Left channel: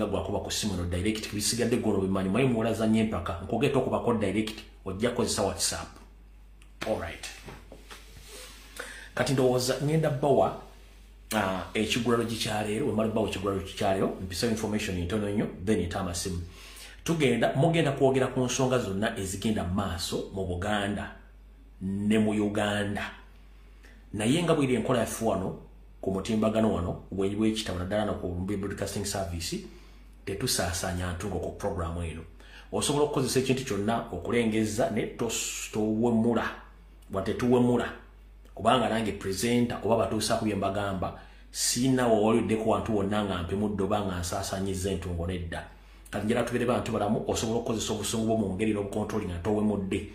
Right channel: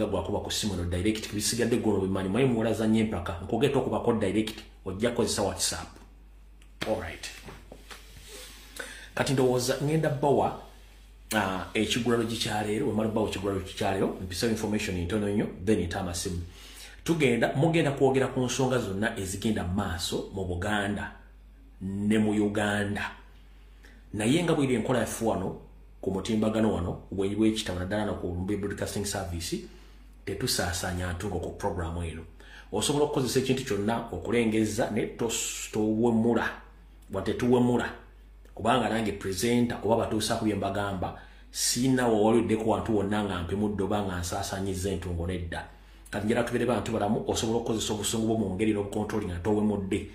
singa gwakuba ku simu no direct kibisigadde gono bimanyi mwe muwalaza nyempaka nkogeta okuba ko direct ojja kozesa WhatsApp. All right. Kati ndowooza ngenda bawa ekigulalo gikyaleero wemala bawa ekigulalo gikyaleero mpisa information ntono nnyo then itama simu. Mugenda kwogera ku nsonga zonna ezigenda maaso mu Buganda ne mu Uganda. Naye nga bwiri enkola yafu wano ku mutimbagano wano bw'ekitabo naddala no ku Lumbuye Broadcasting Service tetusaasanya ntungo ku programu eno. Osobola okukozesa ekintu kyonna okulengeza ne towemula wate tuwemula kubanga nange presenter oba batuusa ku byembagamba sina wawaliddeko wantu wonna nga mpimudde oba nga nsaasanyiza entungo nedda. Kati njala tubere bantu balamu osobola okukozesa obusungu bwo mu ngeri n'obukontroli nga towemudde.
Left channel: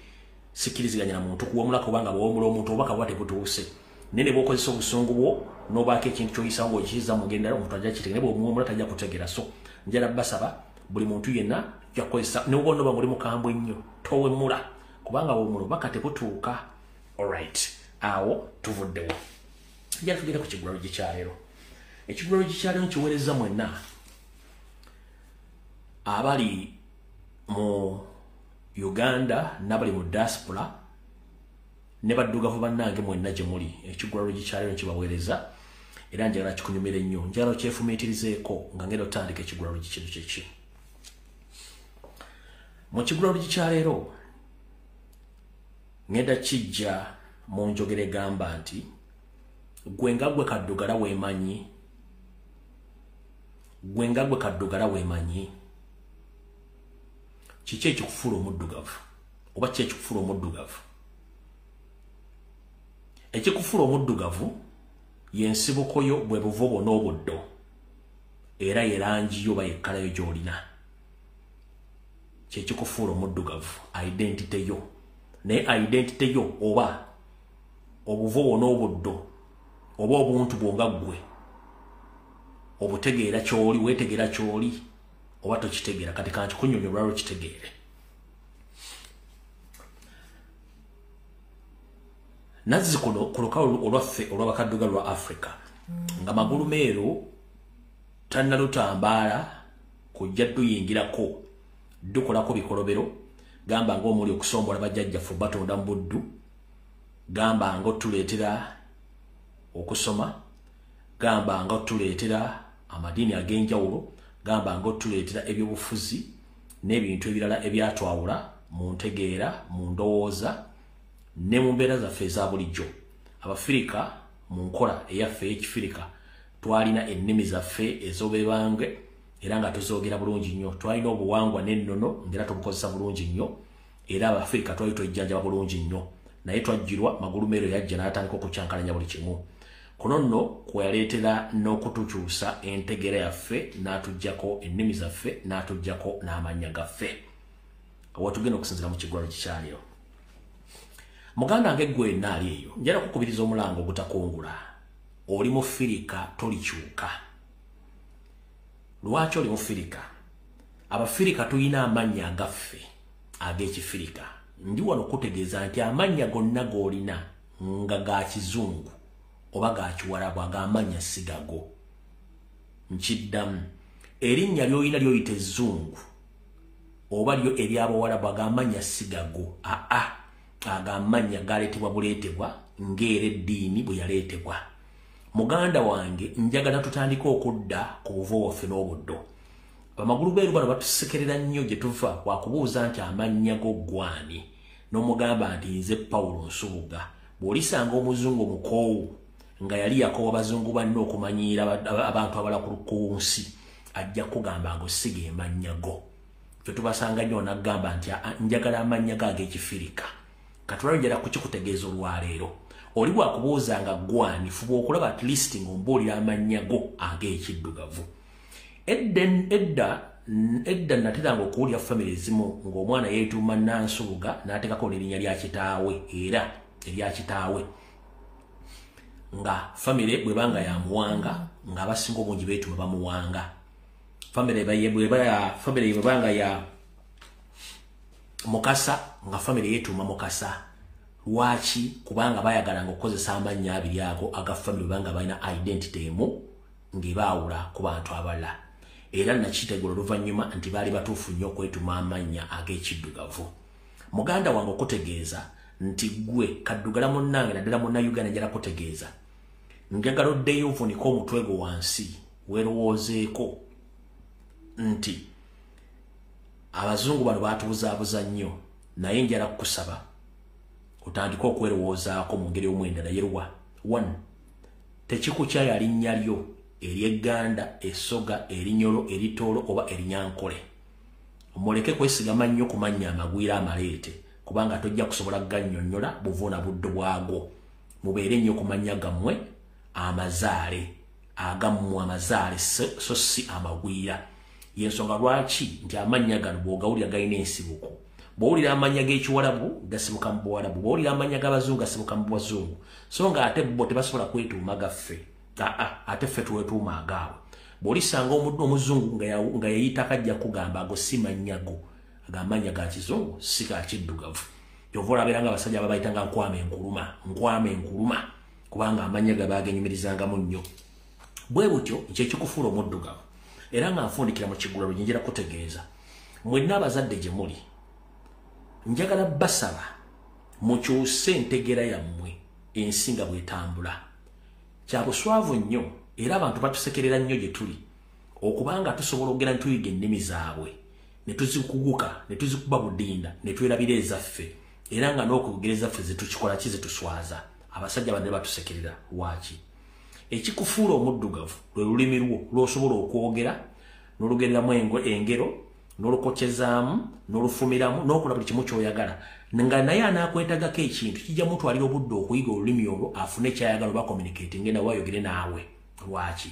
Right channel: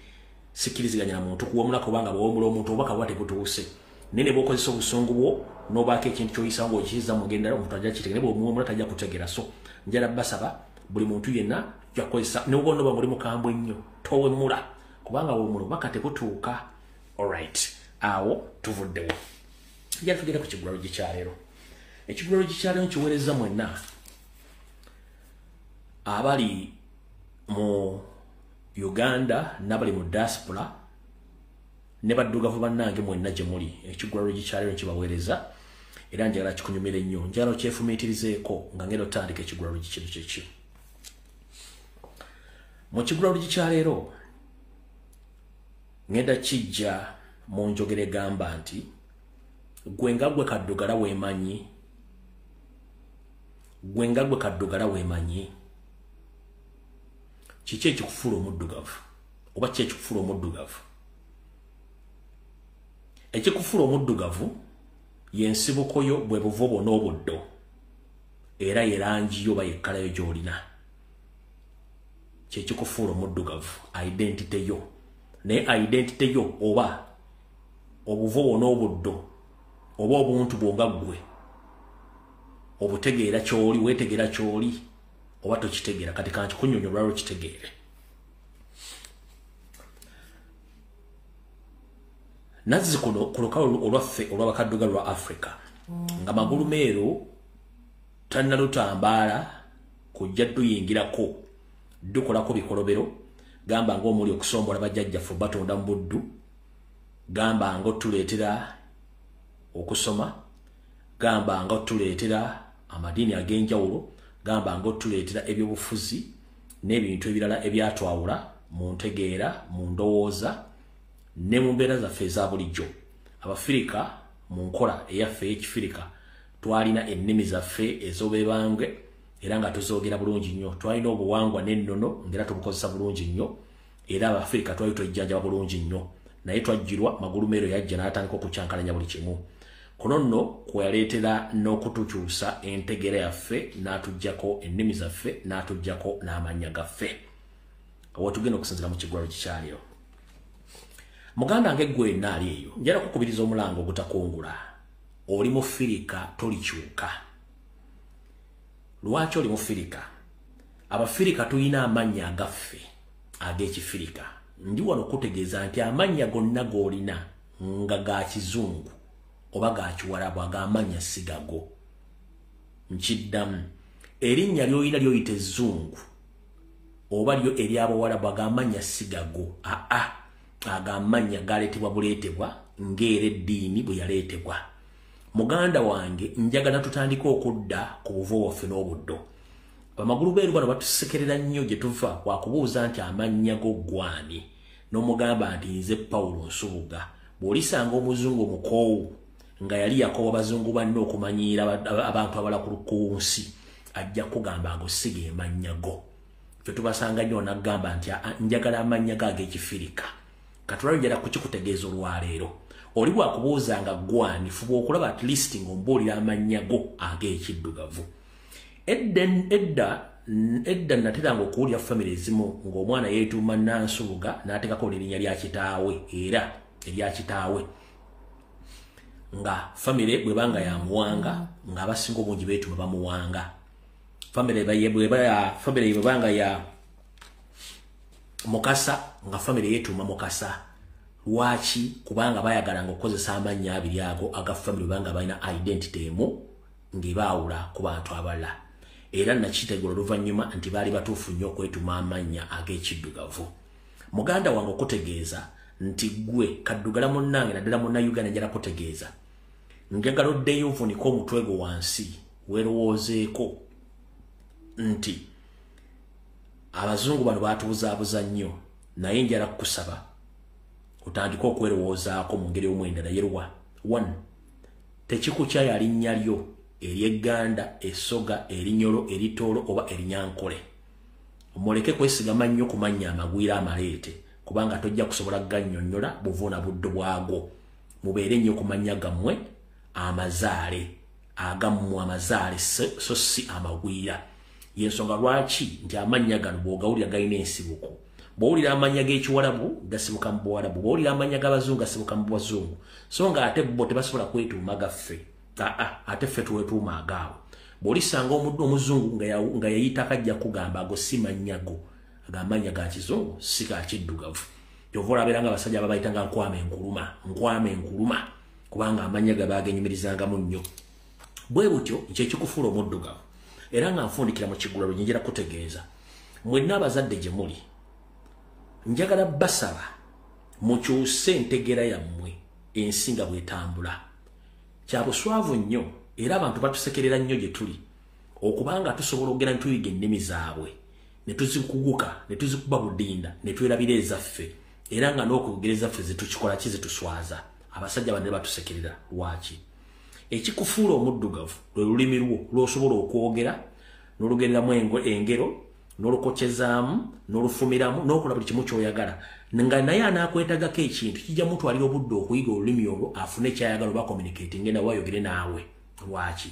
Sikiriziganya na muntu kuwemula kubanga bw'owemula omuntu oba kabuba tebutuuse. Nene bw'okozesa obusungu bwo n'obaako ekintu ky'oyisa ng'okiyiza mu ngenda omuntu ajja kitegera ne bw'omuwemula tajja kutegeera. So njala basaba buli muntu yenna yakozesa ne bw'ono ba muri mukambwe nnyo towemula kubanga bw'omula baka tebutuuka. All right. Awo tuvuddewo. Njala tugenda ku kigulalo gikyaleero. Ekigulalo gikyaleero nkiweereza mwenna abali mu Uganda nabali mu diaspora ne baddugavu bannange mwenna gye muli. Ekigulalo gikyaleero nkibaweereza era njagala kikunyumire nnyo. Njagala kyefumiitirizeeko nga ngenda otandika ekigulalo gikino kyeki. Mu kigulalo gikyaleero ngenda kijja mu njogera egamba nti gwe nga gwe kaddugala weemanyi. Gwe nga gwe kaddugala weemanyi. Kiki ekikufuula omuddugavu oba kiki ekikufuula omuddugavu? Ekikufuula omuddugavu y'ensibuko yo bwe buvo bwonna obuddo era yerangi yo oba yekkalayo gy'olina. Kyekikufuula omuddugavu identity yo. Naye identity yo oba obuvo bwonna obuddo oba obuntu bwonga ggwe obutegeera ky'oli weetegeera ky'oli oba tokitegeera. Kati kankikunyonyola lwaki kitegeere. Nazzi kuno ku lukalu olwaffe olw'abakaddugavu lwa Africa nga magulu meero tannalutambaala kujja tuyingirako dukolako bikolobero gamba ng'omuli okusombola bajjajjaffe batonda mu buddu gamba ng'otuleetera okusoma gamba ng'otuleetera amadiini ag'enjawulo gamba ng'otuleetera ebyobufuzi n'ebintu ebirala ebyatwawula mu ntegeera mu ndowooza ne mu mbeera zaffe eza bulijjo. Abafirika mu nkola eyaffe ey'Ekifirika twalina ennimi zaffe ez'obeebange era nga tuzoogera bulungi nnyo. Twalina obuwangwa n'ennono ng'era tubukozesa bulungi nnyo era Abafirika twali twejjanjaba bulungi nnyo. Naye twajjirwa magulu meero yajja n'atandika okukyankalanya buli kimu. Kuno nno kwe yaleetera n'okutukyusa entegeera yaffe n'atuggyako ennimi zaffe n'atuggyako n'amannya gaffe. Awo tugenda okusinzira mu kigulalo gikyaleero. Muganda nge gwe naali eyo njala kukubiriza omulango ogutakungula. Oli Mufirika tolikyuka. Lwaki oli Mufirika? Abafirika tuyina amannya agaffe ag'Ekifirika. Ndi wano kutegeeza nti amannya gonna g'olina nga ga Kizungu oba ga Kiwarabu ag'amannya sigago. Nkiddamu erinnya ly'olina ly'oyita Ezzungu oba lyo ery'Abawarabu ag'amannya sigago. Ag'amannya galeetebwa buleetebwa ng'era eddiini bwe yaleetebwa. Muganda wange njagala tutandika okudda ku buvo waffe n'obuddo. Bamagulu beeru bano batusekerera nnyo gye tuva wakubuuza nti amannya go gwani n'omugamba nti nze Pawulo Nsubuga. Bw'olisanga omuzungu omukoowu nga yali yakoowa abazungu banne okumanyiira abantu abala ku nsi ajja kugamba ng'osiga amannya go. Ffe tubasanga nnyo n'agamba nti njagala amannya go ag'Ekifirika. Katulalo njala kukikutegeeza olwaleero. Oli bwakubuuza nga gwani fuba okulaba at least ng'ombuulira amannya go ag'ekiddugavu. Edda nateranga okuwulira famire ezimu ng'omwana yeetuuma Nansubuga n'ateekako n'erinnya lya kitaawe era erya kitaawe. Nga famire bwebanga ya Muwanga ng'abasinga obungi beetuma bamuwanga. Famire bwebanga ya Mukasa nga famire yeetuma Mukasa. Lwaki? Kubanga bayagalanga okukozesa amannya abiri ago aga famire bwebanga balina identity emu ng'ebaawula ku bantu abalala. era nakitegula oluvannyuma nti baali batuufu nnyo okwetuma amannya ag'ekiddugavu. Muganda wange okutegeeza nti gwe kaddugala munnange naddala munnayuganda njala kutegeeza njagala oddeyo ovunika omutwe gwo wansi weerowoozeeko nti abazungu bano baatubuzaabuza nnyo naye njala kukusaba otandika okwerowoozaako mu ngeri omwendala yerwa 1 tekikukya linnya lyo ery'egganda essoga erinyolo eritoolo oba erinyankole muleke kwesigama nnyo ku mannya amagwira amaleete kubanga tojja kusobola gannyonnyola buvuuna buddo bwagwo mubeere nnyo ku mannya gammwe amazaale agammwe amazaale so si amagwira yensonga lwaki nti amannya gano bw'ogawulira galina ensibuko bw'owulira amanya g'ekiwalabu gasibuka mu buwalabu bw'owulira amanya g'abazungu gasibuka mu bwazungu so nga ate bo tebasobola kwetuuma gaffe ate ffe tuwetuuma agaabwe bw'olisanga omuzungu nga yayita akajja kugamba ago si mannyago agamanya ga kizungu si ga kiddugavu kyova olabeera nga abasajja babayita nga nkwama enkuluma kubanga amanya ge baagenyumirizangamu nnyo bwe butyo kyekikufuula omuddugavu era nga nfundikira mu kigula lwe njagala kutegeeza mwenna abazadde gye muli njagala basaba mukyuse entegera yammwe ensi nga bw'etambula kya buswavu nnyo era abantu batusekerera nnyo gye tuli okubanga tusobola okugenda ne tuyiga ennimi zaabwe ne tuzikuguka ne tuzikuba budinda ne twerabira ezaffe era nga n'okuyogera ezaffe zetukikola ki zetuswaza abasajja bano ne batusekerera lwaki ekikufuula omuddugavu lwe lulimi lwo lw'osobola okwogera n'olugereramu engero n'olukokyezaamu n'olufumiramu n'okola buli kimu ky'oyagala nga naye anaakwetagako ekintu kijja mutwalira obudde okuyiga olulimi olwo afune kyayagala oba communicating nawe ayogere naawe lwaki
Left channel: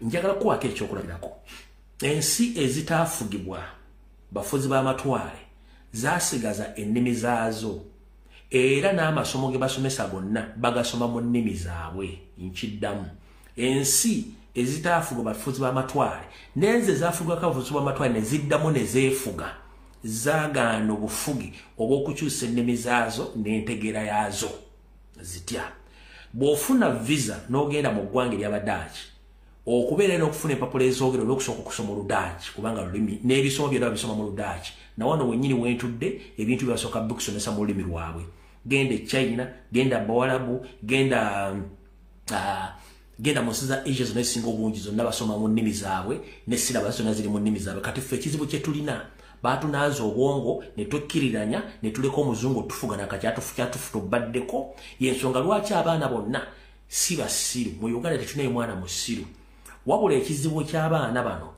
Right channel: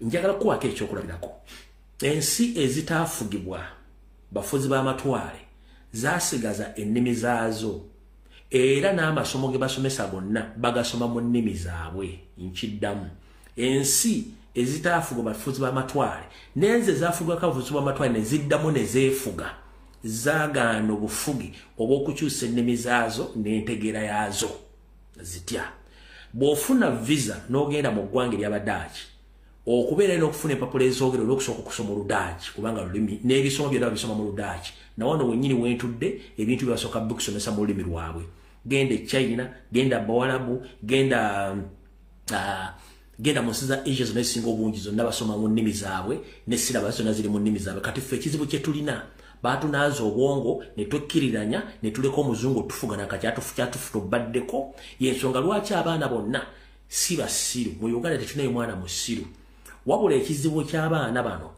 njagala kuwako ekyokulabirako ensi ezitaafugibwa bafuzi b'amatwale zaasigaza ennimi zaazo era n'amasomo ge basomesa gonna bagasoma mu nnimi zaabwe nkiddamu ensi ezitaafugwa bafuzi b'amatwale n'enze zaafugwako abafuzi b'amatwale ne ziddamu ne zeefuga zaagaana obufugi obw'okukyusa ennimi zaazo n'entegera yaazo zitya bw'ofuna visa n'ogenda mu ggwanga ery'Abadaaki okubeera n'okufuna empapula ezoogera olw'okusooka okusoma Oludaaki kubanga lulimi n'ebisomo byonna babisoma mu Ludaaki na wano wennyini wentudde ebintu byebasooka bikusomesa mu lulimi lwabwe genda e China genda Bawalabu genda mu nsi za Asia zonna ezisinga obungi zonna basoma mu nnimi zaabwe ne silabasi zonna ziri mu nnimi zaabwe kati ffe ekizibu kye tulina batunaaza obwongo ne twekkiriranya ne tuleka omuzungu tufuga kyatufu tubaddeko yensonga lwaki abaana bonna si basiru mu Uganda tetunayo mwana musiru wabula ekizibu ky'abaana bano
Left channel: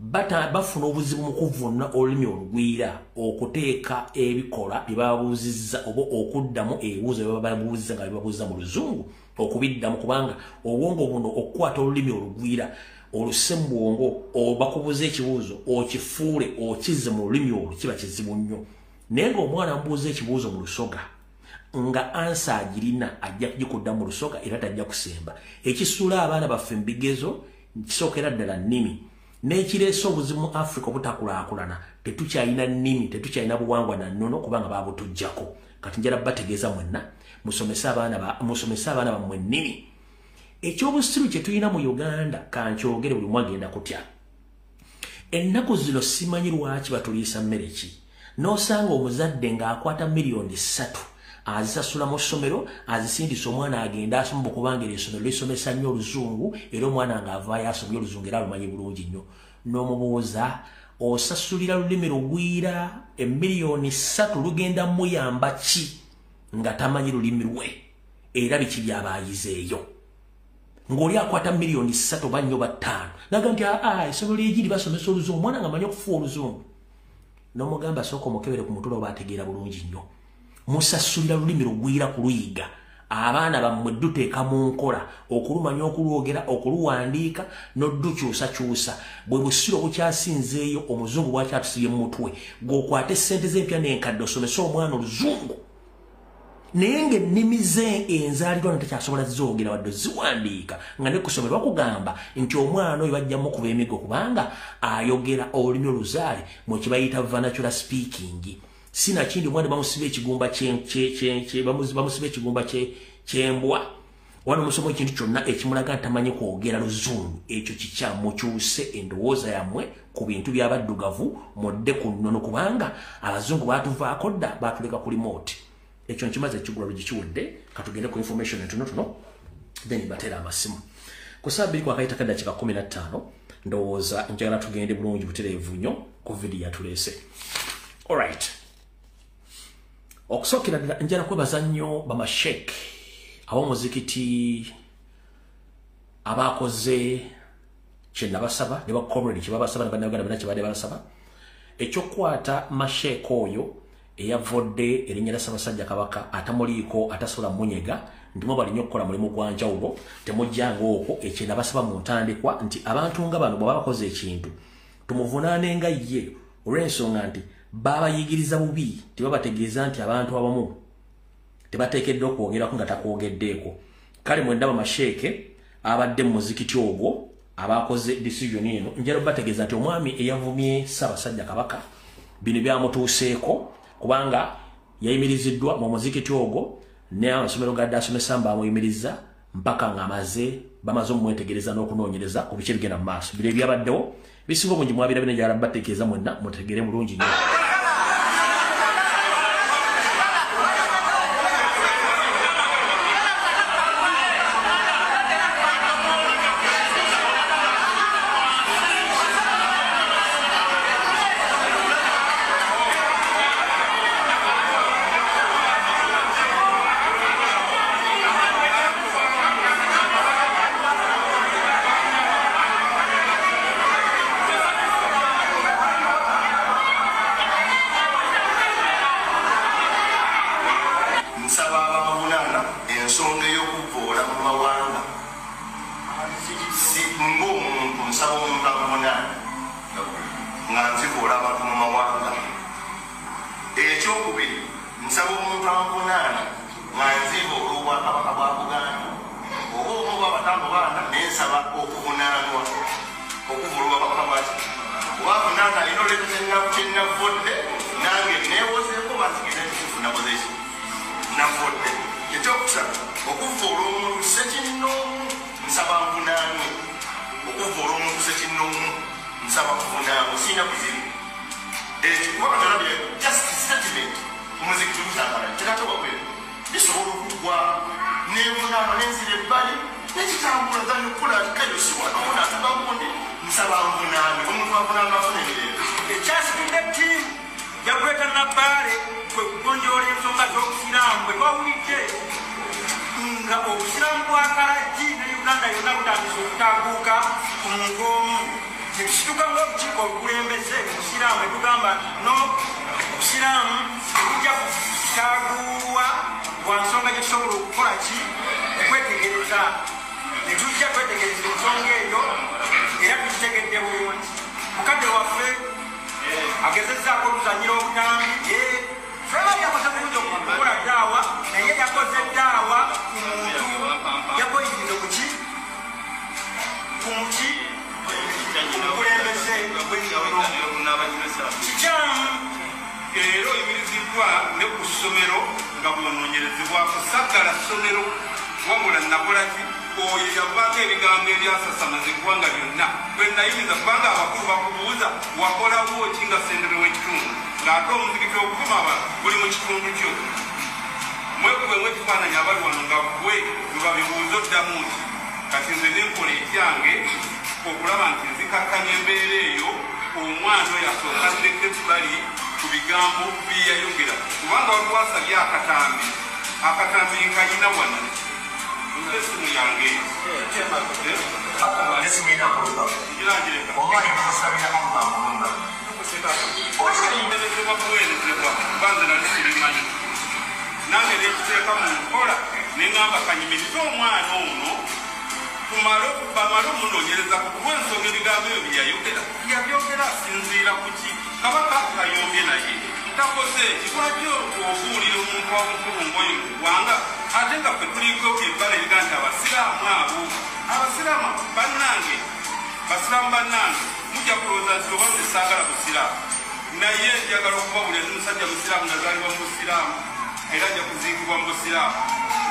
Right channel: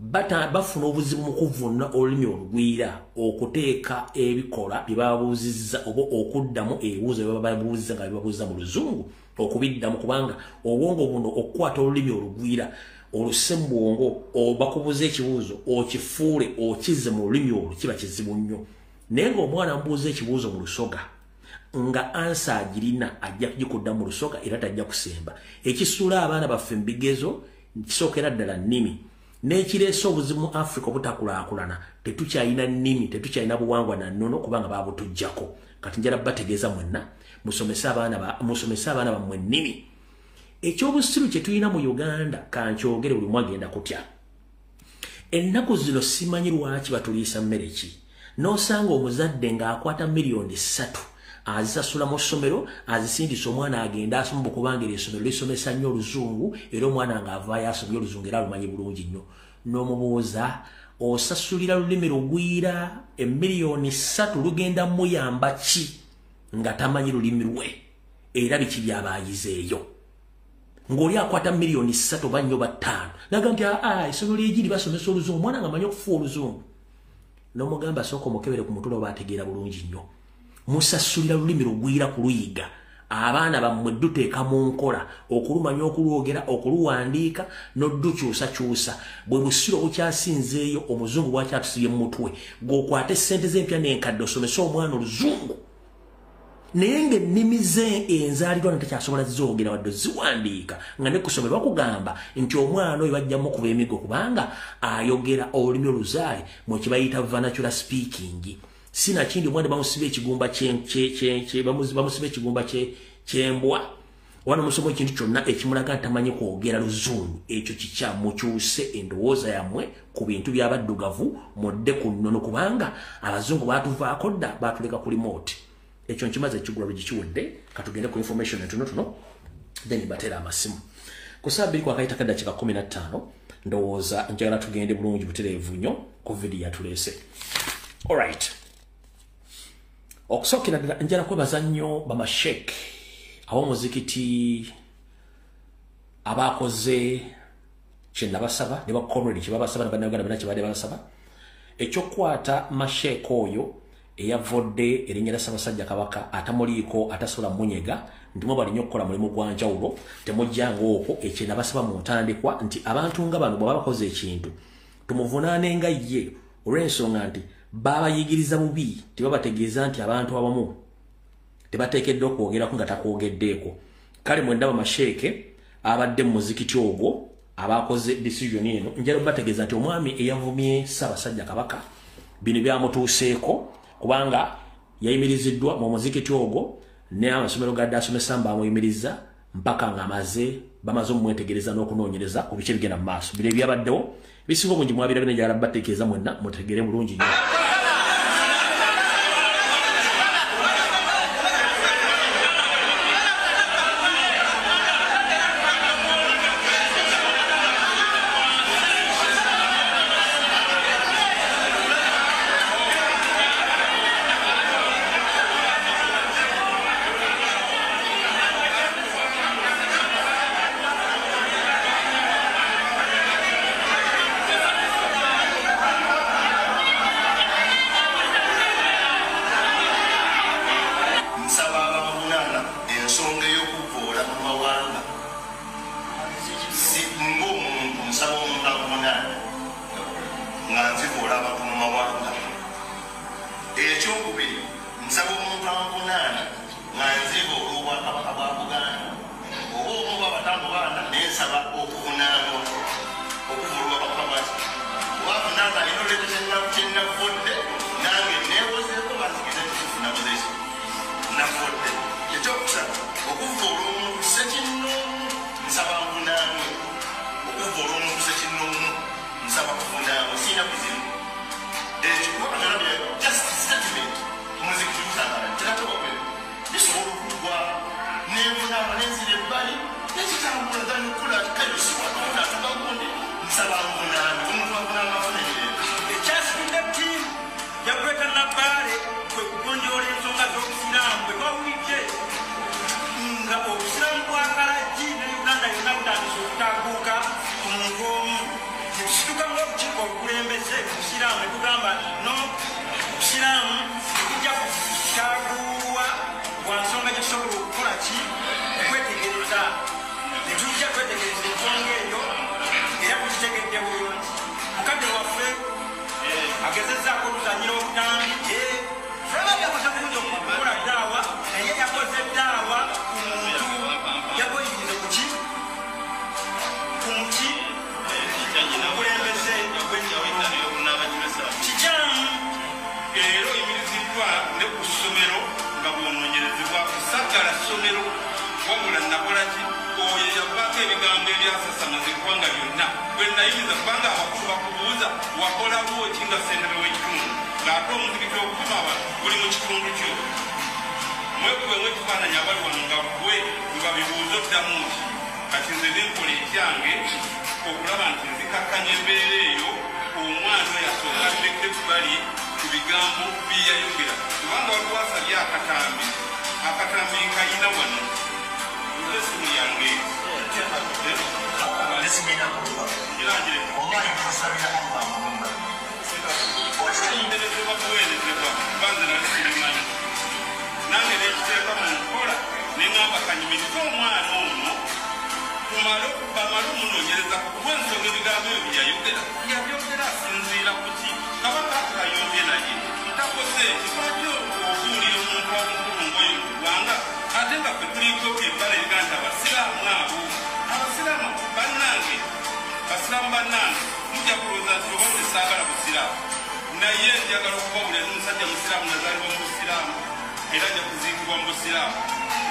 bafuna obuzibu mu kuvunna olulimi olugwira okuteeka ebikola bye babuuzizza oba okuddamu ebibuuzo bye babuuzizza nga bibabuuza mu luzungu okubiddamu kubanga obwongo buno okukwata olulimi olugwira olusembwongo bakubuuza ekibuuzo okifuule okize mu lulimi olwo kiba kizibu nnyo naye ng'omwana amubuuza ekibuuzo mu lusoga nga ansa agirina ajja kugikudda mu lusoga era tajja kusemba ekisuula abaana baffe mu bigezo kisookera ddala nnimi n'ekireese obuzibu mu Africa obutakulaakulana tetukyalina nnimi tetukyalina buwangwa na nnono kubanga baabutuggyako kati njala bategeeza mwenna musomese abaana bammwe nnimi ekyobusiru kye tulina mu Uganda kankyogere buli mwagenda kutya ennaku zino simanyi lwaki batuliisa mmere ki n'osanga omuzadde ng'akwata miliyoni 3 azisasula mu ssomero azisindisa omwana agenda asoma kubanga essomero lisomesa nnyo oluzungu era omwana ng'avaayo asomye oluzungu era alumanyi bulungi nnyo n'omubuuza osasulira lulimi lugwira emiliyoni 3 lugenda muyamba ki nga tamanyi lulimi lwe era biki by'abaayizeeyo ng'oli akwata miliyoni 3 oba 4 oba 5 naga nti essomero lyegiri basomesa oluzungu omwana nga amanyi okufuwa oluzungu n'omugamba sooka omukebere ku mutwe oba ategeera bulungi nnyo musasulira lulimi lugwira kuluyiga abaana bammwe duteeka mu nkola okulumanya okulwogera okuluwandiika n'oddukyusakyusa bwe busiro obukyasinzeeyo omuzungu bwakyatusibye mu mutwe ng'okwate ssente z'empya n'enkadde osomese omwana oluzungu naye ng'ennimi ze enzaalirwa ntakyasobola zoogera wadde ziwandiika nga ne kusomera bakugamba nti omwana oyo bajjamu okuba emigo kubanga ayogera olulimi oluzaale mu kibayita vernacular speaking sinakindi omwana bamusiba ekigumba kyembwa wano musomo ekintu kyonna ekimulaga tamanyi kwogera luzungu ekyo kikyamukyuse endowooza yammwe ku bintu by'abaddugavu modde ku nnono kubanga abazungu baatuvaako dda baatuleka ku remote ekyo nkimaze ekigulalo gikiwudde katugende ku information entonotono then batera amasimu ku saa 2 kwa kaita kadakika 15 ndowooza njagala tugende bulungi butereevu nnyo ku video yatuleese. Alright, okusookera ddala njala kwebaza nnyo bamashek ab'omuzikiti abakoze kye nabasaba ne bakomredi kye babasaba n'abannayuganda bonna kye baadde babasaba ekyokukwata mashek oyo eyavodde erinnya lya Ssaabasajja Kabaka atamuliiko atasobola munyega ndimo balinnya okukola mulimu gwa njawulo temujjanga okwo ekyo nabasaba mu ntandikwa nti abantu nga bano bw'aba bakoze ekintu tumuvunaanenga ye olw'ensonga nti babayigiriza bubi tebabategeeza nti abantu abamu tebateekeddwa okwogerako nga takwogeddeeko. Kale mwe ndaba masheeke abadde mu muzikiti ogwo abakoze decision eno njala bategeeza nti omwami eyavumye Ssaabasajja Kabaka bino byamutuuseeko kubanga yayimiriziddwa mu muzikiti ogwo ne amasomero gadde asomesa mbamuyimiriza mpaka ng'amaze bamaze omumwetegereza n'okunoonyereza ku biki bigenda mu maaso. Bino ebyabaddewo bisinga obungi mwabirabye njagala bategeeza mwenna mutegere bulungi nnyo.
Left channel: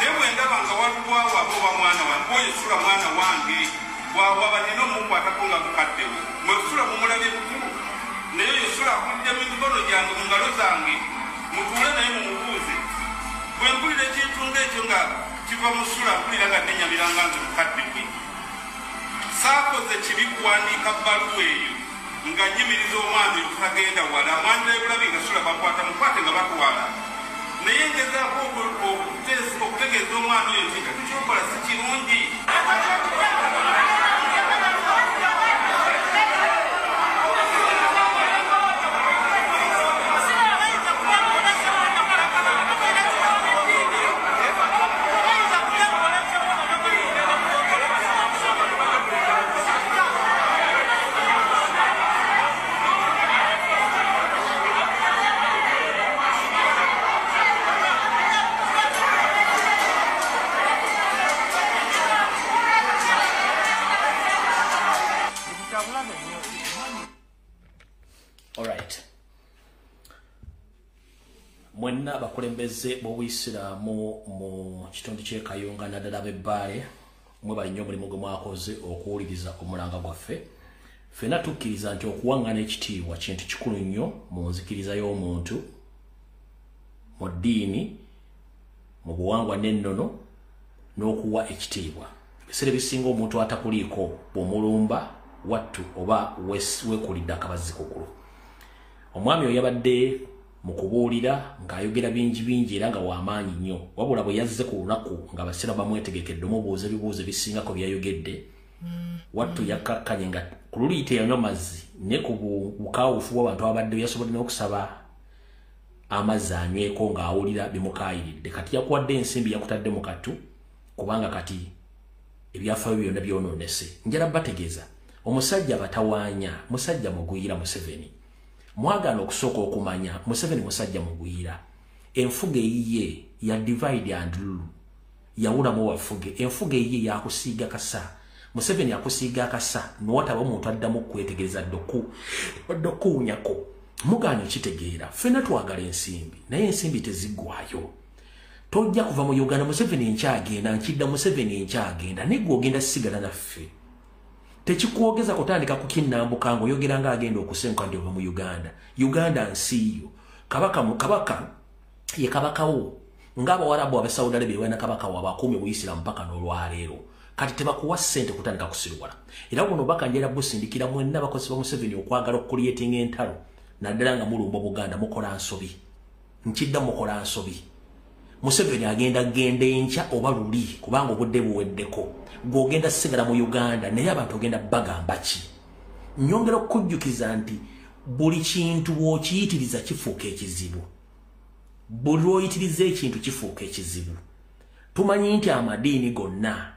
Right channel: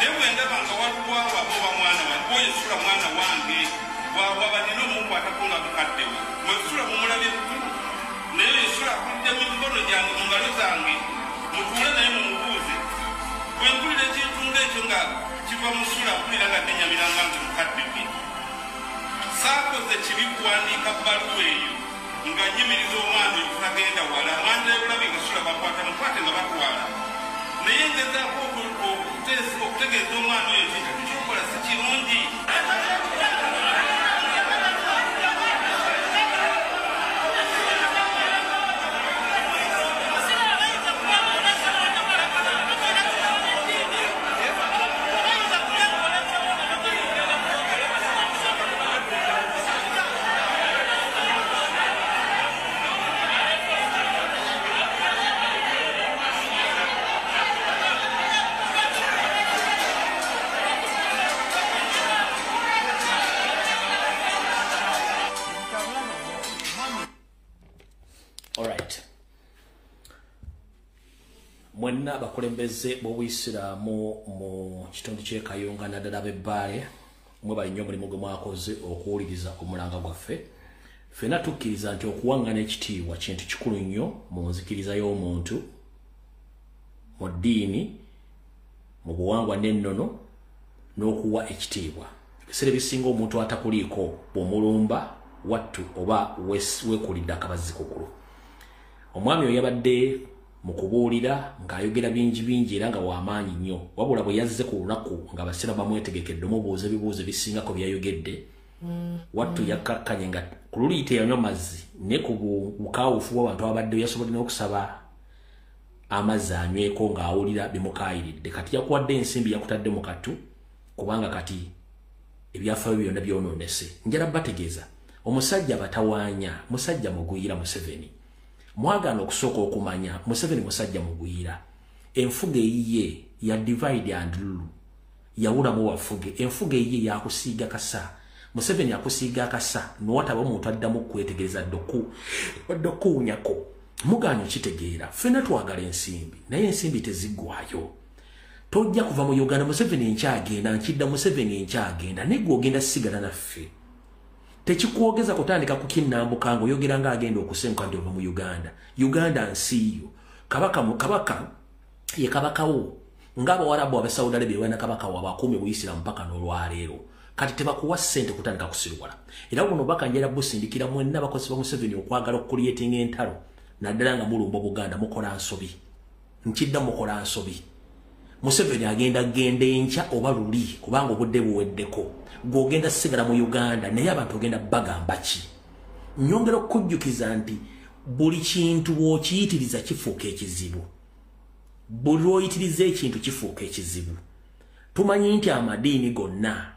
Newe ndaba nga walubwawo abo ba mwana wange oyesula mwana wange wabanino mukwata ko nga mukaddewo mwesula mumulabye bukulu naye yesula akulidde mikono gyange mu ngalo zange mutuule naye mumubuuze bwe mpulira ekintu ng'ekyo nga kiva musula mpulira nga nenyamiranga nti mukadde gwe saakoze kibi kuwandiika bbaluwa eyo nga nyimiriza omwana oyo tutagenda wala amwanja ebulabi nga sula bakwata mukwate nga batwala naye ngezaako okutegeeza omwana oyo nti ekyo kyokola si kirungi. Mwenna bakulembeze b'Obuyisiraamu mu kitundu ky'e Kayunga naddala b'Ebbaale mwebali nnyo omulimu gwe mwakoze okuwuliriza omulanga gwaffe. Ffenna tukkiriza nti okuwaŋŋana ekitiibwa kintu kikulu nnyo mu nzikiriza y'omuntu, mu ddiini, mu buwangwa n'ennono, n'okuwa ekitiibwa. Ebiseera ebisinga omuntu atakuliiko bw'omulumba wattu oba weekulidde akabazi kugulu. Omwami oyo yabadde mu kubuulira ng'ayogera bingi era nga w'amaanyi nnyo, wabula bwe yazze ku lunaku nga abasira bamwetegekedde omubuuza ebibuuzo ebisingako byayogedde, wattu yakkakkanye nga ku luli teyanywa mazzi ne ku bukaawufu bw'abantu abadde yasobodde n'okusaba amazzi anyweko ng'awulira bimukaayiridde. Kati yakuwadde ensimbi yakutadde mu katu kubanga kati ebyafaayo byonna byonoonese. Njala bategeeza omusajja batawaanya, musajja mugwira Museveni. Mwagana okusooka okumanya Museveni musajja mugwira. Enfuga eyiye ya divide and rule yawulamu wafuge. Enfuga eyiye yakusiiga kasa. Museveni akusiiga akasa n'owataba omuntu addamu okwetegereza dokuunyako. Muganya okitegeera. Ffenna twagala ensimbi naye ensimbi teziggwayo. Tojja kuva mu Uganda Museveni nkyagenda nkidda Museveni nkyagenda naye gwe ogenda sigala naffe. Tekikuogeza kutandika kukinnambuka ng'oyogera ng'agenda okusenguka ndi ova mu Uganda. Uganda nsi yo. Kabaka ye kabakawo. Ng'Abawarabu Abe Saudi Arabia balina kabaka waabwe akuumye Buyisiraamu mpaka n'olwaleero. Kati tebakuwa ssente kutandika kusirwala. Era buno baka njera busindikira mwenna abakozi ba Museveni okwagala okuliyetinga entalo. Naddala nga mulumba Buganda mukola nsobi. Nkidda mukola nsobi. Museveni agenda enkya oba luli kubanga obudde buweddeko. Gw'ogenda sigala mu Uganda naye abantu ogenda bagamba ki? Nyongera okujjukiza nti buli kintu bw'okiyitiriza kifuuka ekizibu. Buli lw'oyitiriza ekintu kifuuka ekizibu. Tumanyi nti amadiini gonna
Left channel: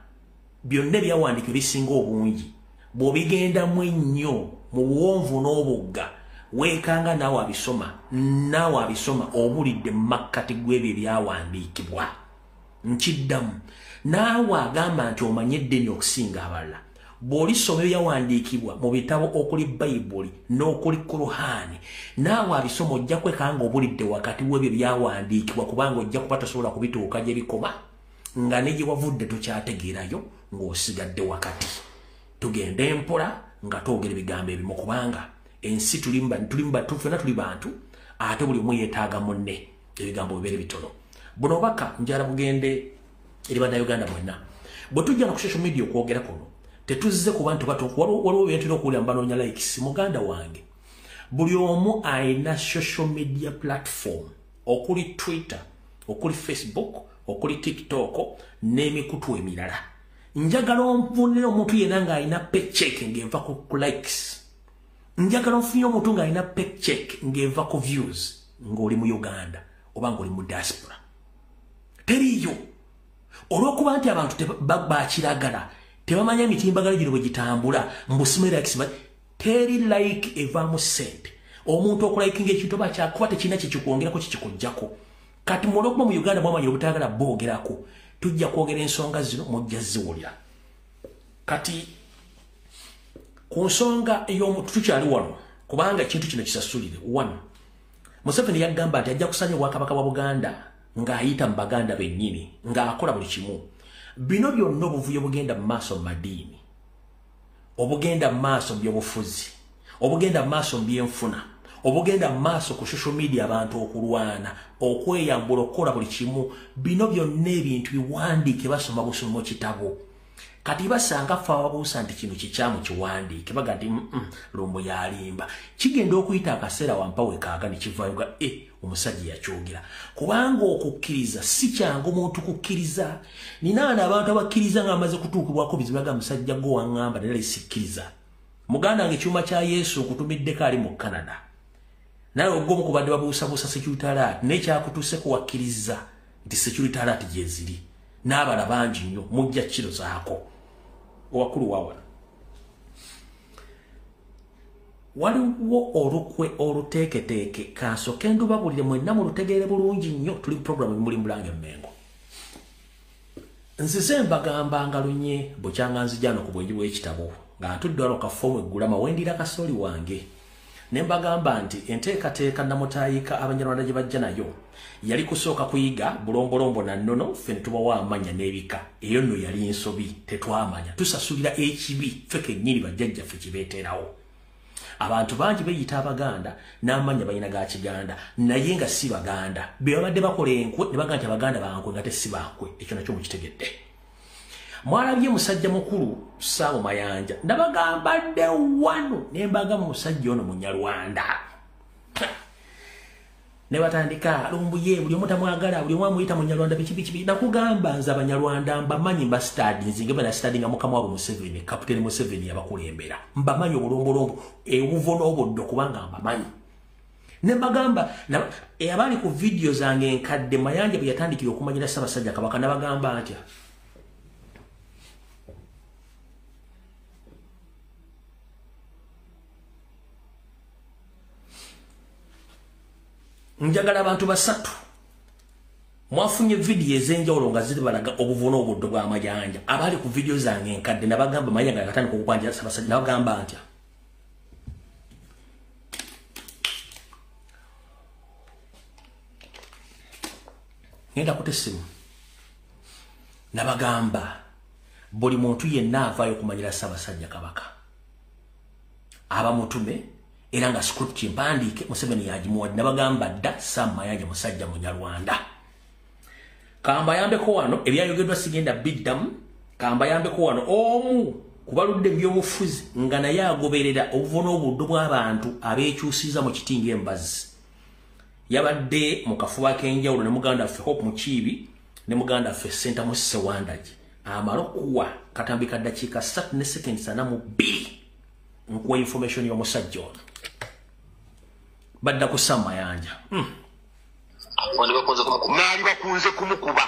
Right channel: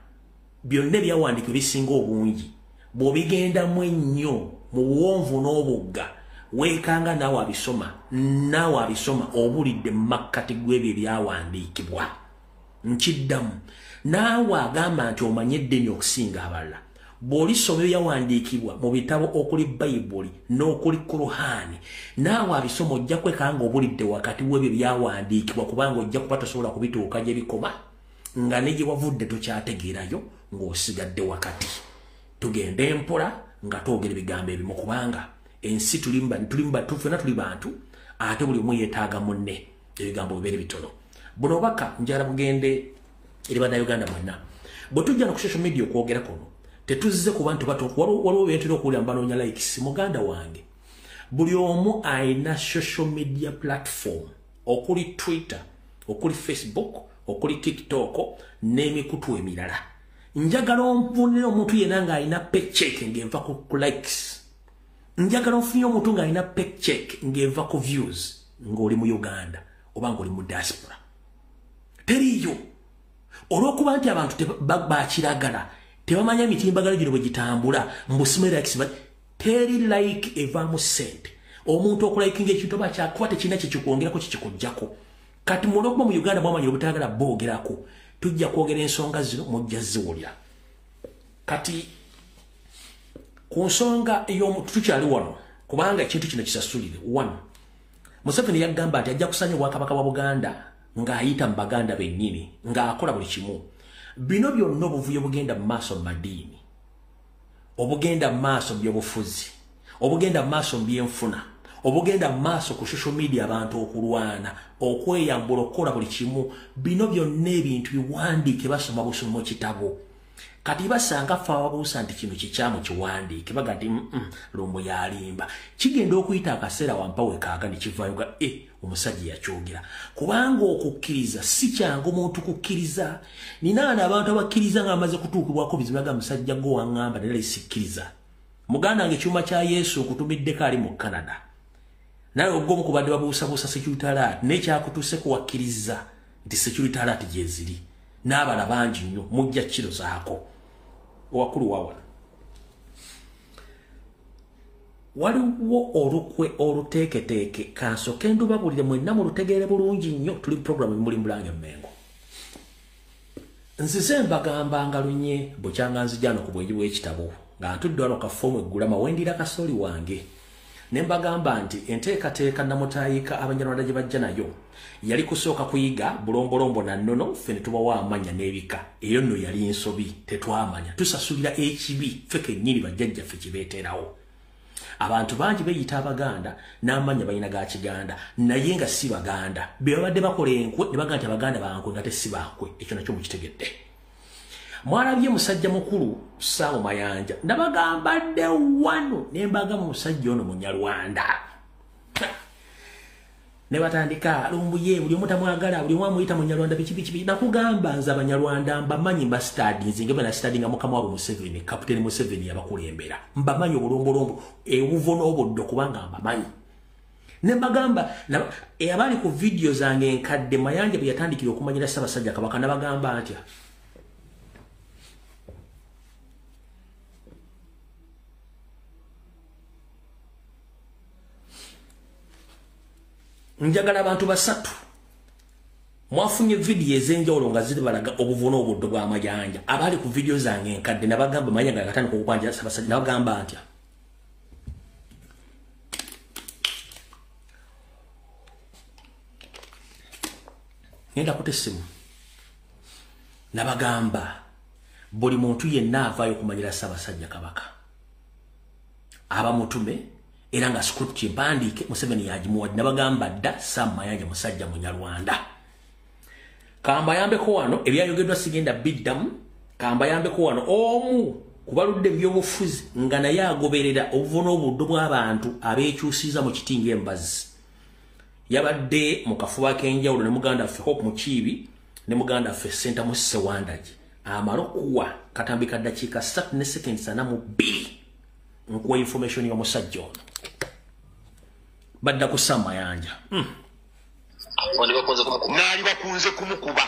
byonna ebyawandiikibwa bisinga obungi bw'obigendamu ennyo mu buwonvu n'obugga weekanga naawe abisoma obulidde mu makkati gw'ebyo ebyawandiikibwa. Nkiddamu naawe agamba nti omanye eddini okusinga abalala. Bw'olisoma ebyawandiikibwa mu bitabo okuli Bayibuli n'okuli Kuruhaani naawe abisoma ojja kwekanga obulidde wakati w'ebyo byawandiikibwa kubanga ojja kuba tosobola kubituuka gye bikoma nga ne gye wavudde tokyategeerayo ng'osigadde wakati. Tugende empola nga twogera ebigambo ebimu kubanga ensi ffenna tuli bantu ate buli omu yeetaaga munne ebigambo bibeere bitono. Buno obaka njala bugende eri bannayuganda mwenna. Bwe tujja ku social media okwogera kuno tetuzze ku bantu waliwo byentera okuwulira mbanoonya likes. Muganda wange buli omu ayina social media platform okuli Twitter, okuli Facebook, okuli TikTok n'emikutu emirala. Njagala onfunire omuntu yenna ng'alina paycheck ng'eva ku likes. Njagala onfunire omuntu ng'alina paycheck ng'eva ku views ng'oli mu Uganda oba ng'oli mu diaspora. Teriyo. Olw'okuba nti abantu bakiragala tebamanya emitimbagalo gino bwe gitambula mbusime likes teri like evaamu ssente. Omuntu okulayikinga ekintu oba kyakuba tekirina kyekikwongerako kikikuggyako. Kati olw'okuba mu Uganda mwamanyira obutayagala boogerako tujja kwogera ensonga zino mujja ziwulira. Kati ku nsonga ey'omuntu tukyali wano kubanga ekintu kino kisasulire. 1. Museveni yagamba nti ajja kusanya obwakabaka bwa Buganda ng'ayita mu baganda bennyini ng'akola buli kimu. Bino byonna obuvuyo bugenda mu maaso mu madiini, obugenda mu maaso mu byobufuzi, obugenda mu maaso mu byenfuna, obugenda mu maaso ku social media abantu okulwana, okweyambula, okukola buli kimu. Bino byonna ebintu biwandiike basoma busomi mu kitabo. Kati basanga fa wabuusa nti kino kikyamu kiwandiike baga nti Lumbuye alimba. Kigenda okuyita akaseera wampawe kaaga ne kivaayo ga omusajja yakyogera. Kubanga okukkiriza si kyangu omuntu kukkiriza. Ninaana abantu abakkiriza ng'amaze kutuukibwako bizibu baga musajja gwo waŋŋamba naye sikkiriza. Muganda wange ekyuma kya Yesu okutumiddeko ali mu Canada. Naye ogw'omu kubadde babuusabuusa security alert n'ekyakutuuseko wakkiriza nti security alert gye ziri. N'abala bangi nnyo mujja kiro zaako. Owakulu wawana. Waliwo olukwe oluteeketeeke kansooke ndubabulire mwenna mulutegeere bulungi nnyo tuli programu muli Mulange Mmengo. Nzize mbagambanga lunye bukyanga nzijano ku bwenji bw'ekitabo nga ntudde wano kafoomu eggula mawendira kasooli wange. Ne mbagamba nti enteekateeka namutaayika Abanyarwanda gye bajja nayo yali kusooka kuyiga bulombolombo na nnono ffe ne tubawa amanya n'ebika. Eyo nno yali ensobi tetwamanya tusasulira ekibi ffe kennyini bajjajjaffe kibeeterawo. Abantu bangi beeyita Abaganda n'amanya balina ga Kiganda naye nga si Baganda. Be babadde bakola enkwe ne bagamba nti Abaganda bankwe nga si bankwe. Ekyo nakyo mukitegedde. Mwalabye musajja mukulu Saamu Mayanja nabagamba dde wano ne mbagamba musajja ono Munyarwanda. Ne batandika Lumbuye buli omu tamwagala buli omu amuyita Munyarwanda biki nakugamba nze Abanyarwanda mbamanyi mba study nzinge bana study nga mukama wabo Museveni Kapiteni Museveni yabakulembera mbamanyi obulombolombo ebuvo n'obuddo kubanga mbamanyi. Ne mbagamba abali ku video zange enkadde Mayanja bwe yatandikira okumanyira Ssaabasajja Kabaka nabagamba atya. Njagala abantu basatu mwafunye video ezenjawulo nga ziri balaga obuvuno obuddo bwa Mayanja abali ku video zange enkadde nabagamba Mayanja akatandika okukwanjira Ssaabasajja nabagamba ntya. Ngenda kutesimu nabagamba buli muntu yenna avaayo kumanyira Ssaabasajja Kabaka abamutume era nga script mpandiike Museveni yagimuwadde nabagamba dda Sam Mayanja musajja Munyarwanda. Kamba yambeko wano ebyayogeddwa sigenda biddamu. Kamba yambeko wano omu kubaludde by'obufuzi nga naye agoberera obuvuno obuddo bw'abantu abeekyusiza mu kitinga embazi. Yabadde mu kafuba k'enjawulo ne muganda ffe Hope Mukiibi ne muganda ffe Senta Musise Wandaji amala okuwa katambika ddakiika 3 ne seconds 42 nkuwa information y'omusajja ono. Badda ku Sam Mayanja. Naali bakunze kumukuba.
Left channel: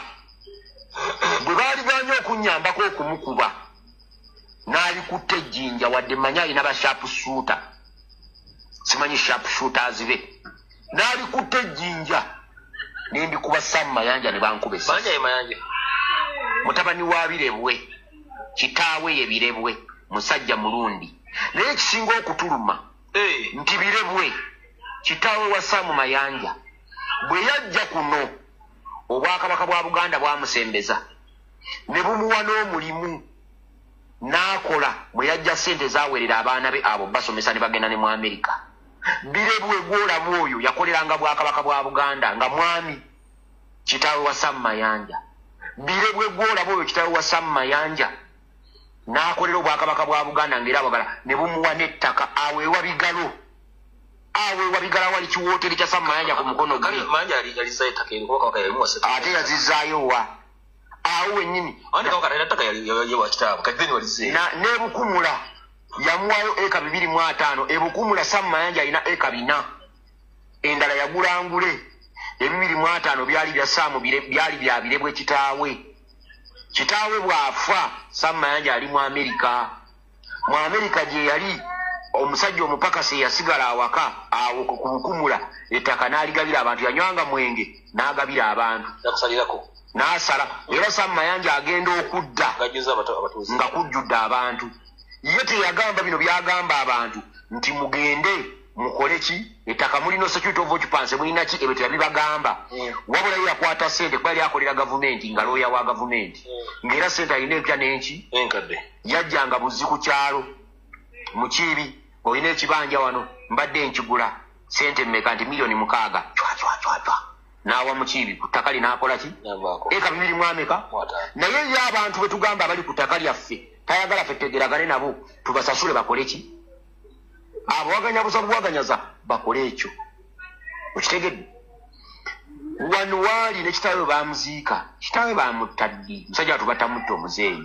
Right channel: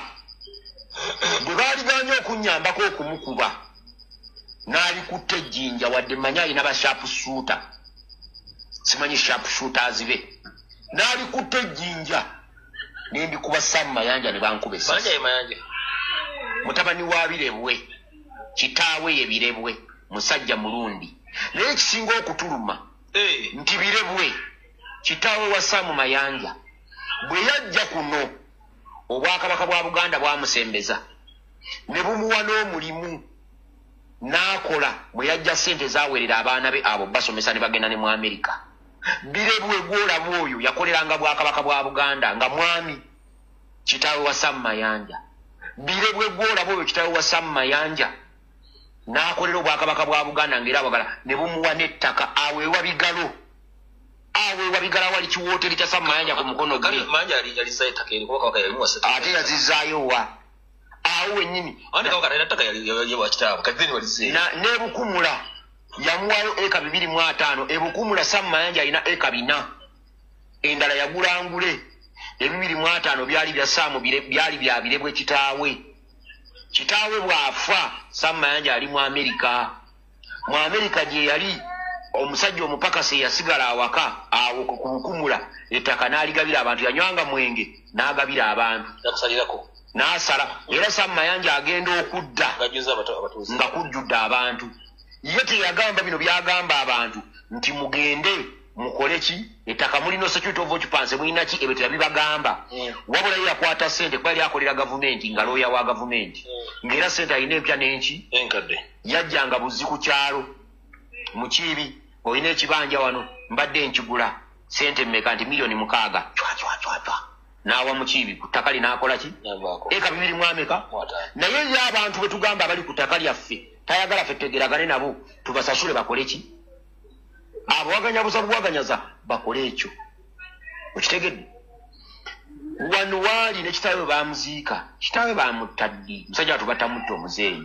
Bwe baali banya okunyambako okumukuba. Naali kutte ejjinja wadde manya alina ba sharp shooter. Simanyi sharp shooters be. Naali kutte ejjinja. Nembikuba Sam Mayanja ne bankuba essasi. Mayanja ye Mayanja. Mutabani wa Birebwe. Kitaawe ye Birebwe. Musajja Mulundi. Naye ekisinga okutuluma. Nti Birebwe. Kitaawe wa Saamu Mayanja bwe yajja kuno Obwakabaka bwa Buganda bwamusembeza ne bumuwa n'omulimu n'akola bwe yajja ssente zaawerera abaana be abo basomesa ne bagenda ne mu Amerika. Birebwe gw'olamu oyo yakoleranga Bwakabaka bwa Buganda nga mwami kitaawe wa Saamu Mayanja. Birebwe gw'olamu oyo kitaawe wa Saamu Mayanja n'akolera Obwakabaka bwa Buganda ng'era abagala ne bumuwa n'ettaka aweewa Bigalo. Awe wabigala wali kiwoteri kya Saamu Mayanja ku mukono gwe. Mayanja ali saita kene kwa kaka yalimu wasatu. Ate yazizaayo wa. Awe nyini. Ande kwa kaka nataka yali wa kitabu. Kadhini walise. Na nebukumula yamuwayo eka 2.5. Ebukumula Saamu Mayanja ina eka 4. Endala yagulangule. 2.5 byali bya Saamu byali bya Birebwe kitaawe. Kitaawe bwafa Saamu Mayanja ali mu Amerika. Mu Amerika je yali omusajja omupakasi yasigala awaka awo kukumula ettaka n'aligabira abantu yanywanga mwenge n'agabira abantu yakusalirako n'asala era Saamu Mayanja agenda okudda nga kujjudde abantu ye teyagamba bino byagamba abantu nti mugende mukoleki ettaka mulino security of occupancy mulina ki ebetera bibagamba wabula yakwata sente kwali akolera gavumenti nga lawyer wa gavumenti ngera sente alina empya n'enki enkadde yajjanga buzzi ku kyalo mukiibi olina ekibanja wano mbadde nkigula sente mmeka nti miliyoni 6 chwa nawa mukiibi ku ttaka linaakola ki eka 2 mwameka naye ye abantu bwe tugamba abali ku ttaka lyaffe tayagala ffe tegeragane nabo tubasasule bakole ki abo waganya busabu waganyaza bakole ekyo okitegedde wano waali ne kitaawe bamuziika kitaawe bamutaddi musajja watu batamutta omuzeeyi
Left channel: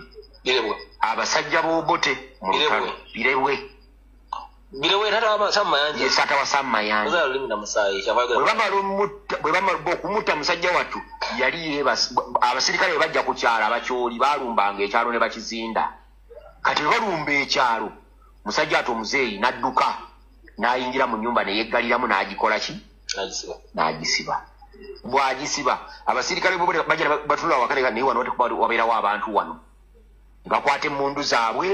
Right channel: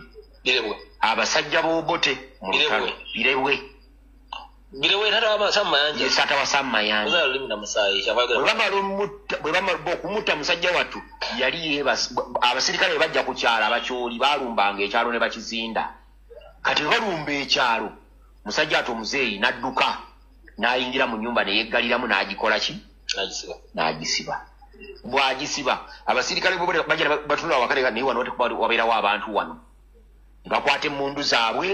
abasajja b'obote mu lutalo birebwe sata wasammayanja bwe bamala okumutta musajja wattu yali abasirikale bajja ku kyalo abakyoli balumbanga ekyalo ne bakizinda kati balumba ekyalo musajja ati omuzeeyi n'adduka n'ayingira mu nnyumba ne yeggaliramu n'agikola ki n'agisiba bw'agisiba abasirikale bajja batunula wakati naye wano wabeerawo abantu wano ne bakwata emmundu zaabwe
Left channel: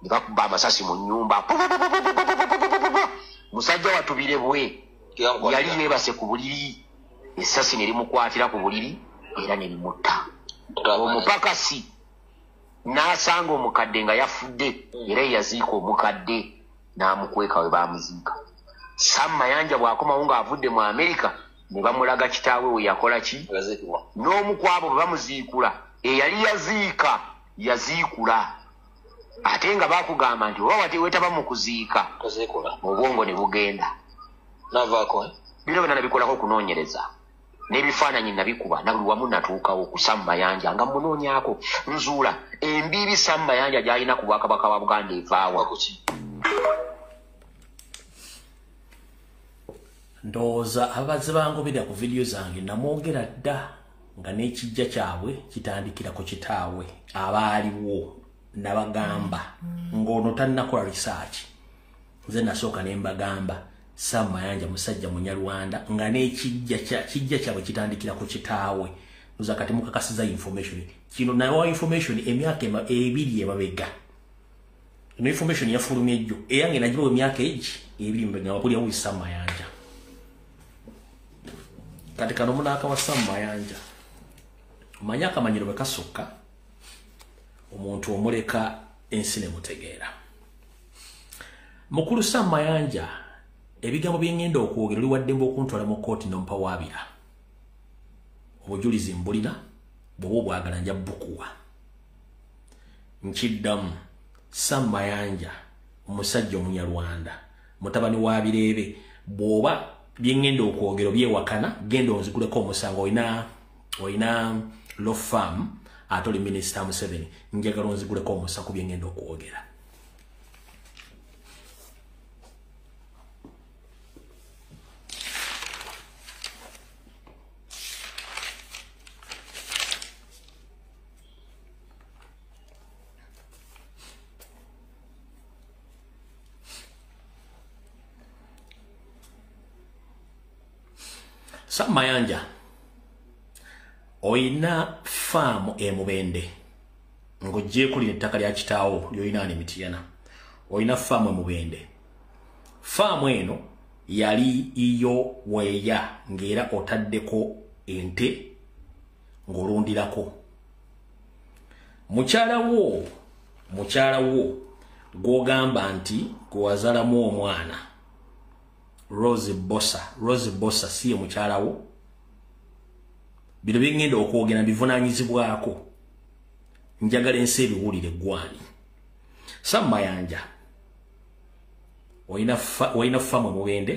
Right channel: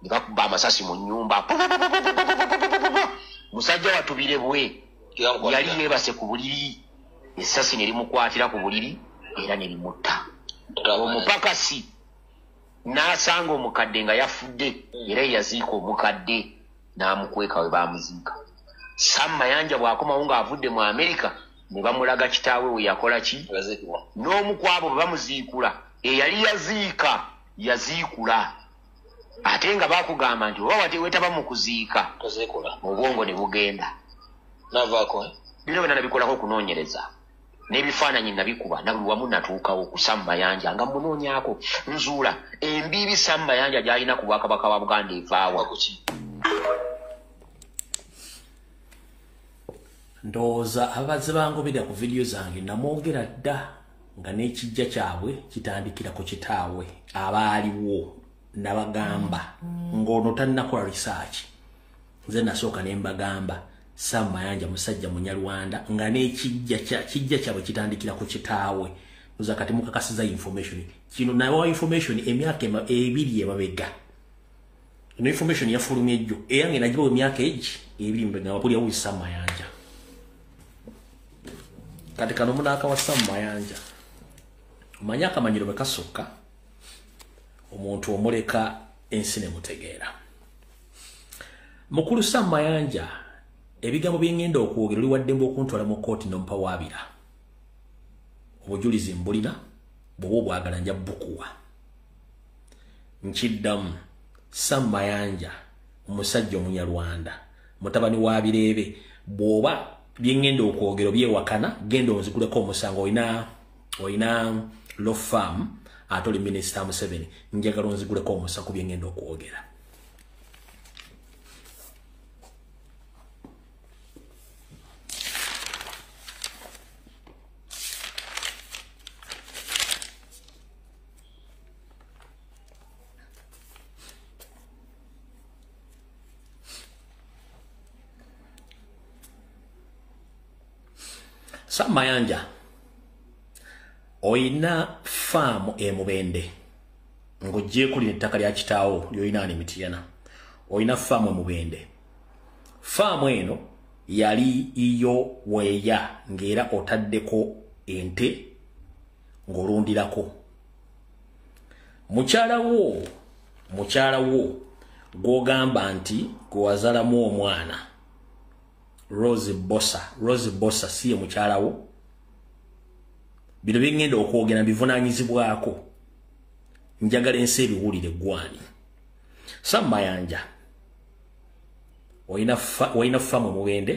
ne bakuba amasasi mu nnyumba musajja watubirebwe yali yeebase ku buliri essasi ne limukwatira ku buliri era ne limutta omupakasi n'asanga omukadde nga yafudde era yaziika omukadde n'amukweka we baamuziika sammayanja bw'akomawo ng'avudde mu Amerika ne bamulaga kitaawe we yakola ki n'omu ku abo bwe bamuziikula eyali yaziikula ate nga bakugamba nti oba wetaba mu kuziika obwongo ne bugenda bino byonna nabikolako okunoonyereza n'ebifaananyi nabikuba na buli wamu natuukawo ku sammayanja nga munoonyako nzuula embiiri sammayanja gy'alina ku bwakabaka wa Buganda evaawa ndowooza abazze bangoberera ku vidiyo zange namwogera dda nga n'ekijja kyabwe kitandikira ku kitaawe abaaliwo nabagamba ng'ono tannakola research nze nasooka ne mbagamba sammayanja musajja munyarwanda nga n'ekijja kyabwe kitandikira ku kitaawe oza kati mukakasiza information kino nayo information emyaka 2 emabega ino information yafulumye ejjo eyange nagibawo emyaka 2 nga wapulya wuyi sammayanja kati kano munaaka wa sammayanja omanya akamanyiro bwe kasukka omuntu omuleka ensi ne mutegeera mukulu sammayanja ebigambo byengenda okwogera oli waddembe okuntwala mu kooti nompa waabira obujulizi mbulina bwoba obwagala nja bukuwa nkiddamu sammayanja omusajja omunyarwanda mutabani wa Birebe bwoba byengenda okwogera byewakana genda onziguleko omusango oyina law firm ate oli Minisita Museveni njagala onziguleko omusango byengenda okwogera Sammayanja oyina faamu emubende ng'oggyeko lino ettaka lya kitaawo lyoyina Mityana oyina faamu emubende faamu eno yali iyo weeya ng'era otaddeko ente ng'olundirako mukyala wo gw'ogamba nti gwe wazaalamu omwana Rose Bossa siye mukyalawo bino byengenda okwogera bivunanyizibwako njagala ensi ebiwulire gwani sammayanja oyina faamu mubende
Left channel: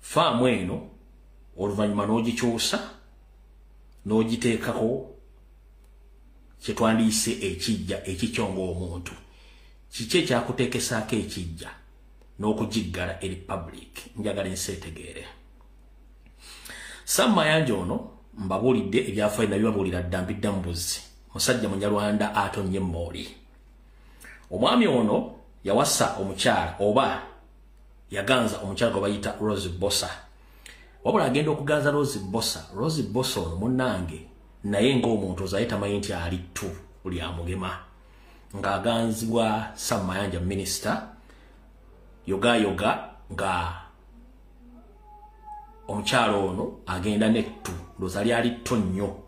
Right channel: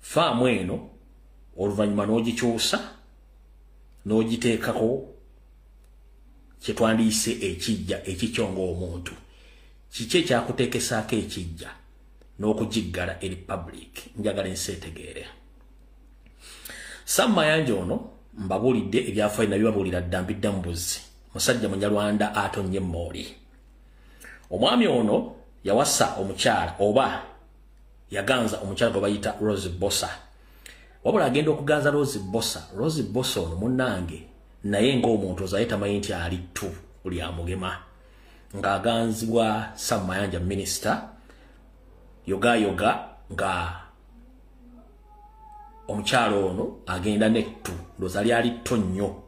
faamu eno oluvannyuma n'ogikyusa n'ogiteekako kyetwandiise ekijja ekikyonga omuntu kiki ekyakuteekesaako ekijja n'okugiggala eri public njagala ensi etegeere sammayanja ono mbabulidde ebyafaayo nabibabuulira dda mbidda mu buzzi musajja munyarwanda atonnye mooli omwami ono yawasa omukyala oba yaganza omukyala gwe bayita Rose Bossa wabula agenda okuganza Rose Bossa ono munnange naye ng'omuntu ozaye tamanyi nti ali ttu buli amugema ng'aganzibwa sammayanja minisita yoga nga omukyalo ono agenda nettu ndozali ali tonyo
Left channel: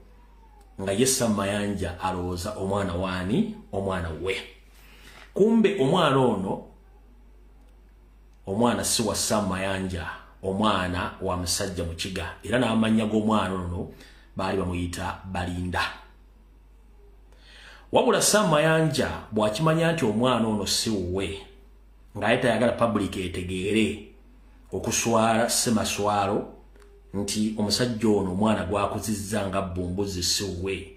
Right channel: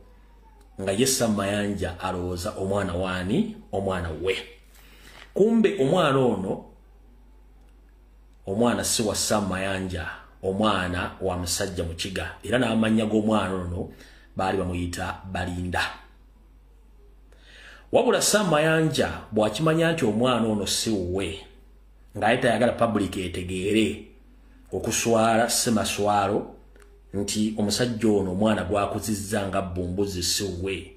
nga yessa mayanja alowooza omwana waani omwana we kumbe omwana ono omwana si wa Mayanja omwana wa musajja mukiga era n'amanya g'omwana ono baali bamuyita Balinda wabula Mayanja bw'akimanya nti omwana ono si wuwe ng'ate tayagala public etegeere okuswala semaswalo nti omusajja ono omwana gwakuzizza nga bbumbuzi si wuwe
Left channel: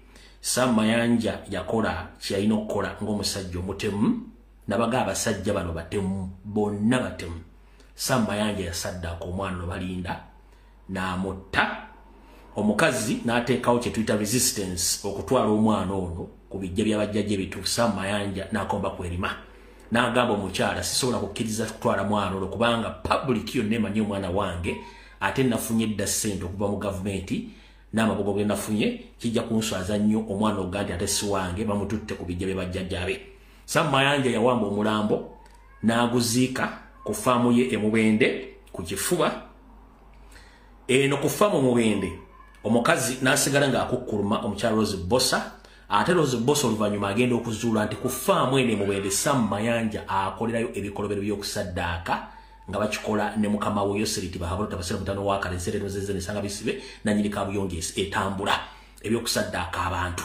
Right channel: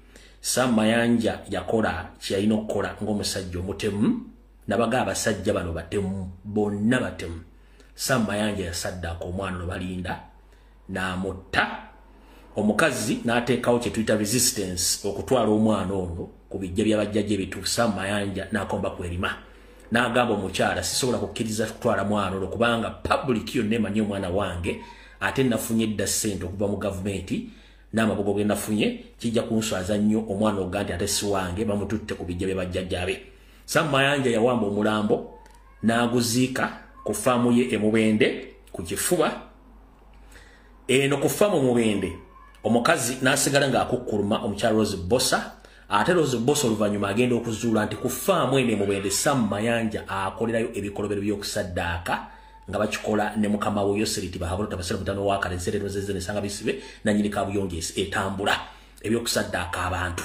Mayanja yakola kyalina okukola ng'omusajja omutemu nabaga abasajja bano batemu bonna batemu Mayanja yasaddako omwana ono Balinda n'amutta omukazi n'ateekawo kye tuyita resistance okutwala omwana ono ku bijja by'abajjajja ebituufu Mayanja n'akomba kwerima n'agamba omukyala sisobola kukkiriza kutwala mwana ono kubanga public yonna emanyi omwana wange ate nafunye edda ssente okuva mu gavumenti n'amabogo ge nafunye kijja kunswaza nnyo omwana oga nti ate si wange bamututte ku bijja by'abajjajja be Mayanja yawamba omulambo n'aguziika ku faamu ye Emubende ku kifuba eno ku faamu Mubende omukazi n'asigala ng'akukkuluma omukyala Rose Bossa ate Rose Bossa oluvannyuma agenda okuzuula nti ku faamu eno Mubende Mayanja akolerayo ebikolobero by'okusaddaaka nga bakikola ne mukama we Yoseriti bahabulota basera mutano wa kalezere rozeze ne sanga bisibe na nyiri kabuyonge etambula ebyokusaddaaka abantu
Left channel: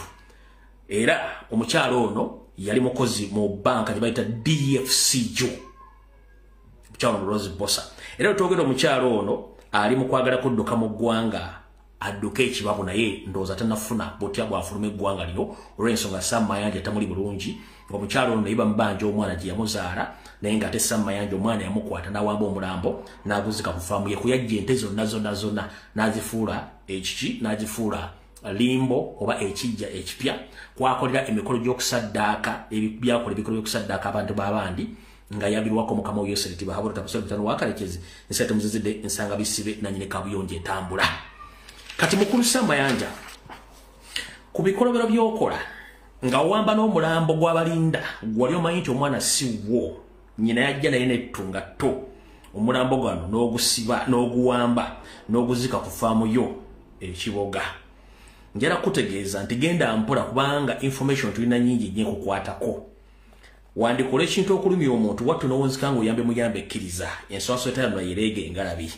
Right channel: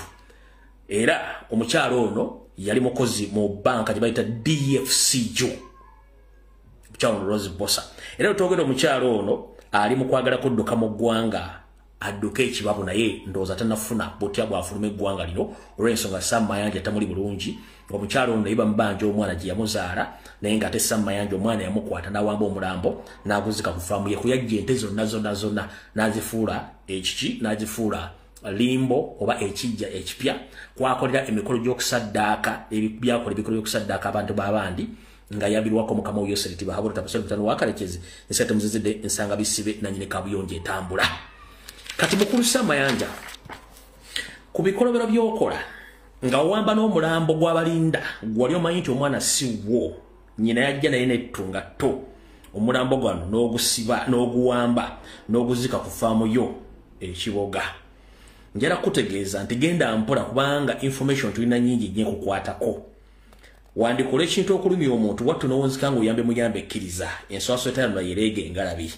era omukyala ono yali mukozi mu banka gye bayita DFCJ omukyala Rose Bossa era otwogera omukyala ono ali mu kwagala kudduka mu ggwanga adduka ekibabu naye ndowooza tanafuna botya bwafuluma eggwanga lino olw'ensonga Mayanja tamuli bulungi omukyala ono naye bamubanja omwana gye yamuzaala naye ng'ate Mayanja omwana yamukwata n'awamba omulambo n'aguzika ku faamu ye kuyajja ente zonna n'azifuula ekiki n'azifuula limbo oba ekijja ekipya kwakolera emikolo gy'okusaddaaka byakola ebikolo by'okusaddaaka abantu b'abandi nga yabirwako mukama we Yoseriti bahabulota basera mutano wa kalekezi nsate muzizidde ensanga bisibe na nyine kabuyonje etambula kati mukulu Mayanja ku bikolobero by'okola nga wamba n'omulambo gw'Abalinda gwali omanyi nti omwana si wo nyina yajja naye nettunga to omulambo gwano n'ogusiba n'oguwamba n'oguzika ku faamu yo ekiboga njala kutegeeza nti genda mpola kubanga information tulina nyingi nnyo kukwatako wandikola ekintu okulumya omuntu wattu n'owonzika ng'oyambe muyambe ekkiriza enswaso etayano yerege engalabi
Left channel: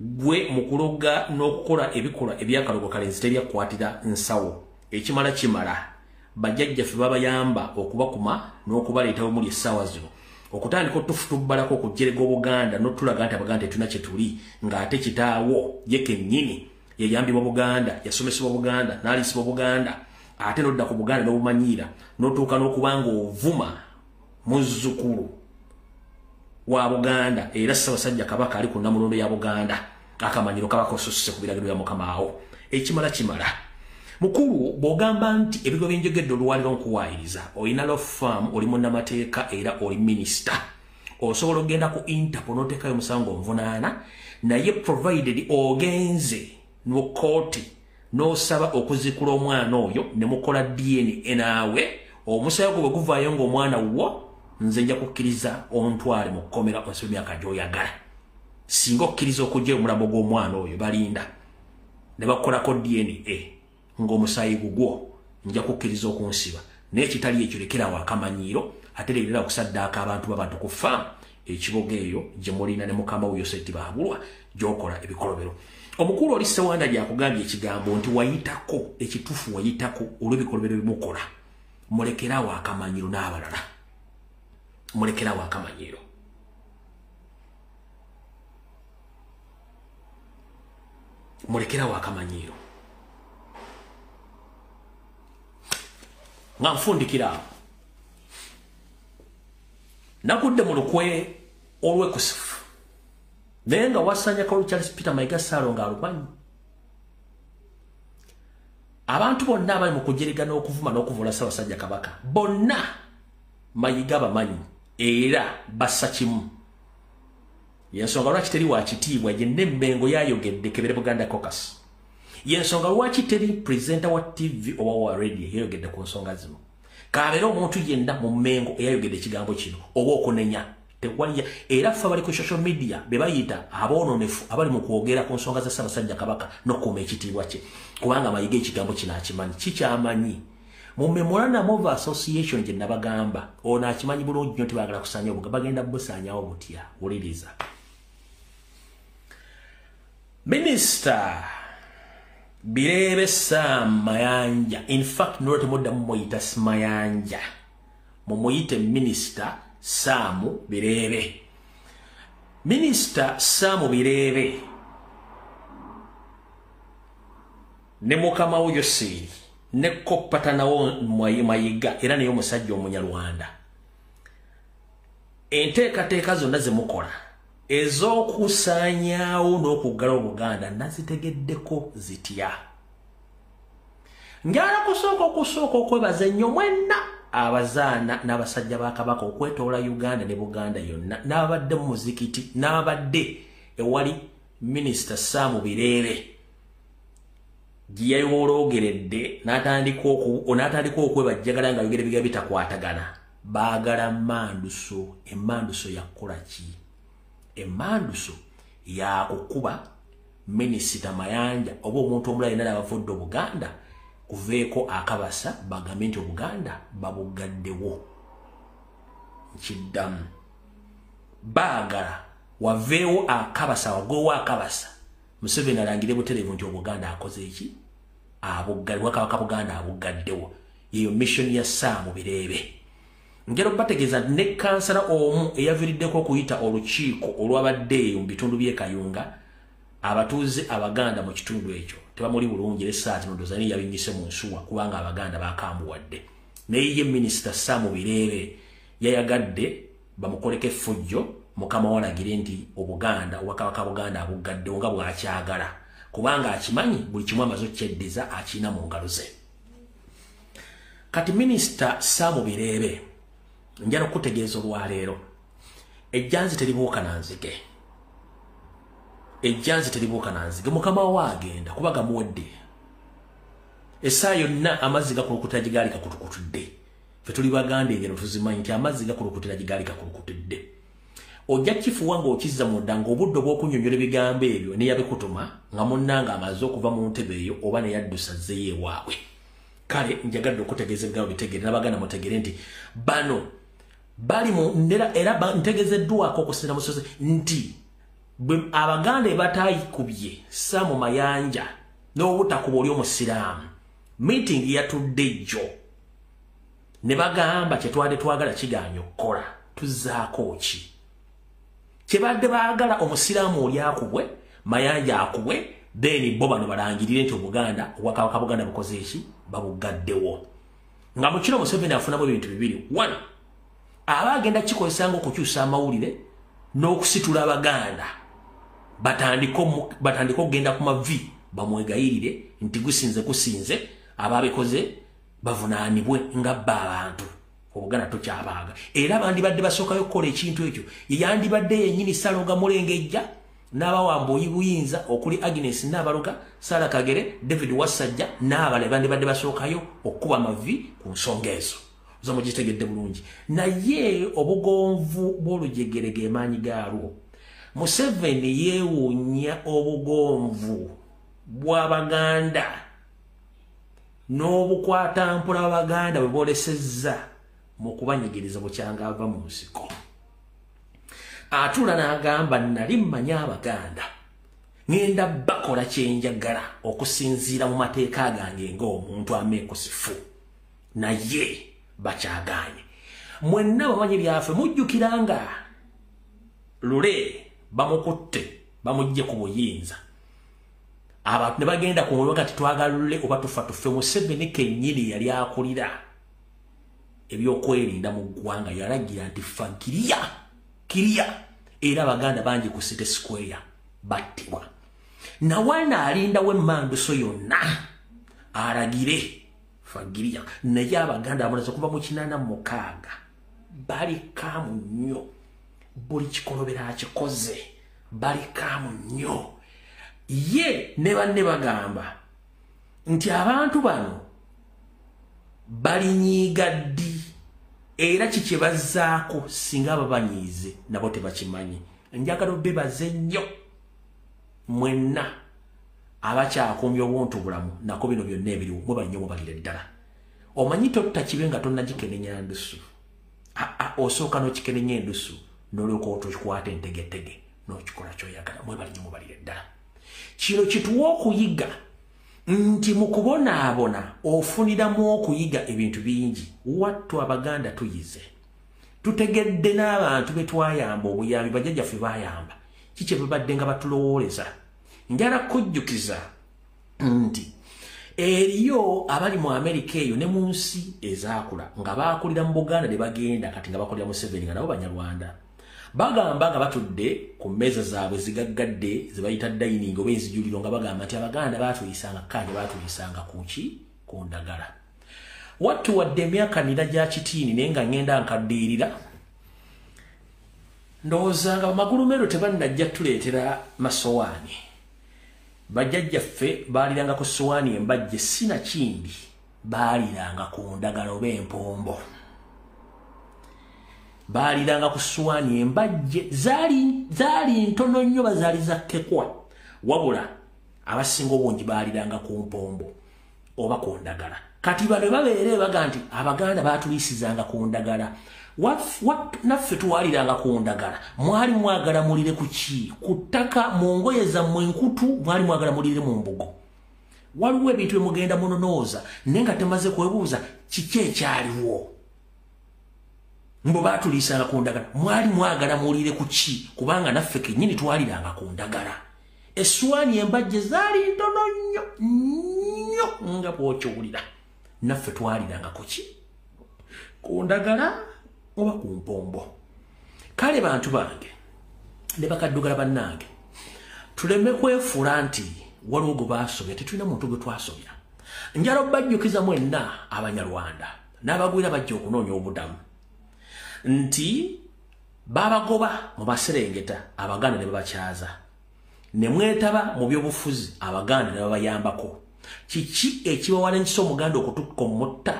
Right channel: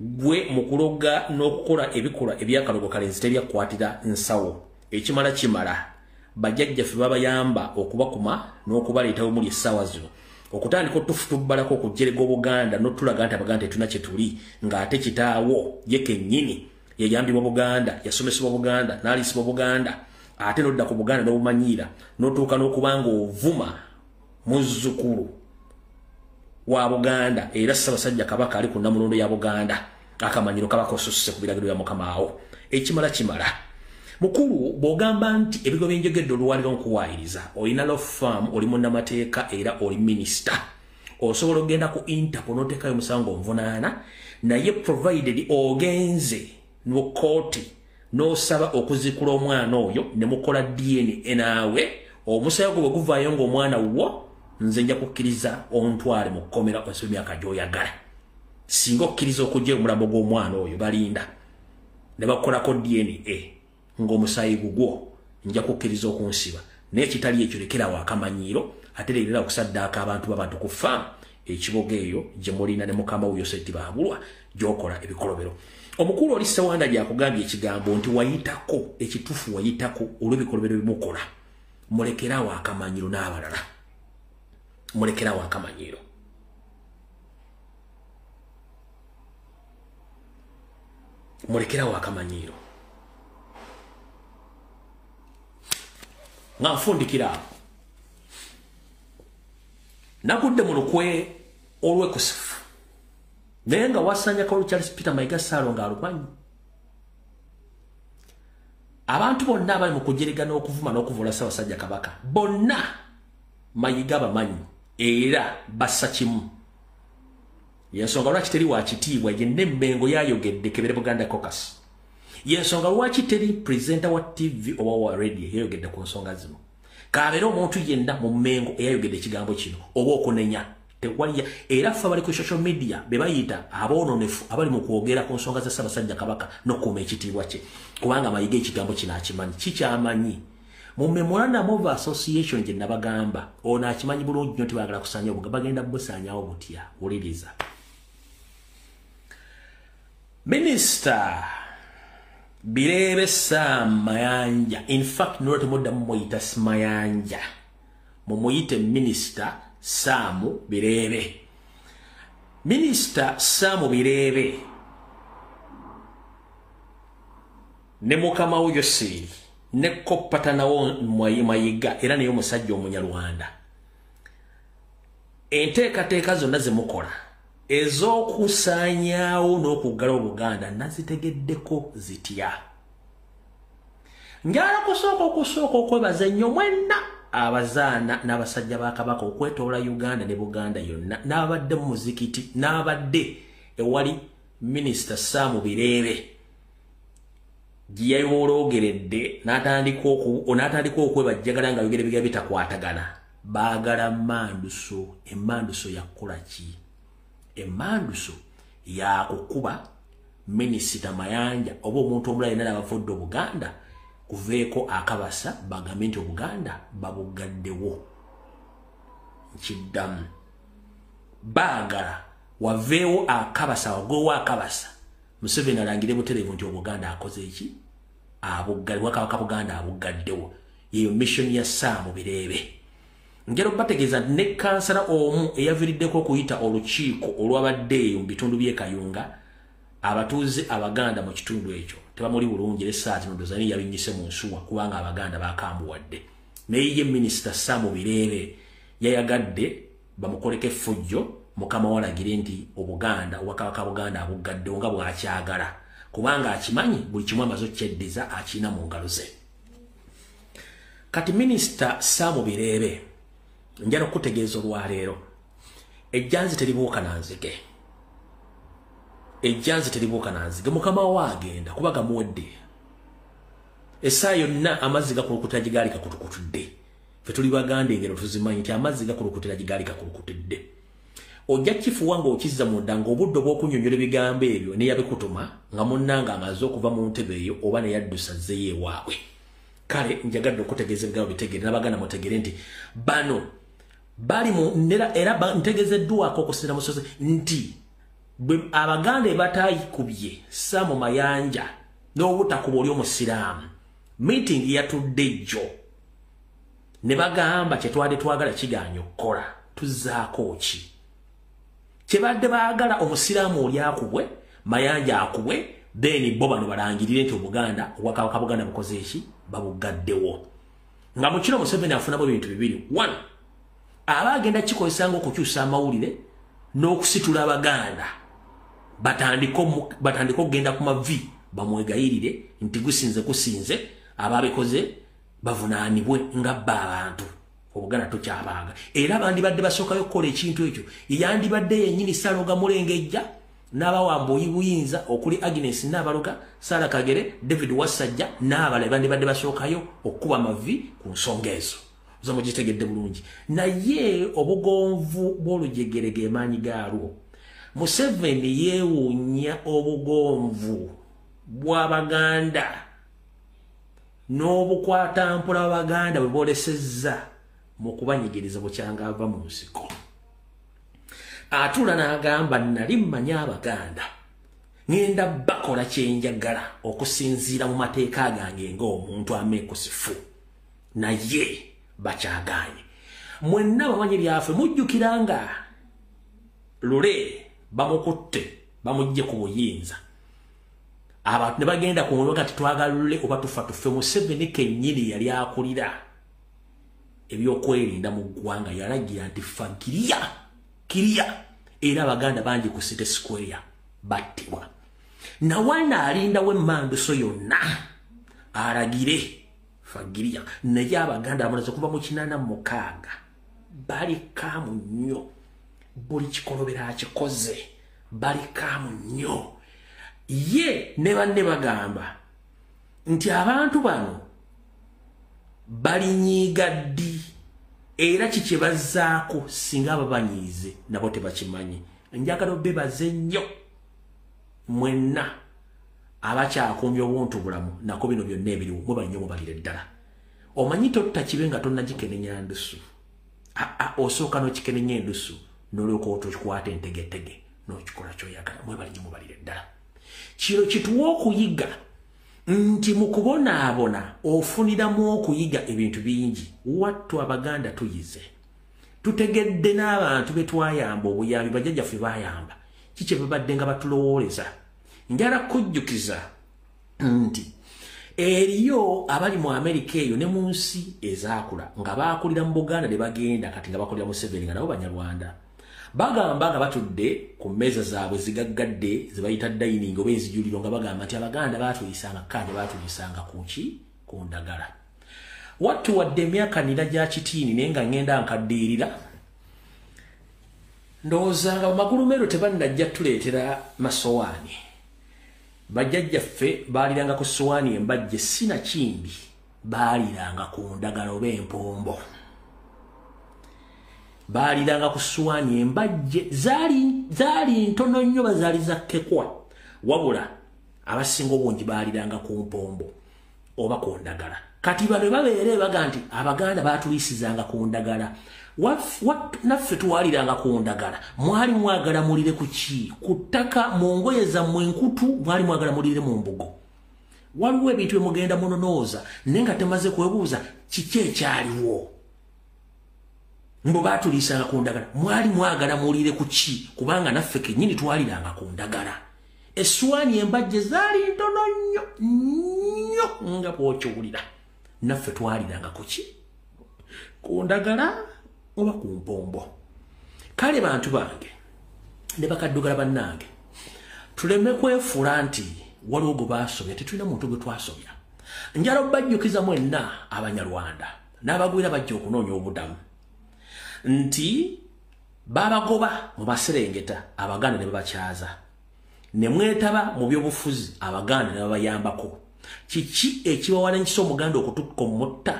gwe mukuloga n'okukola ebikola ebyakalogo kalenzi tebyakwatira nsawo ekimala kimala bajjajjaffe babayamba okubakuma n'okubaleetawo muli essaawa zino okutandika otufutubbalako okujjerega Obuganda n'otulaga nti Abaganda tetuna kye tuli ng'ate kitaawo ye kennyini yayambibwa Buganda yasomesebwa Buganda n'aliisibwa Buganda ate n'odda ku Buganda n'obumanyiira n'otuuka n'okubanga ovuma muzzukulu wa Buganda era Ssaabasajja Kabaka ali ku Namulondo ya Buganda akamanyiro kabaka osusse ku biragiro bya Mukama awo ekimala kimala mukulu bw'ogamba nti ebigo by'enjogedde oluwaliro nkuwaayiriza olina law firm oli munnamateeka era oli minisita osobola okugenda ku Interpol n'oteekayo omusango onvunaana naye provided ogenze mu kooti n'osaba okuzikula omwana oyo ne mukola DNA naawe omusayo gwe bwe guvaayo ng'omwana wo nze nja kukkiriza ontwale mu kkomera onsibe emyaka gy'oyagala singa okkiriza okujja omulambo gw'omwana oyo Balinda ne bakolako DNA ng'omusayi gugwo nja kukkiriza okunsiba naye kitali ekyo lekerawo akamanyiiro ate leerera okusaddaaka abantu b'abantu ku faamu ekiboga eyo gye mulina ne mukama we Yoseriti bahabulwa gy'okola ebikolobero omukulu oli Ssewanda gy'akugambye ekigambo nti wayitako ekituufu wayitako olw'ebikolobero bimukola mulekerawo akamanyiiro n'abalala mulekerawo akamanyiiro mulekerawo akamanyiiro nga nfundikira awo nagudde mu lukwe olw'ekusifu naye nga wasanya Kawulu Charles Peter Mayiga Ssaalo ng'alumanyi abantu bonna abali mu kujerega n'okuvuma n'okuvula Ssaabasajja Kabaka bonna Mayiga bamanyi era bassa kimu yensonga lwaki teri wakitiibwa gye n'emmengo yayogedde Kebere Buganda Caucus yensonga lwaki teri presenter wa TV oba wa radio yayogedde ku nsonga zino kabeera omuntu yenna mu mmengo eyayogedde ekigambo kino oba okunenya tewali era fa bali ku social media be bayita aboononefu abali mu kwogera ku nsonga za Ssaabasajja Kabaka n'okuuma ekitiibwa kye kubanga mayiga ekigambo kino akimanyi kikyamanyi mu Memorandum of Association gye nabagamba ono akimanyi bulungi nnyo tebaagala kusaanya obuganda bagenda busaanyawo butya wuliriza Minister Birebe Sam Mayanja in fact note modda mumuyita Mayanja mumuyite Minister Samu Birebe. Minister Samu Birebe ne mukama uyo siri ne kopatana wo mayiga era ne yomusajja omunyarwanda. Enteekateeka zonna ze mukola ez'okusaanyaawo n'okuggala Obuganda nazitegeddeko zitya. Njala kusooka okwebaza nnyo mwenna abazaana n'abasajja ba Kabaka okwetoola Uganda ne Buganda yonna n'abadde mu muzikiti n'abadde ewali Minister Samu Birebe gye yayoloogeredde n'atandika okwebajjagala nga yogera ebigambo bitakwatagana baagala Manduso. Emanduso yakola ki? Emanduso yakukuba Minisita Mayanja oba omuntu omulala yenna abavudde Obuganda kuveeko akabasa bagambe nti Obuganda babugaddewo. Nkiddamu baagala waveewo akabasa wagowo akabasa Museveni alangire butereevu nti Obuganda akoze eki? Abuggaddewo. Kabaka Buganda abugaddewo. Yeyo mission ya Samu Birebe. Ngero bategeeza ne kansala omu eyaviiriddeko okuyita olukiiko olwabadde mu bitundu by'e Kayunga abatuuze Abaganda mu kitundu ekyo tebamuli bulungi essaati nodozani yabinyise mu nsuwa kubanga Abaganda bakambuwadde. Naye ye Minister Samu Birebe yayagadde bamukoleko effujjo mukama walagire nti Obuganda Kabaka Buganda abugaddewo nga bw'akyagala kubanga akimanyi buli kimu amaze okkyeddiza akiina mu ngalo ze. Kati Minister Samu Birebe njala okutegeeza olwaleero ejjanzi teribuuka nanzige. Ejjanzi teribuuka nanzige mukama waagenda kuba gamuwedde essaawa yonna amazzi gakulukutira gye gaali gakulukutudde. Ffe tuli Baganda engero tuzimanyi nti amazzi gakulukutira gye gaali gakulukutudde. Ojja kifuwa ng'okizza munda ng'obudde obw'okunnyonnyola ebigambo ebyo ne yabikutuma nga munnanga amaze okuva mu ntebe eyo oba ne yaddusa zzeeyo ewaabwe. Kale njagadde okutegeeza ebigambo bitegere n'Abaganda mutegere nti bano bali mu era ntegezeddwako okusinziira mu sozi nti Abaganda batayikubye Samu Mayanja n'obutakuba oli omusiraamu meeting yatudde jjo ne bagamba kye twali twagala kigaanye okukola tuzzaako ki? Kyebadde baagala omusiraamu oli akubwe Mayanja akubwe then bo bano balangirire nti Obuganda Kabaka Buganda bukoze eki? Babugaddewo. Nga mu kino Museveni afunamu ebintu bibiri. 1 abagenda kikozesanga okukyusa amawulire n'okusitula Abaganda batandika okugenda ku mavi bamwegayirire nti kusinze ababikoze bavunaanibwe nga bba abantu. Obuganda tokyabaaga era bandibadde basookayo okukola ekintu ekyo yandibadde yennyini Saloga Mulengejja n'abawamba oyibuyinza okuli Agnes Nabaloga, Sara Kagere, David Wasajja n'abalala bandibadde basookayo okuba mavi ku nsonga ezo. Zo mugitegedde bulungi. Naye obugonvu bw'olujegere ge maanyi gaalwo. Museveni yeewuunya obugonvu bw'Abaganda n'obukwatampula Abaganda bwe boolesezza mu kubanyigiriza bukyanga ava mu nsiko. Atula n'agamba nali mmanyi Abaganda ngenda bakola kyenjagala okusinziira mu mateeka gange ng'omuntu ameekusifu naye bakyagaanye. Mwenna bamanyi byaffe mujjukiranga Lule bamukutte bamujje ku buyinza abantu ne bagenda ku mulwa kati twagala Lule oba tufa tufe. Museveni kennyini yali akulira ebyokwerinda mu ggwanga yalagira nti fa kiriya era Abaganda bangi ku City Square battibwa. Nawana alindawo Manduso yonna alagire fagiria naye Abaganda bamaze kuva mu 86 bali kaamu nnyo buli kikolobera akikoze bali kaamu nnyo. Ye ne banne bagamba nti abantu bano balinyiiga ddi era kikibazaako singa ababanyiize nabo tebakimanyi. Njagala bebaze nnyo mwenna abakyakumya obuntu bulamu nako bino byonna ebiriwo mwe bannyo mubalire ddala. Omanyi totta kibe nga tonnagikenenya ndusu. Osooka n'okikenenya endusu n'olyoka otokikwata entegetege n'okikola ky'oyagala mwe bali nnyo mubalire ddala. Kino kituwa okuyiga nti mu kubonaabona ofuniramu okuyiga ebintu bingi. Wattu Abaganda tuyize. Tutegedde n'abantu be twayamba obuyambi bajjajjaffe bayamba. Kiki babadde nga batulowooleza. Njala kujjukiza nti eriyo abali mu Amerika eyo ne mu nsi ezaakula nga baakulira mu Buganda ne bagenda kati nga bakolera mu Museveni nga nabo Banyarwanda. Bagamba nga batudde ku mmeeza zaabwe zigaggadde ze bayita dining oba enzijuliro nga bagamba nti Abaganda baatuyisanga kanje baatuyisanga kuki ku ndagala. Wattu wadde emyaka nina gya kitiini naye nga ngenda nkaddiirira ndowoozanga bamagulumero tebannajja tuleetera masowaani. Bajjajjaffe baaliranga ku sowaani embajje sinakindi baaliranga ku ndagala oba empombo. Baaliranga ku sowaani embajje zaali ntono nnyo bazaali zakkekwa wabula abasinga obungi baaliranga ku mpombo oba ku ndagala. Kati bano babeere baga nti Abaganda baatuliisizanga ku ndagala. Naffe tuwaliranga ku ndagala. Mwali mwagala mulire ku ki? Ku ttaka mu ngoye zammwe enkutu mwali mwagala mulire mu mbugo. Waliwo ebintu bye mugenda munonooza naye nga temaze kwebuuza kiki ekyaliwo. Mbo baatuliisanga ku ndagala. Mwali mwagala mulire ku ki? Kubanga naffe kennyini twaliranga ku ndagala. Essuwaani embajje zaali ntono nnyo nga bw'okiwulira. Naffe twaliranga ku ki? Ku ndagala oba ku mpombo. Kale bantu bange ne bakaddugala bannange tuleme kwefuula nti waliwo gwe baasobya tetulina muntu gwe twasobya. Njala obbajjukiza mwenna Abanyarwanda n'abagwira bajja okunoonya obudamu nti babagoba mu Maserengeta Abaganda ne babakyaza. Ne mwetaba mu byobufuzi Abaganda ne babayambako. Kiki ekibawana nkisa Omuganda okutukka omutta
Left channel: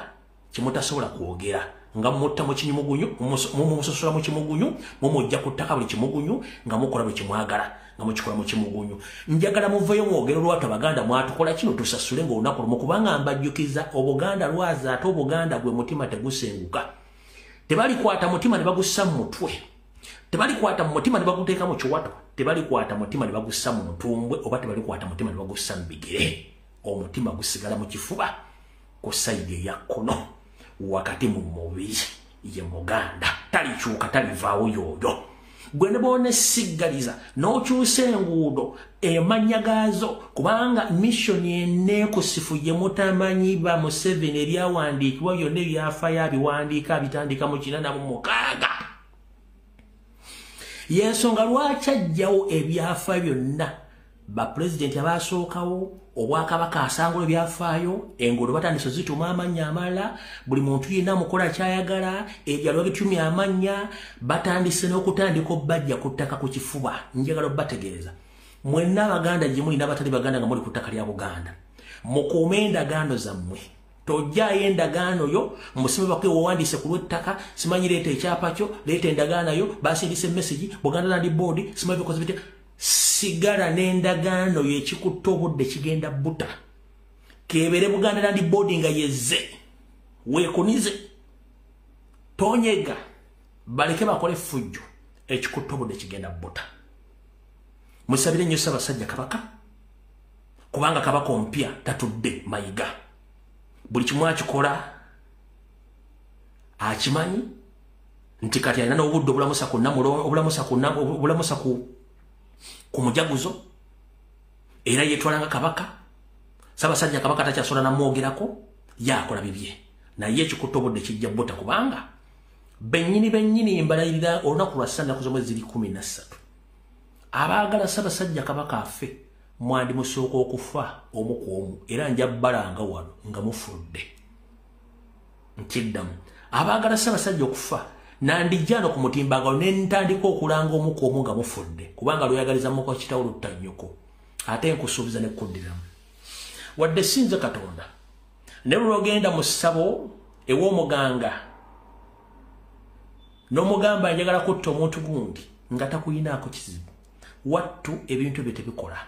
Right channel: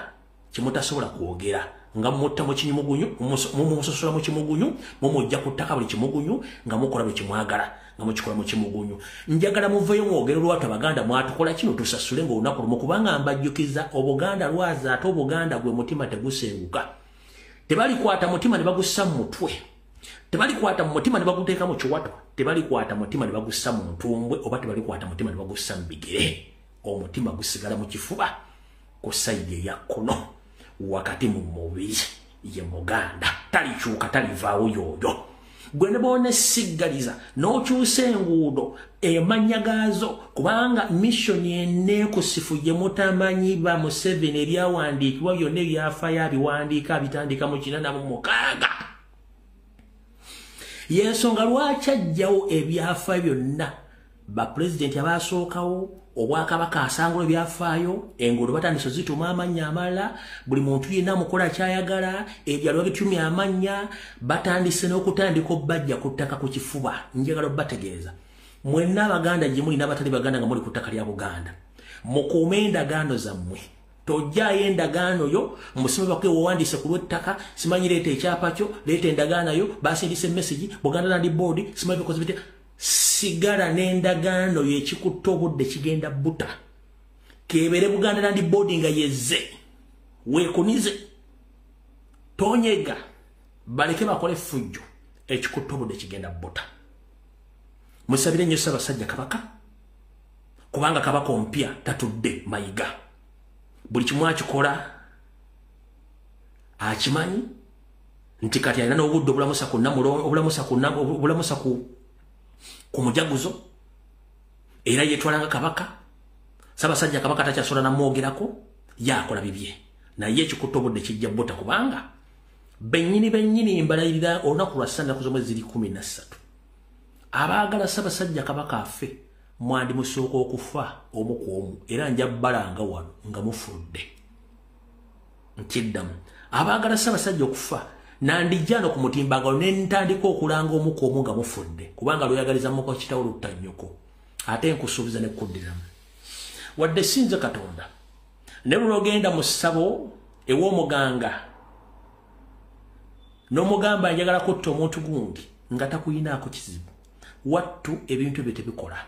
kimutasobola kwogera nga mutta mu kinyumugunyu mumusosola mu kimugunyu mumujja ku ttaka buli kimugunyu nga mukola buli kimwagala nga mukikola mu kimugunyu. Njagala muveyo mwogero lwatu Abaganda mwatukola kino tusasule ng'olunaku lumu kubanga mbajjukiza Obuganda lwaza ate Obuganda gwe mutima tegusenguka. Tebalikwata mutima ne bagussa mu mutwe. Tebalikwata mutima ne baguteeka mu kiwato. Tebalikwata mutima ne bagussa mu ntumbwe oba tebalikwata mutima ne bagussa mu bigere. Omutima gusigala mu kifuba ku sayidi eya kkono wakati mu mubiri ye Muganda talikyuka talivaawo yoyo. Gwe ne boona siggaliza n'okyusa enguudo emanya gaazo kubanga missoni enneekusifu gye mutamanyi ba Museveni ebyawandiikibwa byonna ebyafaayo abiwandiika abitandika mu 46. Y'ensonga lwaki ajjawo ebyafaayo byonna bapulezidenti abaasookawo Obwakabaka asangula ebyafaayo enguudo batandise zituma amannya amalala buli muntu yenna mukola kyayagala ebyalo bitumya amannya batandise n'okutandika obbajja ku ttaka ku kifuba. Njagala obbategeeza mwenna Abaganda gye muli n'abatali Baganda nga muli ku ttaka lya Buganda mukuume endagaano zammwe. Tojjaayo endagaano yo musime bakwe wawandiise ku lw'ettaka simanyi leeta ekyapa kyo leeta endagaano yo basindise message Buganda Land Board simanyi bikoze bitya. Sigala n'endagaano y'ekikutta obudde kigenda buta. Kebere Buganda Land Board nga yezze weekunize tonyega baleke bakole fujjo ekikutta obudde kigenda buta. Musabire nnyo Ssaabasajja Kabaka kubanga Kabaka ompya tatudde mayiga. Buli kimu akikola akimanyi nti kati alina n'obudde obulamusa ku mujaguzo era yetwalanga Kabaka. Ssaabasajja Kabaka takyasobola namwogerako yakola bibye naye ekikutta obudde kijja buta kubanga bennyini embalayirira olunaku lwa Ssande zomwezi 13 abaagala Ssaabasajja Kabaka affe mwandi musooka okufa omu ku omu era nja bbalanga wano nga mufudde. Nkiddamu abaagala Ssaabasajja okufa nandijjano ku mutimbagalo ne ntandika okulanga omu ku omu nga mufudde kubanga lweyagaliza muko kitawulo lutannyoko ate nkusuubiza ne kuddiramu wadde sinze Katonda ne lwogenda mu ssabo ew'omuganga n'omugamba njagala kutta omuntu gundi nga takuyinaako kizibu wattu ebintu bye tebikola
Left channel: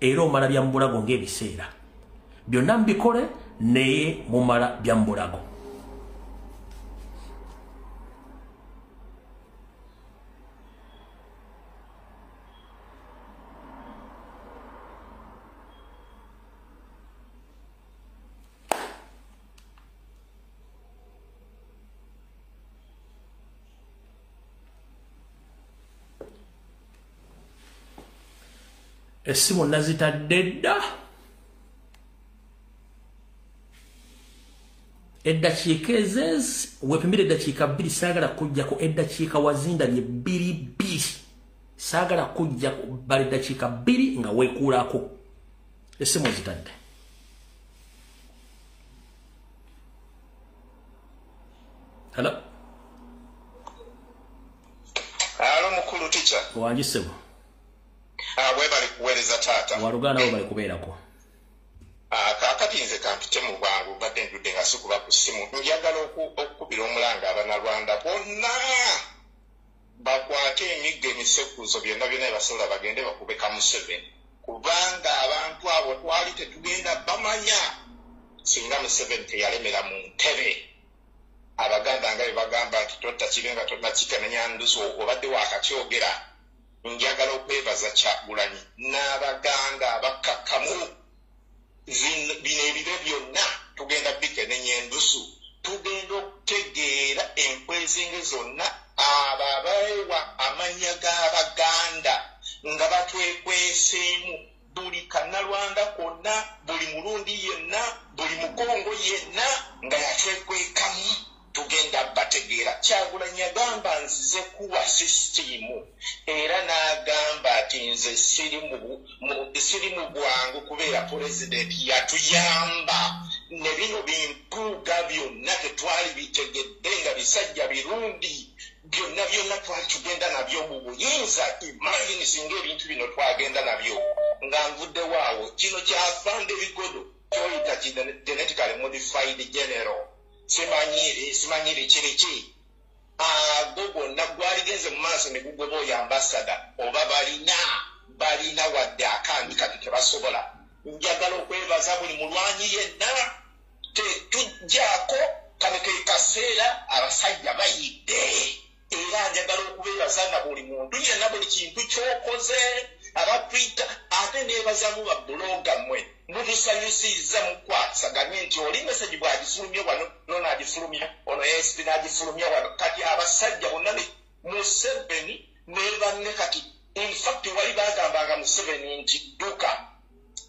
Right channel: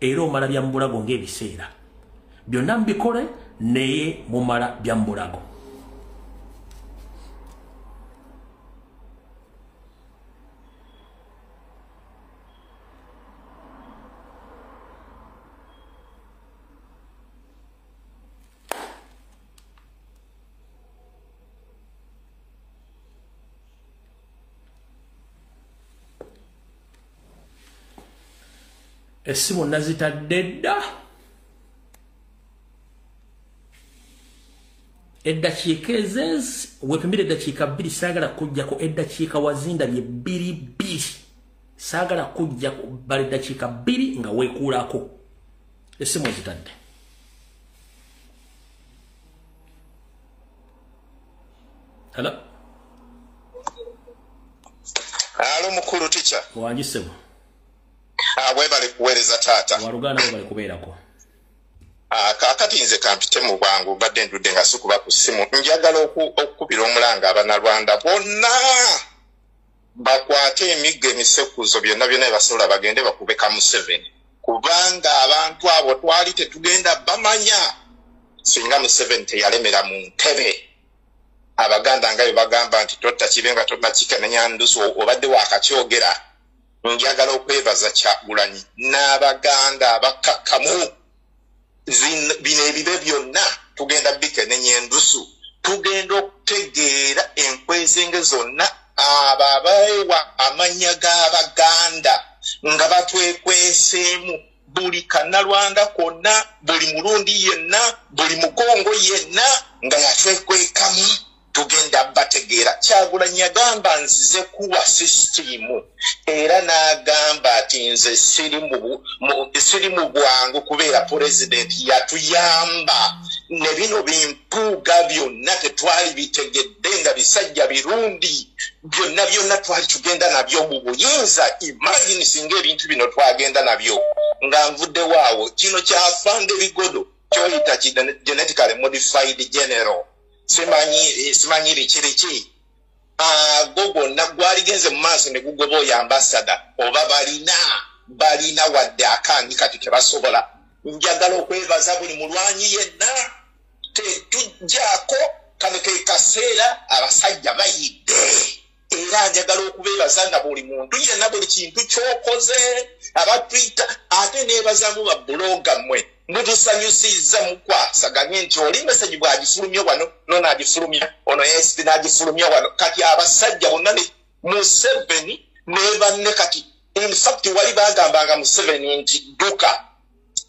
era omala bya mbulago ng'ebiseera byonna mbikole naye mumala bya mbulago Esimu nazitadde dda eddakiika ezenzi wepimbire eddakiika 2 saagala kujjako eddakiika wazindabye 2 saagala kujjako bali eddakiika 2 nga weekuulako esimu ezitadde Hello mukulu ticha wanjisebo bali kuweereza taata waluganda bo bali kubeerako kakati nze kampite mu bwangu badde ndudde nga sikuba ku ssimu njagala okukubira omulanga abanalwanda bonna bakwate emiggo emisekuzo byonna basobola bagende bakube ka Museveni kubanga abantu abo twali tetugenda bamanya singa Museveni teyalemera mu ntebe abaganda nga bagamba nti totta kibenga tonna kikenenya ndusu obadde wakakyogera njagala okwebaza Kyagulanyi n'abaganda abakakkamu bino ebibe byonna tugenda bikenenya endusu tugenda okutegeera enkwezenge zonna abo abawewa amanya g'abaganda nga batwekweseemu buli kannalwanda konna buli mulundi yenna buli mukongo yenna nga yatwekwekamu tugenda bategeera Kyagulanyi agamba nzize kuwa sisitimu era n'agamba ati nze siri mu bwangu kubeera pulezidenti yatuyamba ne bino bimpuuga byonna tetwali bitegedde nga bisajja birundi byonna twali tugenda nabyo mu buyinza imagine singa ebintu bino twagenda nabyo nga nvudde waawo kino kyafande bigodo kyoyita genetically modified general simanyi kiriki gogonna gwaligenze mu maaso ne gugoba ambassador oba balina wadde akandi kati kebasobola njagala okwebaza buli mulwanyi yenna tetujjaako kano ke kaseera abasajja bayidde era njagala okubeebaza na buli muntu yenna buli kintu kyokoze abatwita ate neebazamu babbuloga mmwe mutusanyusiza mukwasaganye nti oli meseji bwagifulumya wano nonagifulumya ono yesi nagifulumya wano kati abasajja bonna Museveni ne banne kati in fact wali bagambanga Museveni nti duka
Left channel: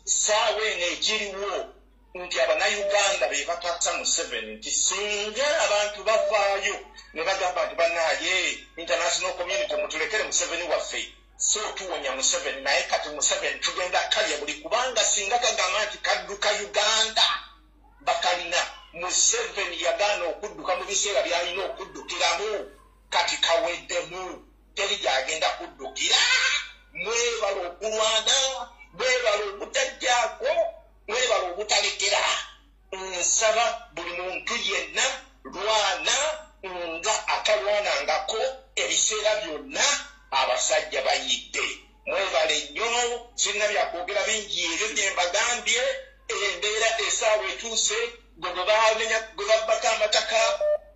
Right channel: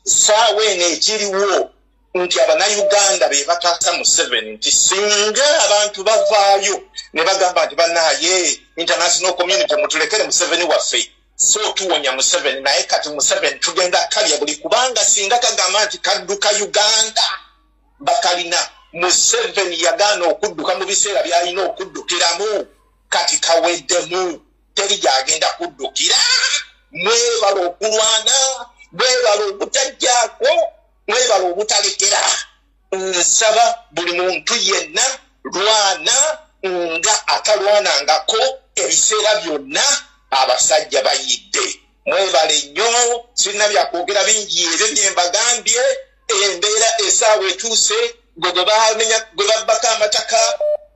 saawa eno ekiriwo nti abanayuganda be bataasa Museveni nti singa abantu bavaayo ne bagamba nti bannaye international community mutulekere Museveni waffe so tuwonya Museveni naye kati Museveni tugenda kalya buli kubanga singa kagamba nti kadduka Uganda bakalina Museveni yagaana okudduka mu biseera byalina okuddukiramu kati kaweddemu teri gyagenda kuddukira mwebala okulwana mwebala obutajjaako mwebala obutalekera nsaba buli muntu yenna lwana nga atalwanangako ebiseera byonna abasajja bayidde mwebale nnyo sirina byakwogera bingi ebyo bye mbagambye embeera esaawa etuuse gwe babbako amataka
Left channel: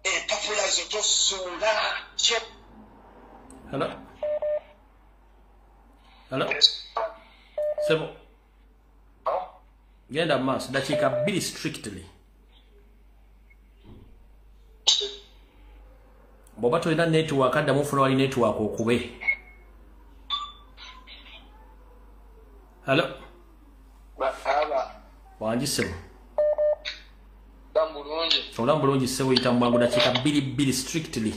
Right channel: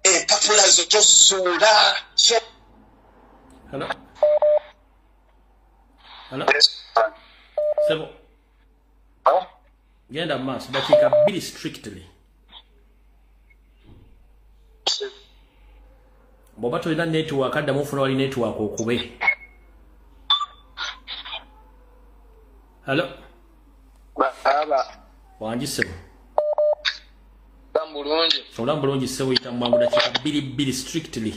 empapula zo tosuula Hello? Sebo. Genda maaso dakiika 2 strictly. Bw'oba tolina network addamu ofuna wali network okube. Hello? Wangi Sebo. Olamu bulungi Sebo yita mu bwangu dakiika 2 strictly.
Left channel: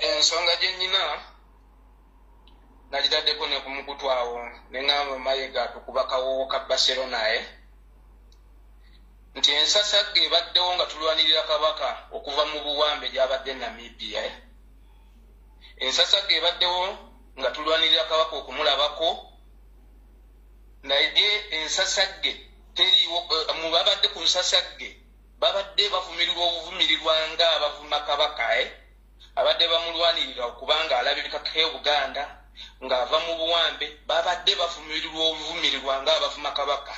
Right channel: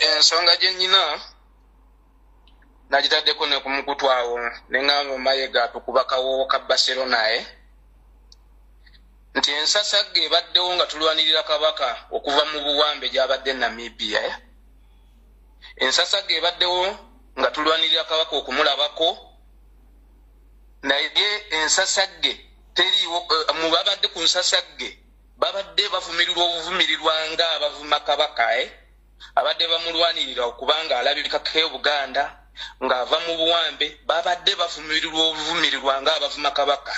Ensonga gye nnyina nagitaddeko ne ku mukutwawo ne ŋŋamba Mayiga tukuba kawowo ka Barcelona nti ensasagge ebaddewo nga tulwanirira kabaka okuva mu buwambe gy'abadde Namibia ensasagge ebaddewo nga tulwanirira kabaka okumulabako naye ensasagge teriiwo mu babadde ku nsasagge babadde bavumirirwa obuvumirirwa nga abavuma kabaka abadde bamulwanirira okubanga alabikako Buganda ng'ava mu buwambe babadde bavumirirwa obuvumirirwa nga abavuma kabaka.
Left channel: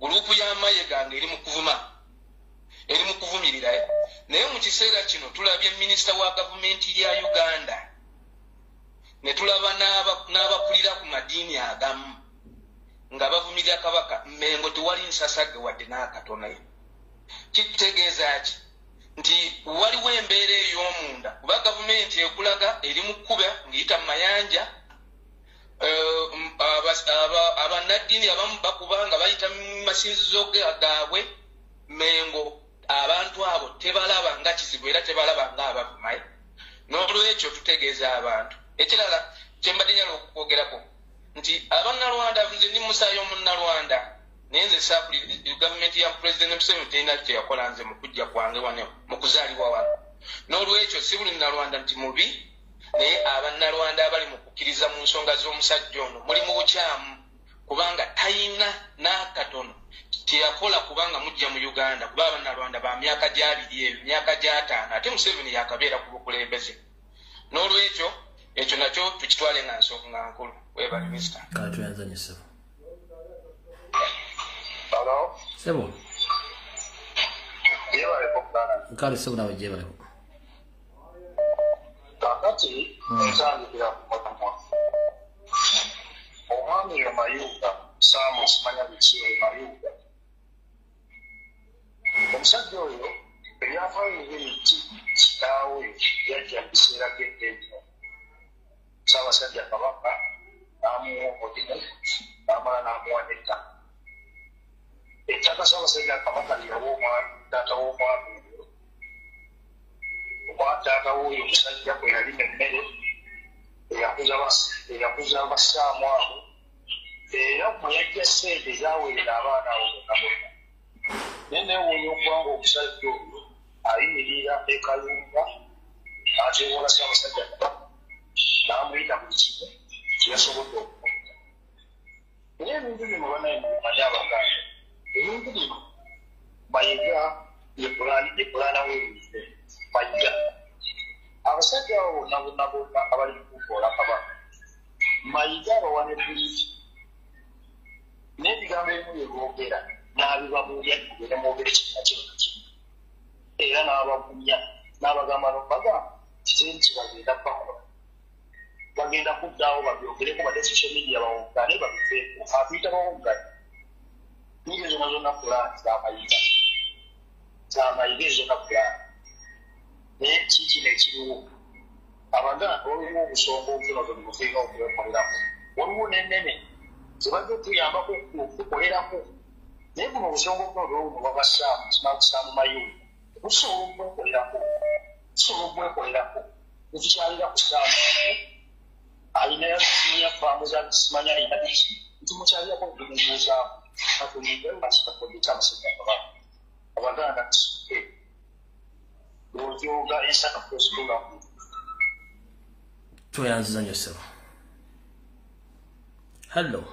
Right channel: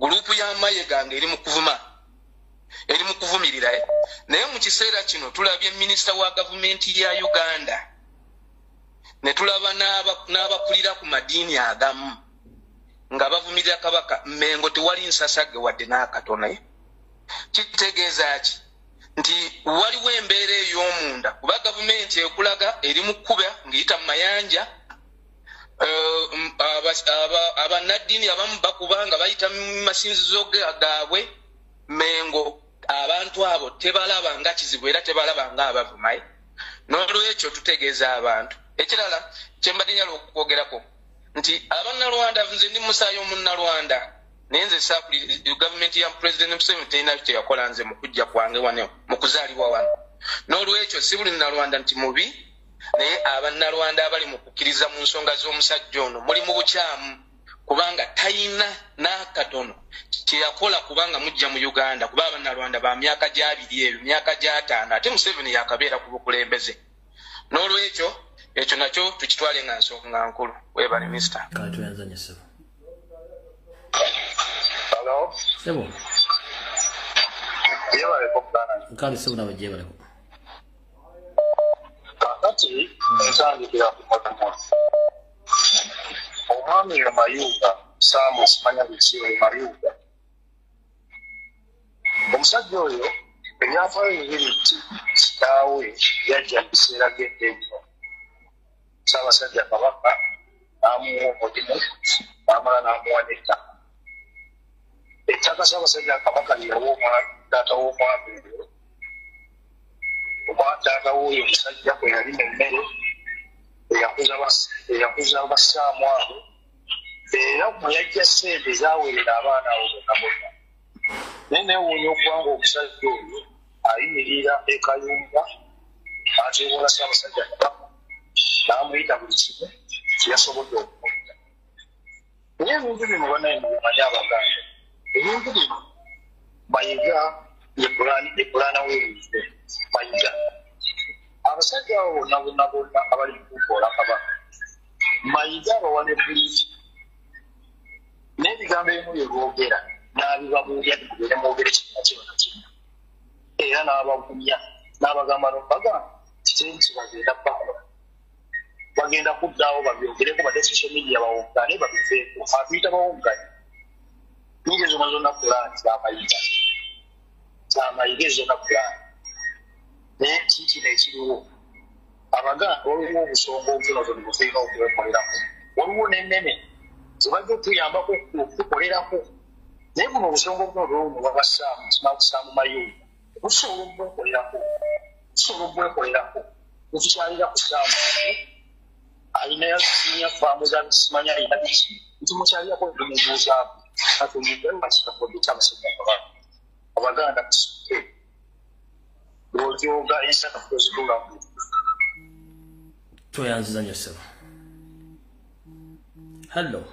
Gurupu ya Mayiga ng'eri mu kuvumirira naye mu kiseera kino tulabye minisita wa gavumenti ya Uganda ne tulaba n'abakulira ku madiini agamu nga bavumirira kabaka Mengo tewali nsasage wadde n'akatono. Kitegeeza ki nti waliwo embeera ey'omunda kuba gavumenti ekulaga eri mu kkuba ng'eyita mu mayanja abannaddiini abamu bakuba nga bayita mu masinzizo gaabwe Mengo abantu abo tebalaba nga kizibu era tebalaba nga abavuma. N'olwekyo tutegeeza abantu ekirala kyembadde nyala okwogerako nti abannalwanda nze ndi musaayi omunnalwanda naye nze saapulira gavumenti ya Pulezidenti Museveni terina kye yakola nze mu kujja kwange wano mu kuzaalibwa wano. N'olwekyo si buli nnalwanda nti mubi naye abannalwanda abali mu kukkiriza mu nsonga z'omusajja ono muli mu bukyamu kubanga tayina n'akatono kye yakola kubanga mujja mu Uganda kuba abannalwanda ba myaka gy'abiri eyo myaka gy'ataano ate Museveni yakabeera ku bukulembeze. N'olwekyo ekyo nakyo tukitwale nga nsonga nkulu. Webale minisita. Kale tuyanzanye ssebo. Hello? Ssebo. Yebaleko ddala. Kale ssebo nawe gyebaleko. Kakati ntandikira ku mulimu. Omwami Mayuga Saamu simanya biki Mayuga. Omusajja oyo ebyafaayo bibiri nti kitaawe yajja mu biseera by'eddembe. Ssaabasajja Kabaka n'amuwa omulimu n'amala n'amuwa n'ettaka. Ettaka Ssaabasajja Kabaka lye yawa taata w'omwami oyo. Taata w'oyo omusajja bwe yalima emmere eyakuza bassaamu abo era bwe yajja ssente zaawerera abaana abo bonna bonna. Naye neewuunya okubanga omusajja oyo ayimirira ekayumba ateewola Ssaabasajja Kabaka n'amuyita buli kimu kyeyasobodde okumuyita. Naye ebintu bino banaye mubimanyi Abaganda, ebintu bino Mayiga ye pulaana w'ebintu Mayiga. Abasajja abo bonna bonna abali mu kukoola Kabaka Mayiga abawa ne buliiti n'ebigambo ebimu bye boogera n'abibabuulya kubeere mwogere kitina kyonna kimu era n'abagumya n'abagamba n'obagamba kiteri kibagenda kubakola bagenda kuddaawo babyogereko badde social media bawogane babifeeko atuyita bawogane niga zonna zonna pulaani zamayiga ezonna pulaani naye kikino ekiriwo Abaganda waliwo obusonga obutonotono bwe tulina okwekoleramu waliwo n'ennene zebajja otuyambako okutukolerako naye buno obusonga obutonotono buno bwabassaamu kinakusaamu Mayuga busobola obwekolerako netukyalira ku ssaamu alinayo sinya faamu za simanya alina biki nti mukyalirako nemubuuzaamu atuyingaakitakodde kyamusajja Kabaka Abaganda tusite lwotyoga ensaka tozitulamu. Tuyanziza nnyo ssebo. Hello.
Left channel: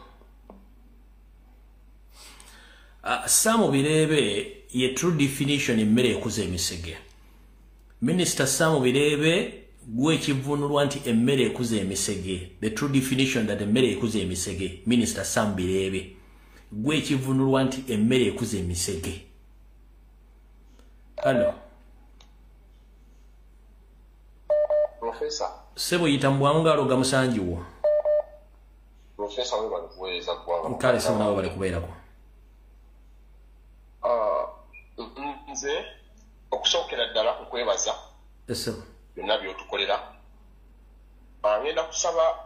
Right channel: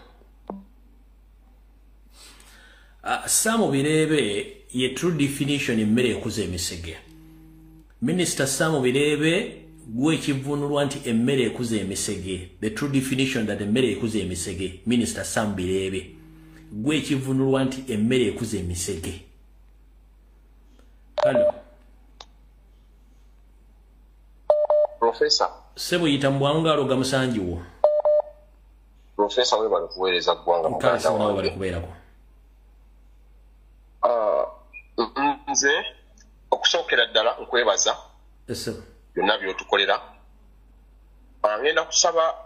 Saamu Birebe ye true definition emmere ekuza emisege. Minister Saamu Birebe gwe ekivunulwa nti emmere ekuza emisege. The true definition that emmere ekuza emisege. Minister Saamu Birebe gwe ekivunulwa nti emmere ekuza emisege. Hello. Professor. Sebo yita mbwamu ngalo ga musanjiwo. Professor we bali kuweereza ggwanga. Nkale sebo nawe bali kubeerako. Nze okusookera ddala okwebaza. Sebo. Byonna by'otukolera. Ngenda kusaba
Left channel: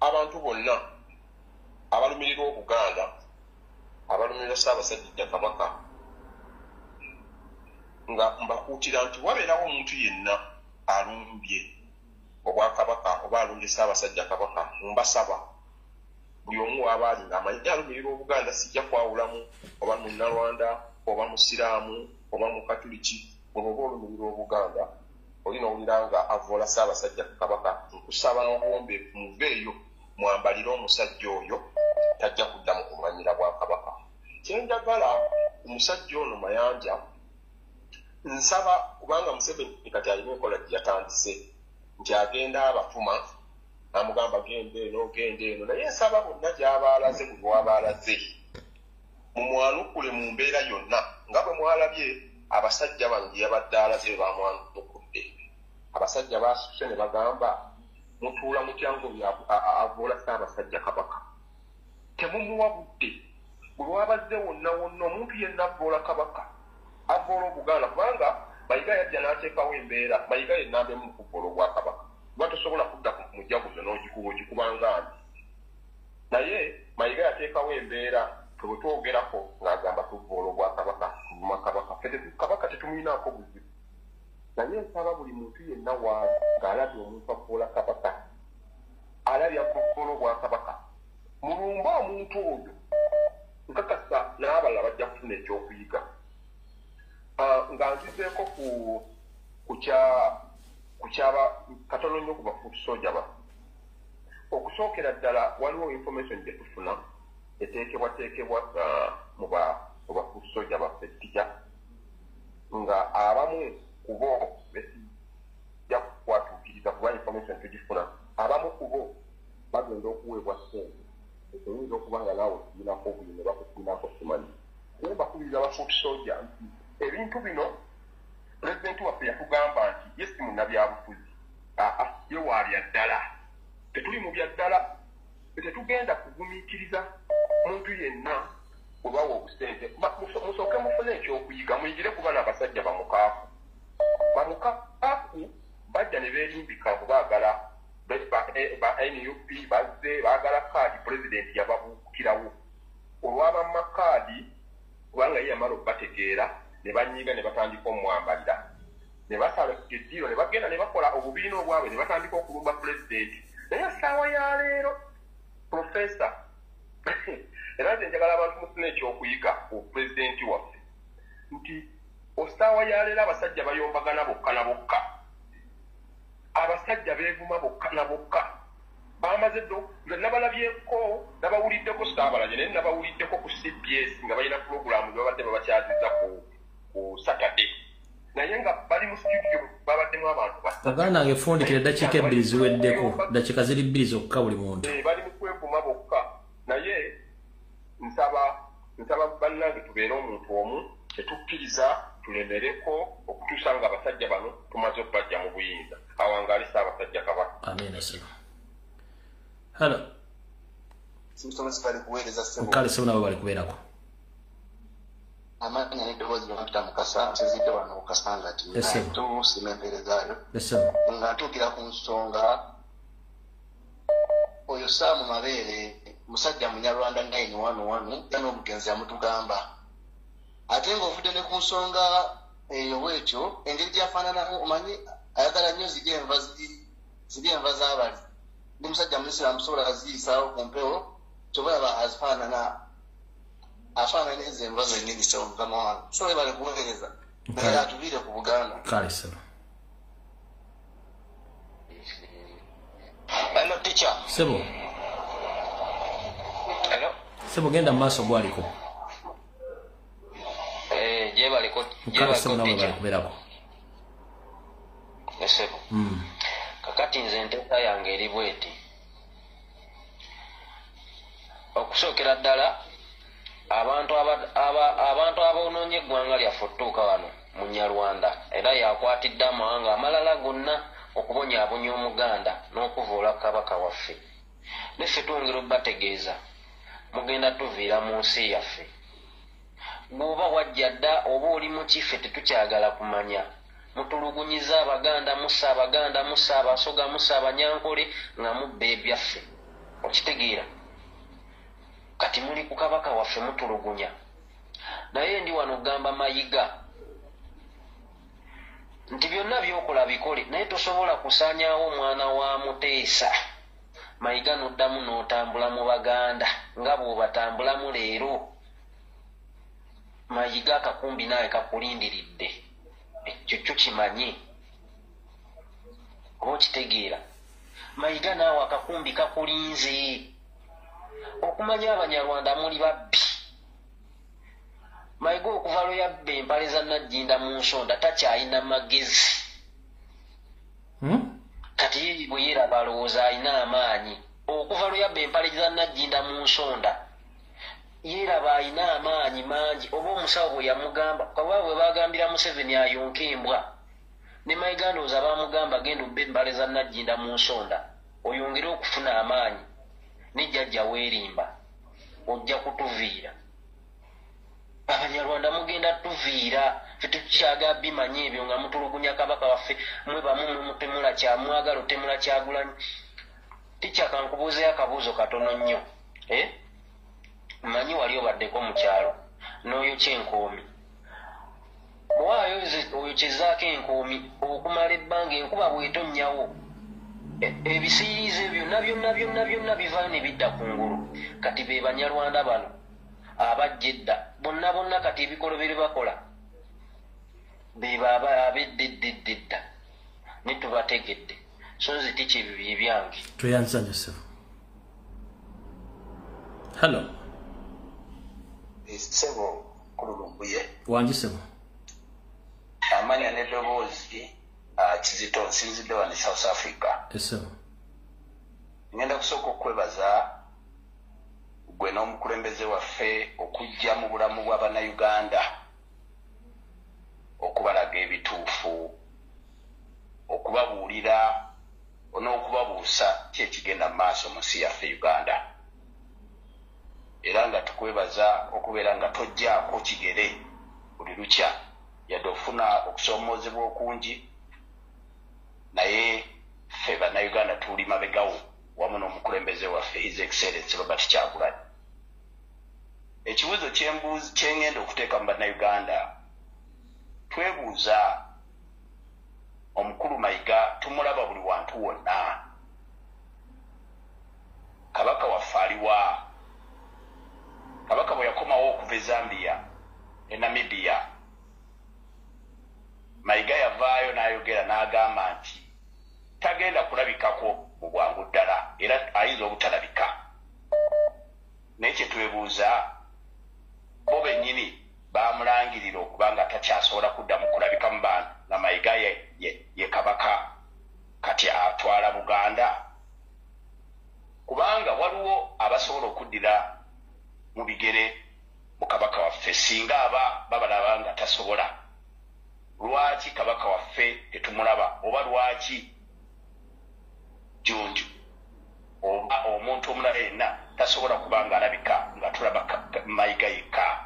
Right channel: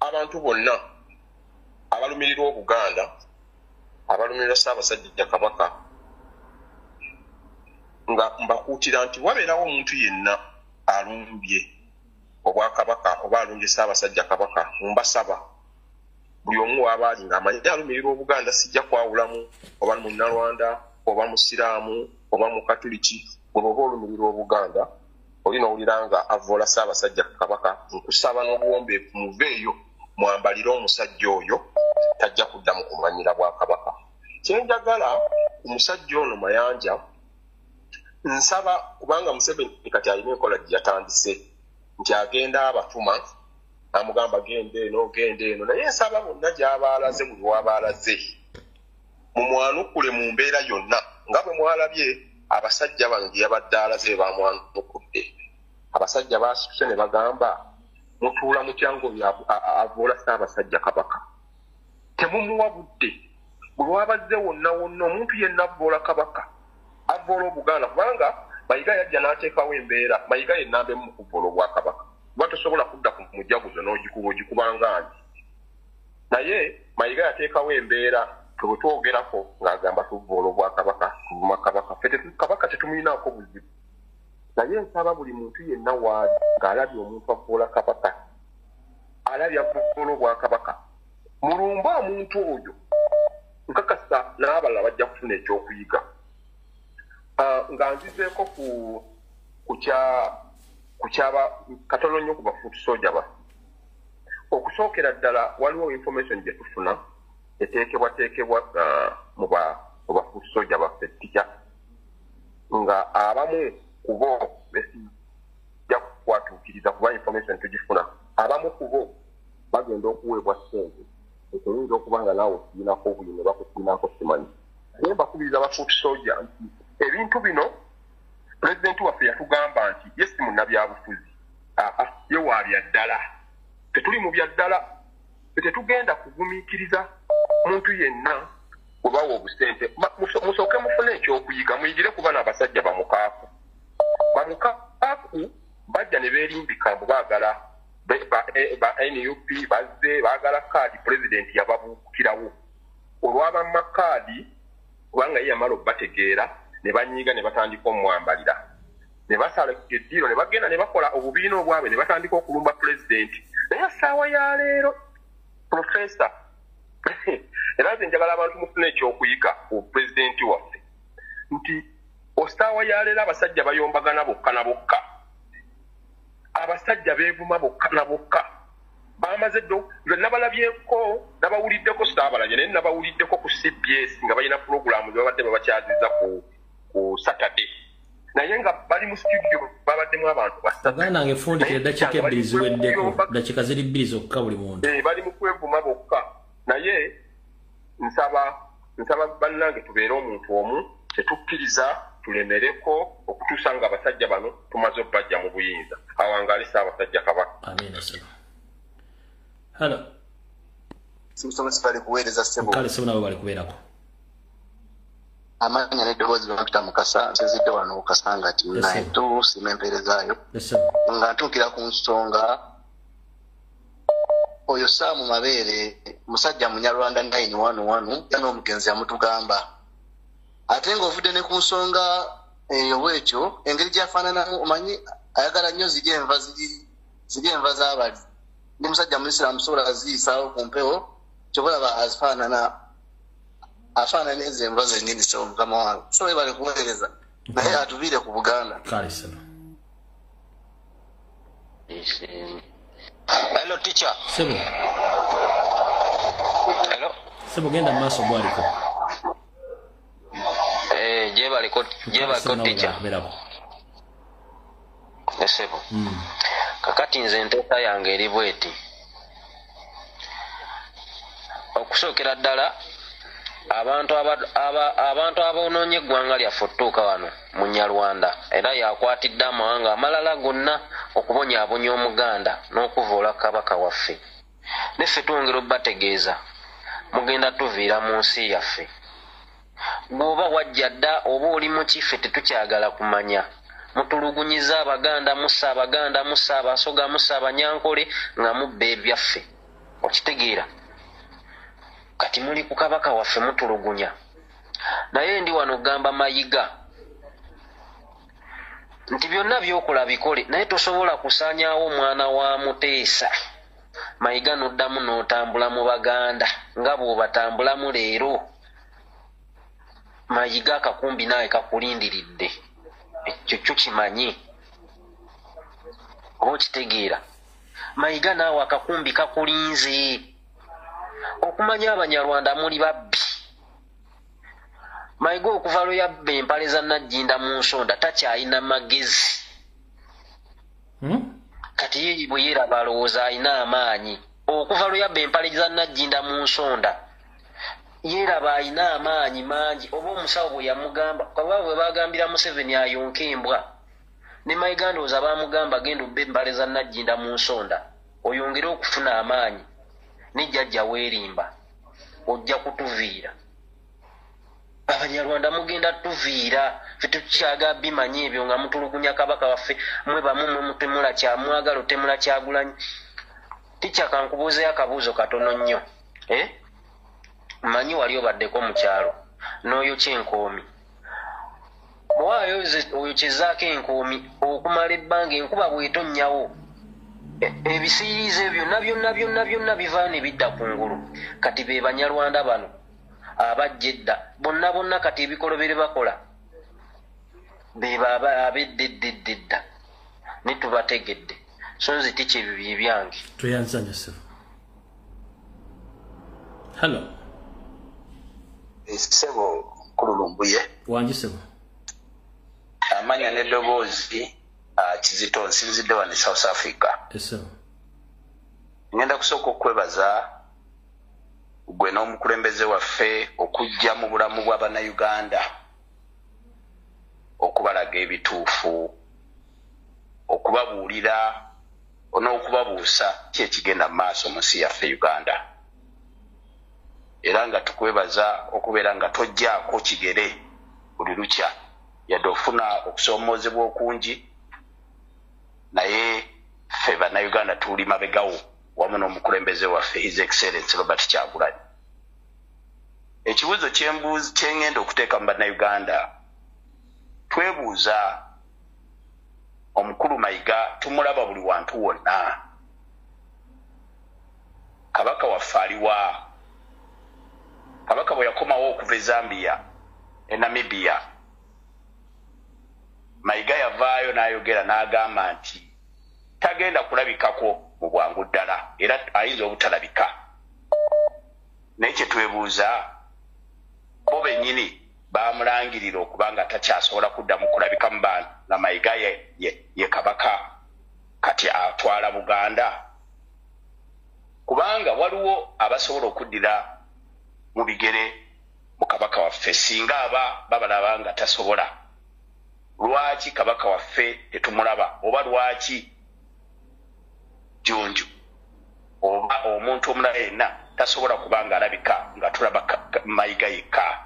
abantu bonna abalumirirwa Obuganda, abalumirirwa Ssaabasajja Kabaka nga mbakuutira nti wabeerawo omuntu yenna alumbye Obwakabaka oba alumbye Ssaabasajja Kabaka mbasaba buli omu w'abaali ng'amanyi alumirirwa Obuganda sijja kwawulamu oba munnalwanda oba musiraamu oba mukatuliki bwe oba olumirirwa Obuganda olina owulira nga avoola Ssaabasajja Kabaka nkusaba n'obuwombeefu muveeyo mwambalire omusajja oyo tajja kuddamu kumanyira Bwakabaka. Kyenjagala omusajja ono Mayanja nsaba kubanga Museveni kati alina enkola gye yatandise nti agenda abatuma amugamba gende eno naye nsaba bonna gy'abaalaze buli wabaalaze mumwanukule mu mbeera yonna nga bwe mwalabye abasajja bano gye yabadde alaze bamwanukudde abasajja basituse ne bagamba mutuula mutya ng'avoola Ssaabasajja Kabaka temumuwa budde bwe wabazze wonna omuntu yenna avoola Kabaka avoola Obuganda kubanga Mayiga yajja n'ateekawo embeera Mayiga yennamba emu mu kuvoola Obwakabaka kuba tosobola kudda ku mujaguzo n'ogikubanga nti naye Mayiga yateekawo embeera twetwogerako ng'agamba tuvoola Obwakabaka tuvuma Kabaka Kabaka tetumulinaako buzibu naye nsaba buli muntu yenna waali ng'alabye omuntu avoola Kabaka alabye avoola Obwakabaka mulumba omuntu oyo nkakasa n'abalala bajja kufuna ekyokuyiga nga nzizeeko ku kyaba katono nnyo ku bafuutusoja ba okusookera ddala waliwo information gye tufuna eteekebwateekebwa mu bafuutusoja baffe tija nga abamu ku bo besijja kukwatuukiriza kuba information tugifuna abamu ku bo bagenda okuweebwa ssente ekiyinza okuba nga naawe okiinako obuli ne bakukiinako simanyi naye mbakubiriza bafuutusoja nti ebintu bino pulezidenti waffe yatugamba nti ye si munnabyabufuzi ye wa bya ddala tetuli mu bya ddala tetugenda kugumiikiriza muntu yenna kubawa obusente musooke mufune ekyokuyiga muyigire kuba n'abasajja bamukaafu bajja ne beerimbika mbu baagala ba NUP bazze baagala kaadi pulezidenti yababuukirawo olw'abamma kaadi kubanga ye yamala okubategeera ne banyiiga ne batandika omwambalira ne basala eddiiro ne bagenda ne bakola obubiina obwabwe ne batandika okulumba pulezidenti naye essaawa ya leero profesa era nze njagala abantu mufuna ekyokuyiga ku pulezidenti waffe nti essaawa ya leero abasajja bayombagana bokka na bokka abasajja beevuma bokka na bokka bamaze ddo nze nabalabyeko nabawuliddeko saabalanye naye nabawuliddeko ku CBS nga balina pulogulaamu babadde babakyaziza ku Saturday naye nga bali mu studio babaddemu abantu baganda nange fundikira eddakiika ebbiri ziweddeko dakiika ziri bbiri zokka buli muntu bali mu kwevuma bokka naye nsaba bannange tubeere omuntu omu tetukkiriza tulemereko okutuusa nga abasajja bano tumaze okubajja mu buyinza awangaali Ssaabasajja Kabaka amina sebo halo simusomesi bali kuweereza sebo kale sebo nabo bali kubeerako amanya n'eddoboozi lwakita Mukasa nsezidde wano okasanga ati nayetu sima empeerezaayo nga ntuukira ku nsonga oyo Saamu Mabeere musajja Munyarwanda 911 ya n'omugenzi yamutugamba ate ng'ovudde ne ku nsonga eyo bwekyo engeri gyafaananamu omanyi ayagala nnyo ziri enva z'abali ndi musajja muisiraamu sobola aziyisaawo ku mpewo kyobalaba afaanana ezo enva zennyini sebo mukama wange so bale kuweereza naye atuviire ku Buganda kale sebo hello teacher sebo hello sebo genda mu maaso gwaliko je baliko teacher kubeerako sebo kakati nze enteeka yange eri bweti okusookera ddala abantu aboonoonye eggwanga lyaffe otutuuka wano mu Nyarwanda era yakwatidde amawanga amalala gonna okubonyaabonya Omuganda n'okuvoola Kabaka waffe neffe twongera obbategeeza mugenda tuviira mu nsi yaffe bw'oba wajja dda oba oli mu kiffe tetukyagala kumanya mutulugunyiza Abaganda mussa Abaganda mussa Abasoga mussa Abanyankole nga mubba ebyaffe okitegeera kati muli ku Kabaka waffe mutulugunya naye ndi wano gamba Mayiga nti byonna byokola bikole naye tosobola kusaanyaawo omwana wa Muteesa Mayiga n'oddamu n'otambula mu Baganda nga bw'obatambulamu leero Mayiga akakumbi nawe kakulindiridde ekyo kimanyi okitegeera Mayiga naawe akakumbi kakulinze okumanya Abanyarwanda muli babbi Mayiga okuva lwe yabba empale za Najjinda mu nsonda takyalina magezi. Kati ye bwe yeraba alowooza alina amaanyi. Okuva lwe yabba empale za Najjinda mu nsonda yeraba alina amaanyi mangi. Oba omusawo bwe yamugamba kababa bwe bagambira Museveni ayonke embwa ne Mayiga ndowooza baamugamba genda obba empale za Najjinda mu nsonda oyongere okufuna amaanyi ne jjajja weerimba ojja kutuviira. Abanyarwanda mugenda tuviira ffe tukyaga bimanyi ebyo nga mutulugunya kabaka waffe mwe bamu mwe mutemula kyamwagala otemula Kyagulanyi. Tikyaka nkubuuzeyo akabuuzo katono nnyo. Manyi wali obaddeko mu kyalo n'oyo kyenkoomi bw'ayo oyo kyezaako enkoomi okumala ebbanga enkuba bw'etonnyawo ebisiirize byonna byonna bivaayo ne bidda ku ngulu. Kati be Banyarwanda bano abajja edda bonna kati ebikolobere bakola be baba abeddedda ne tubategedde so nze tikyebibi byange. Tweyanzanya ssebo. Hello. Sebo kulu Lumbuye. Wangi sebo. Amanya n'eddoboozi Kizito nsinzidde wano South Africa. Sebo. Ngenda kusooka okwebaza gwe n'omukulembeze waffe okujja mu bulamu bw'Abannayuganda okubalaga ebituufu okubabuulira n'okubabuusa ki ekigenda mu maaso mu nsi yaffe Uganda. Era nga tukwebaza okubeera nga tojjaako kigere buli lukya yadde ofuna okusoomoozebwa okungi naye ffe Bannayuganda tuli mabegawo wamu n'omukulembeze waffe His Excellency Robert Kyagulanyi. Ekibuuzo kyengenda okuteeka mu Bannayuganda twebuuza omukulu Mayiga tumulaba buli wantu wonna. Kabaka waffe aliwa? Kabaka bwe yakomawo okuva e Zambia e Namibia Mayiga yavaayo n'ayogera n'agamba nti tagenda kulabikako mu bwangu ddala era ayinza obutalabika. Naye kye twebuuza bo bennyini baamulangirira okuba nga takyasobola kuddamu kulabika mu bantu na Mayiga ye kabaka kati atwala Buganda kubanga waliwo abasobola okuddira mu bigere mu kabaka waffe singa babalaba nga tasobola. Lwaki kabaka waffe tetumulaba oba lwaki Junju oba omuntu omulala yenna tasobola kubanga alabika nga tulaba Mayiga yekka?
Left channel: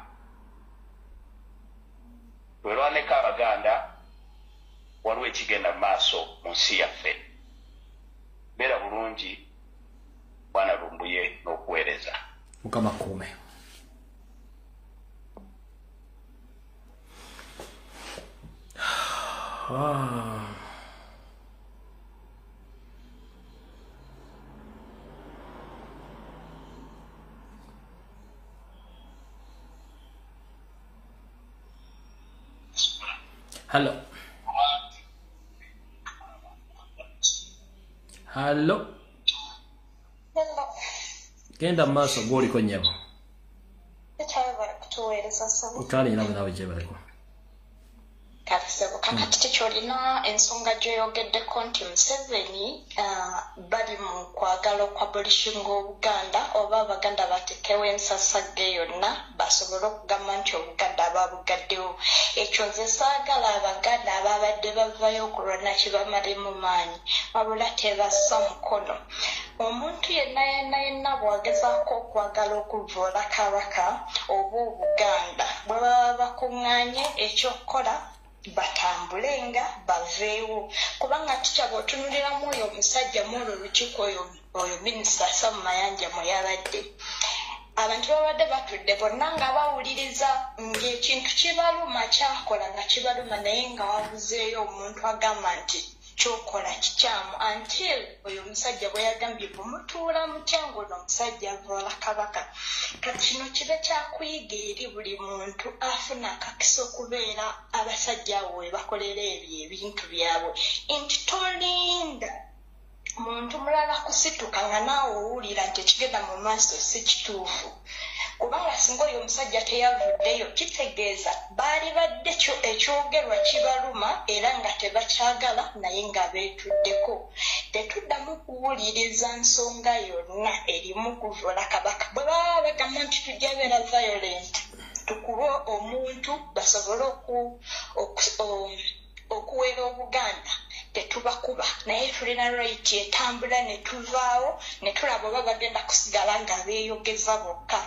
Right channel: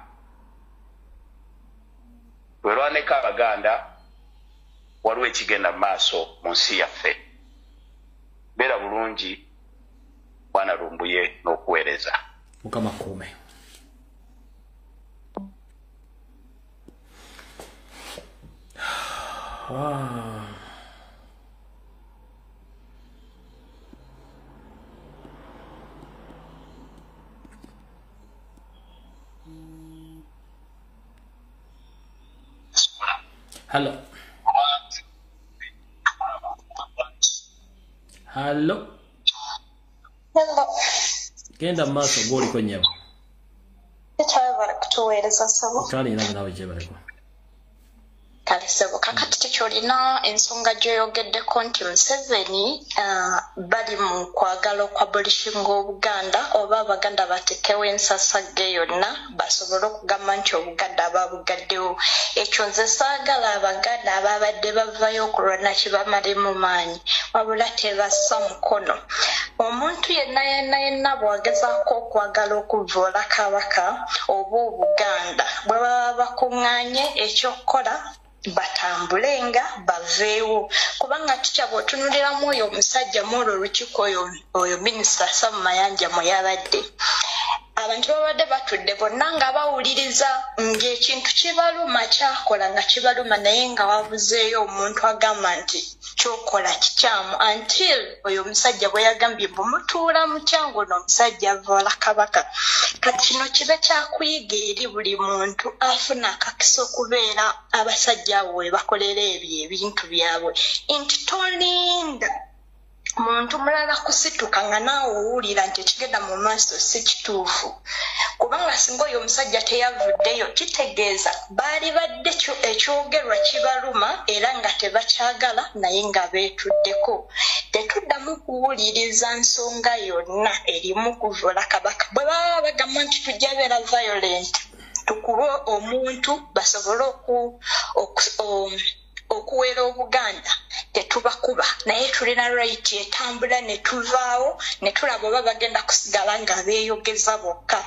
Lwerwaneko Abaganda waliwo ekigenda mu maaso mu nsi yaffe. Beera bulungi Bwana Lumbuye n'okuweereza. Mukama kuume. Hello. Hello. Hello. Genda maaso gwoliko nnyabo. Ekyayagala kutuweereza ssebo. Kale era nawe gye baliko. Kale ssebo kakati tekyolina ensonga gy'oyogeddeko nti Museveni bali mu kwagala okwabolishinga Obuganda oba Abaganda batekewo ensasagge yonna basobole okugamba nti Obuganda babugaddewo. Ekyo nze saagala Abaganda ababadde bavayo okulwana kibamale mu maanyi wabula tebassa mukono. Omuntu yenna bw'agezaako okwagala okuvoola kabaka oba Obuganda bwe baba bakuŋŋaanye ekyokukola batambulenga baveewo kubanga tukya bw'otunuliramu oyo omusajja mwolwo olukiiko oyo minisita Sam Mayanja mwe yabadde abantu babadde batudde bonna nga bawuliriza ng'ekintu kibaluma kyakola nga kibaluma naye nga wabuzeeyo omuntu agamba nti kyokola kikyamu until oyo omusajja bwe yagambye bumutuula mu kyangu n'omusajja avoola kabaka. Kati kino kibe kyakuyiga eri buli muntu afuna akakisa okubeera abasajja abo we bakolera ebyo ebintu byabwe nti tolinda muntu mulala kusituka nga naawe owulira nti ekigenda mu maaso si kituufu kubanga singa oyo omusajja teyavuddeyo kitegeeza baali badde ekyogerwa kibaluma era nga tebakyagala naye nga beetuddeko tetuddamu kuwuliriza nsonga yonna erimu kuvula kabaka bwe baba bagamba nti tujja beera violent tukube omuntu basobole okuwera Obuganda tetubakuba naye tulina right etambula ne tuvaawo ne tulaba oba bagenda kusigala nga beeyogeza bokka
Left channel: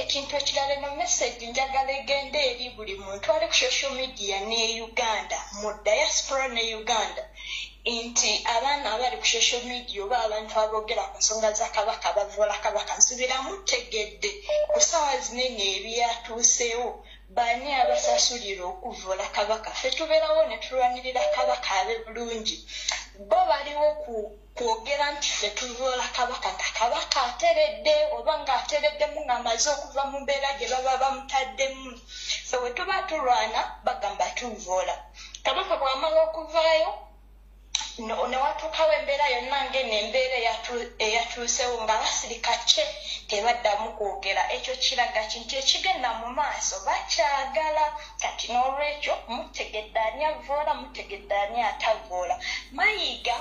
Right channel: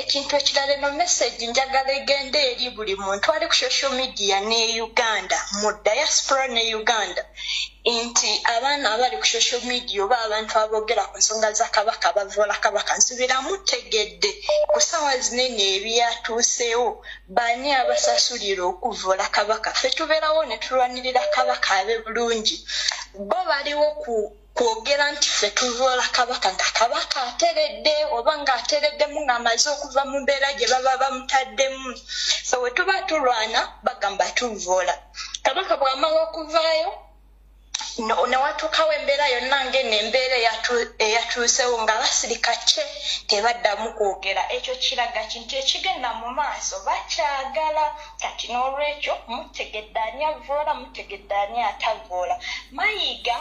ekintu ekirala eno message njagala egenda eri buli muntu ali ku social media ne Uganda mu diaspora ne Uganda nti abaana abali ku social media oba abantu aboogera ku nsonga za kabaka bavoola kabaka nsubira mutegedde ku ssaawa zinene ebyatuuseewo baani abasasulira okuvoola kabaka ffe tubeerawo ne tulwanirira kabaka abe bulungi bo baliwo kwogera nti ffe tuvoola kabaka nga kabaka ateredde oba ng'atereddemu ng'amaze okuva mu mbeera gye baba bamutaddemu so we tuba tulwana bagamba tuvoola kabaka bw'amala okuvaayo newatuukawo embeera yonna ng'eno embeera eyatuusewo nga basirika kye tebaddamu kwogera ekyo kiraga kintu ekigenda mu maaso bakyagala kati n'olwekyo mutegedde ani avoola mutegedde ani atavoola Mayiga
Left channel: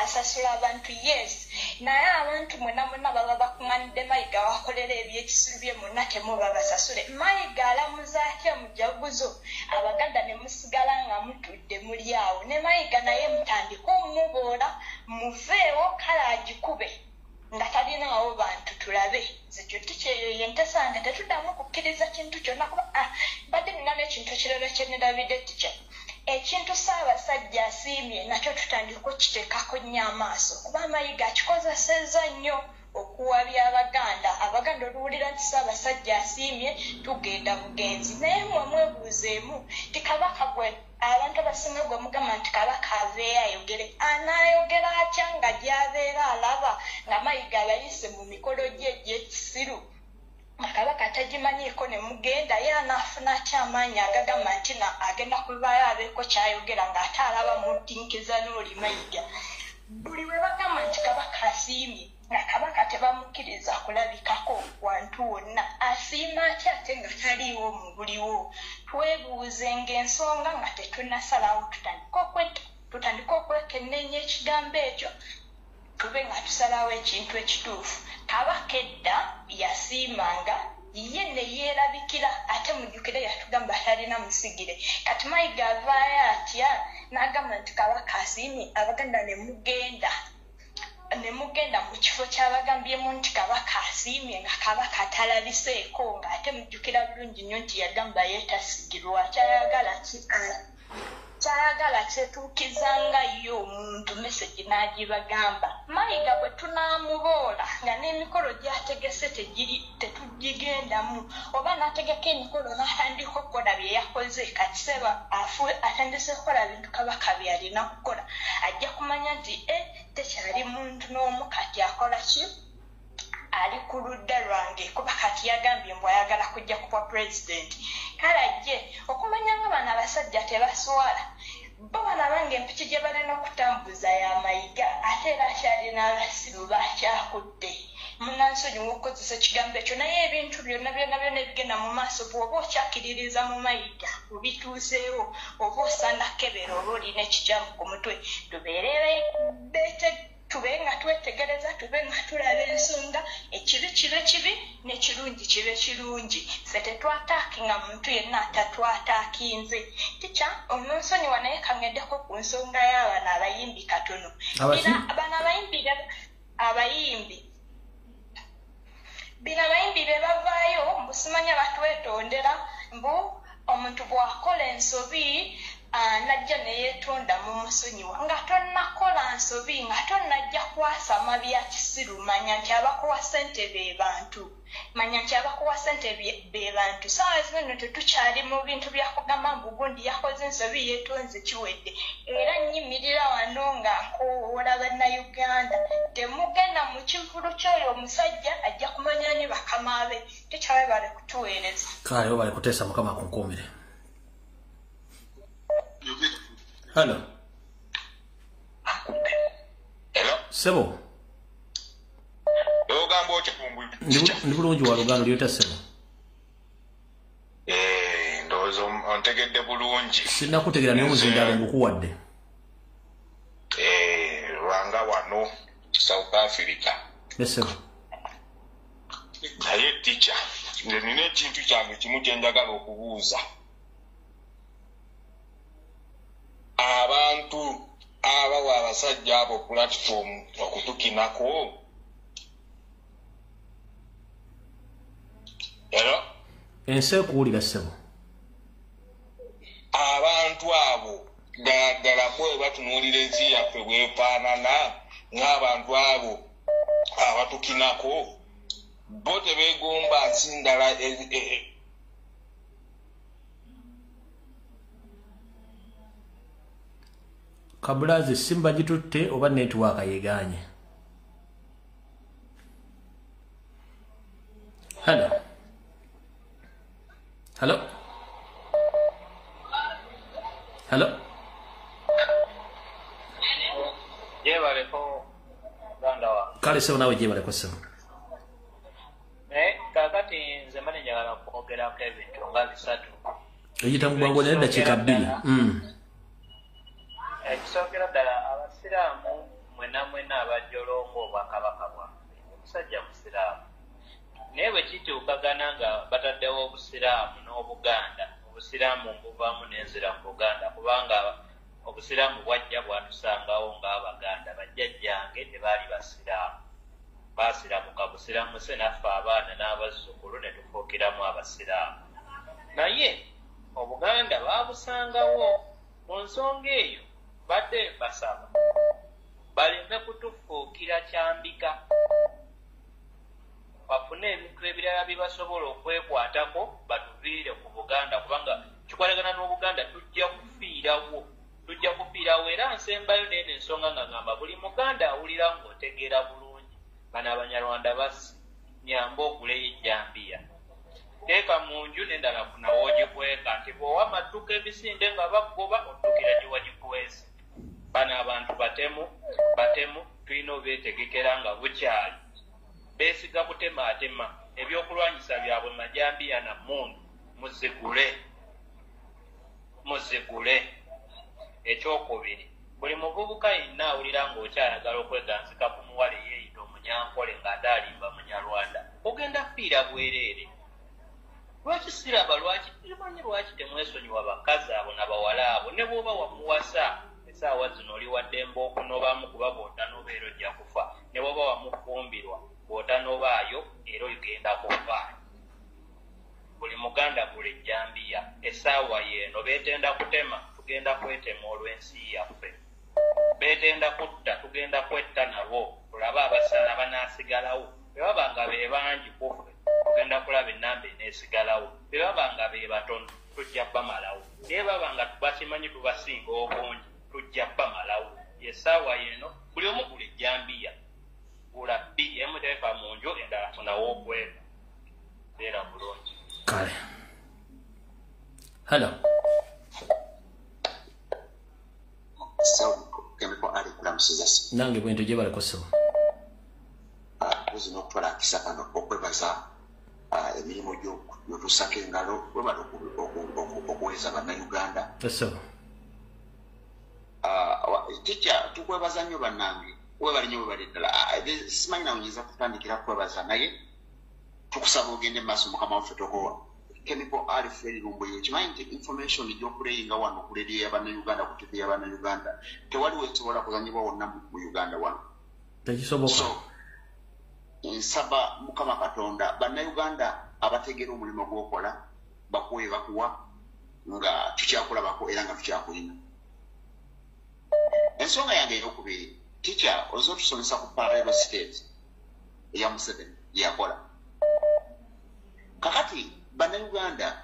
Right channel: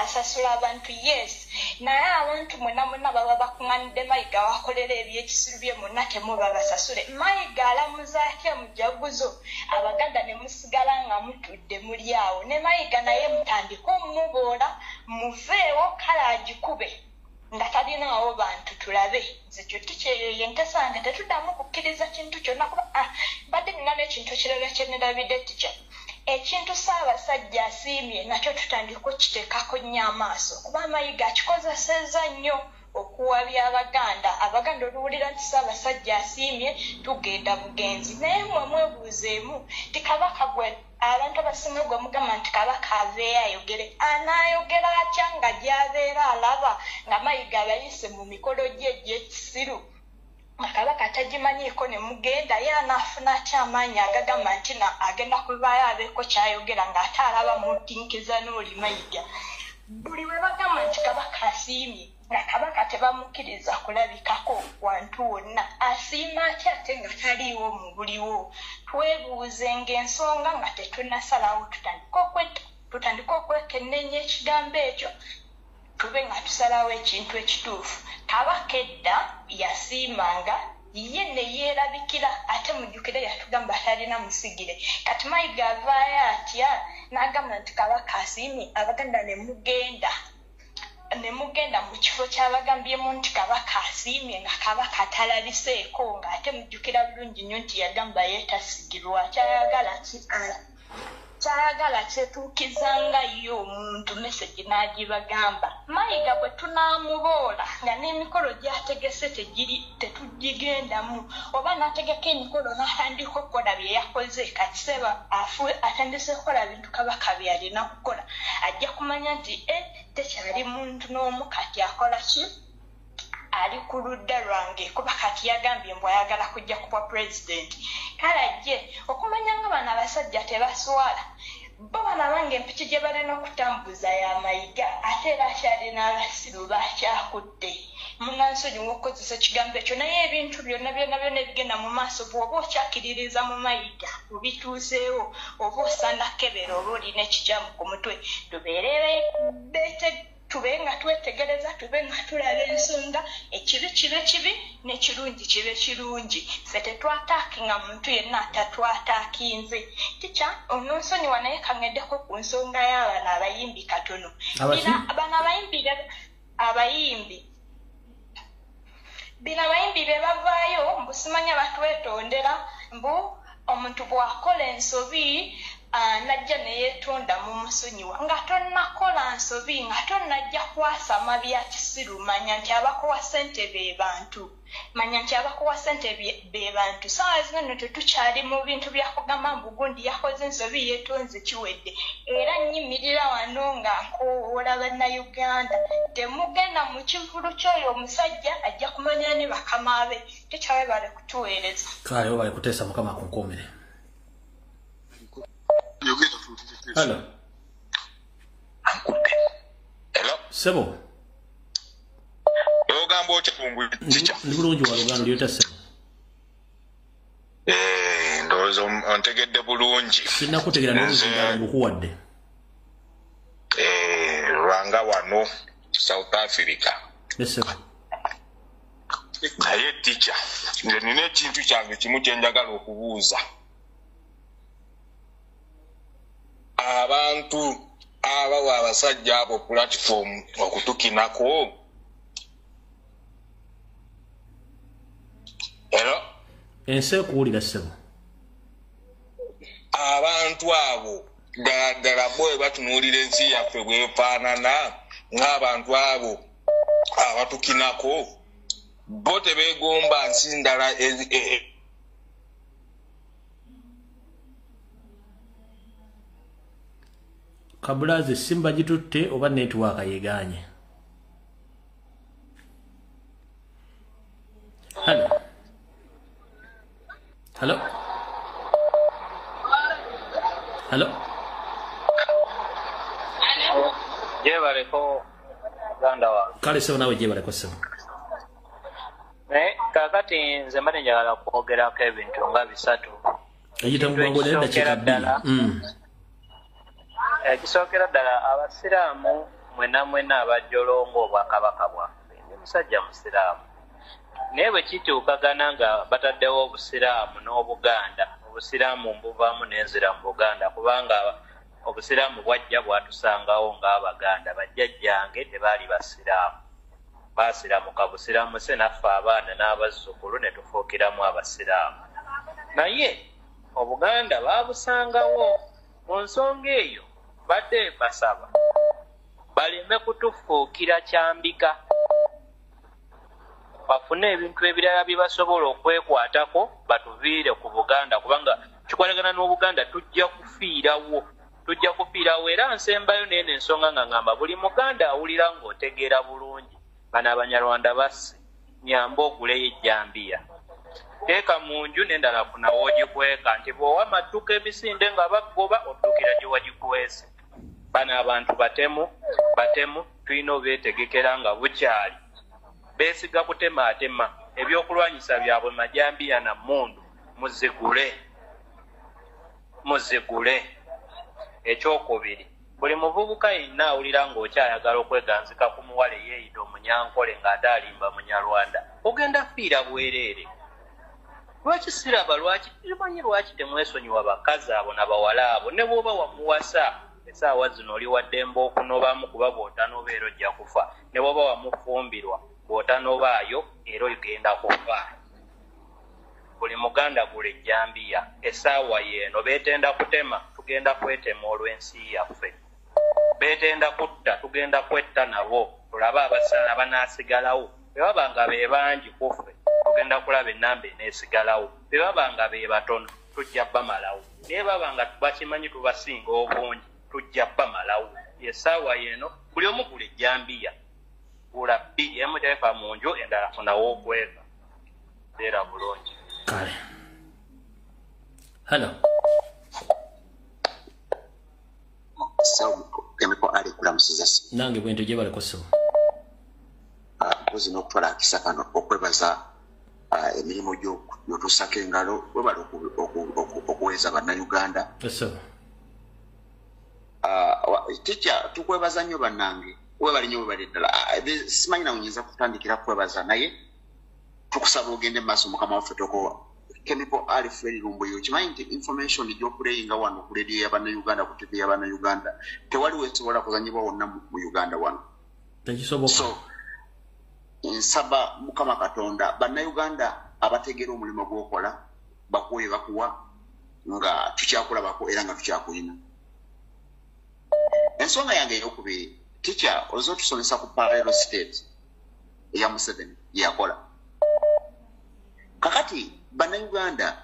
asasula abantu yes naye abantu mwena baba bakuŋŋaanidde Mayiga wakolera ebyekisiru bye mwena temubabasasule Mayiga alamuza atya mujaguzo Abaganda ne musigala nga mutudde muli awo ne Mayiga naye mutandika omuboola muveewo kale agikube nga talinaawo bantu tulabe zekyo tikyeyo ntesange tetuddamu kukkiriza kintu kyonna kuba badde nina n'ekintu ekirala kye nirabidde tikya ekintu Ssaabasajja asiimye nakyo tutandika okiteekako nnyo amaaso kuba Mayiga akikozesezza nnyo okuwabya Abaganda oluwulira nti Ssaabasajja asiimye tugenda bugenzi naye mmwe mwebuuzeemu ti kabaka gwe abantu abasinga gwe mugamba nti kabaka aveeyo ayogere anaayogera atya nga gy'abeera alaba nga Mayiga abayise mu mikolo gye egy'ekisiru kabaka atagimanyiiko ne mugenda ye anaafuna atya amaanyi agagamba nti agenda kubaayo abeeko kyayogera ng'ate alaba mutinkiza n'oli Mayiga buli we bagamba nti kabaka asiimye nga kabaka tebamukkiriza kulabikako wantu wonna asiima atya ate nga taliiwo mu buliwo twebuuze ng'ensonga nga tetunnasalawo tutandika okwekenneenya ekigambo ekyo tube nga tusalawo ekintu ekituufu kabaka edda yasiimanga ye ne yeerabikira ate mujjukire yatugamba talina musigire kati Mayiga avaayo atya n'agamba nti kabaka asiimye Abaganda ne mugenda mu kifo ky'abagambyemu nti kabaka asiimye nga kabaka talabiseeko ng'ate mujjukira bulungi nnyo nti yagamba yeetasigirwa kyayagala kyetuukizanga yo omuntu mesegi n'agibagamba Mayiga bwe tunaamuboola nga n'emikolo gy'ategese tetugigendamu oba n'ategeka emikolo n'atandika okukola bye yakoze kati seba atandise okukola bintu kabaka by'alina kukola ajja kumanya nti tekyali muntu n'omu kati akola ki ali ku ludda lwange kuba kati yagambye mbu ayagala kujja kuba pulezidenti kale ajje okumanya nga bano abasajja tebaswala bo balabanga empiki gye balina okutambuza ya Mayiga ate era akyalina abasiru bakyakutte munansonyi w'okukozesa ekigambo ekyo naye ebintu byonna ebigenda mu maaso bw'oba okyakiririza mu Mayiga obituuseewo oba osandakebera oba olina ekikyamu ku mutwe tube nga twetegereza tube nga tulaba ensonga ekibi kibe kibi n'ekirungi kibe kirungi ffe tetwataakinga muntu yenna atatwataakinze tikya omunsonyi wanaye kangeddeko ku nsonga y'abano abayimbi katono bano abayimbi be bavaayo mbu simanya batwetondera mbu omuntu bw'akola ensobi najja neyeetonda mu musonyiwa nga tonnakola nsobi nga tonnajja kwasama bya kisiru manya nti abakuwa ssente be bantu saawa zino nno tetukyali mu bintu byakugamba mbu gundi yakoze ensobi yeetonze kiwedde era nnyimirira wano nga nkowoola bannayuganda temugenda mu kivulu ky'oyo omusajja ajja kumanya ne bakama be tekyabe bale kutuweereza kale bale kuteesa mukama kunkuumire. Hello. Sebo. Ogamba oche kumbu. Ndi bulungi wa Luganda lyota sebo. Ndozo ontegedde bulungi. Sina kutegera n'omuzindalo ngukuwadde. Rwanga wano South Africa. Sebo. Naye teacher, nina ekintu kyange kimu kye njagala okubuuza. Abantu abawa abasajja abo platform okutukinako. Hello? Ensi ekuwulira sebo. Abantu abo ddala boye batunuulira ensi yaffe bwefaanana ng'abantu abo abatukinako. Bo tebegomba nsi ndala Kabulazi simba gitutte oba network yeganye. Hello. Hello. Hello. Jebale ko ganda wa. Kale sebo nawe jebale ko sebo. Kakati nze mbadde njagala kwogerako ebintu nga bisatu. Eyita mu bwangu naye dakika 2. Ekisookera ddala abasiraamu mwena abajjolongo obwakabaka bwaffe. Ndi musajja musiraamu. Naye bwe kituukagana nga bataddewo obusiraamu n'Obuganda. Obusiraamu mbuvaamu n'enzira mu Buganda kubanga obusiraamu bwajja bwatusangawo ng'Abaganda. Bajjajjange tebaali basiraamu. Basiramuka busiraamu se naffe abaana n'abazzukulu ne tufuukiramu abasiraamu. Naye Obuganda baabusangawo. Mu nsonga eyo badde basaba baleme kutufuukira kyambika. Bafune ebintu ebirala bye basobola okwekwatako batuviire ku Buganda kubanga kikolagana n'Obuganda tujja kufiirawo. Era nsembayo n'eno ensonga nga ngamba buli Muganda awulira ng'otegeera bulungi. Bano Abanyarwanda basi nyamba oguleyo ejjambiya. Teeka mu nju n'endala funa w'ogikweka nti bw'owa amadduka emisinde nga bagoba okutukira gye wagikwese. Bano abantu batemu tulina obeetegekera nga bukyali. Beesiga kutemaatema ebyokulwanyisa byabwe majambiya na mmundu muzigule. Ekyokubiri buli muvubuka yenna awulira ng'okyayagala okweganzika ku muwala eyeeyita omunyankole ng'ate alimba Munyarwanda ogenda fiira bwereere. Lwaki siraba manyi lwaki temwesonyiwa bakazi abo n'abawala abo ne bw'oba wamuwasa essaawa zino oli waddemba okunobamu kuba bw'otanobeera ojja kufa ne bw'oba wamufumbirwa bw'otanobaayo era ogenda kufa. Buli Muganda gula ejjambiya essaawa yeeno beetenda kutema tugenda kwetema olw'ensi yaffe. Beetenda kutta tugenda kwetta nabo tulabe abasala banaasigalawo. Bwe baba nga be bangi kuffe tugenda kulaba ennamba eneesigalawo. Bwe baba nga be batono tujja bamalawo. Naye baba nga bakimanyi tubasinga obungi tujja bamalawo. Essaawa yeeno buli omu gula ejjambiya. Gula bbiri emu teeka mu nju endala funawo okwega. Beera bulungi. Kale. Hello. Nange bwento gye baleko sebo. Mpozi n'okutwala akisa kano okwebaza emirimu gy'otussako engalo webala okuweza bannayuganda. Sebo. Tikya tukwebaza nnyo bannange webali nnyo webali ddala. Simanyi nawe nyinza kutandikira kwebaza naye tukusaba ogende mu maaso mukama waffe tokowa. Chemical Alfred Lumbuye okimanyi nti information gy'okuleyinga wano ku leediyo y'Abannayuganda ku TV y'Abannayuganda tewaliwo ekisobola kuzanyibwa wonna mu Uganda wano. Tekisoboka. So nsaba Mukama Katonda bannayuganda abategeera omulimu gw'okola bakuwe bakuwa nga tukyakulabako era nga tukyakulina. Ensonga yange ey'okubiri teacher ozo tusomesa ku parallel state eya Museveni yakola. Kakati Bannayuganda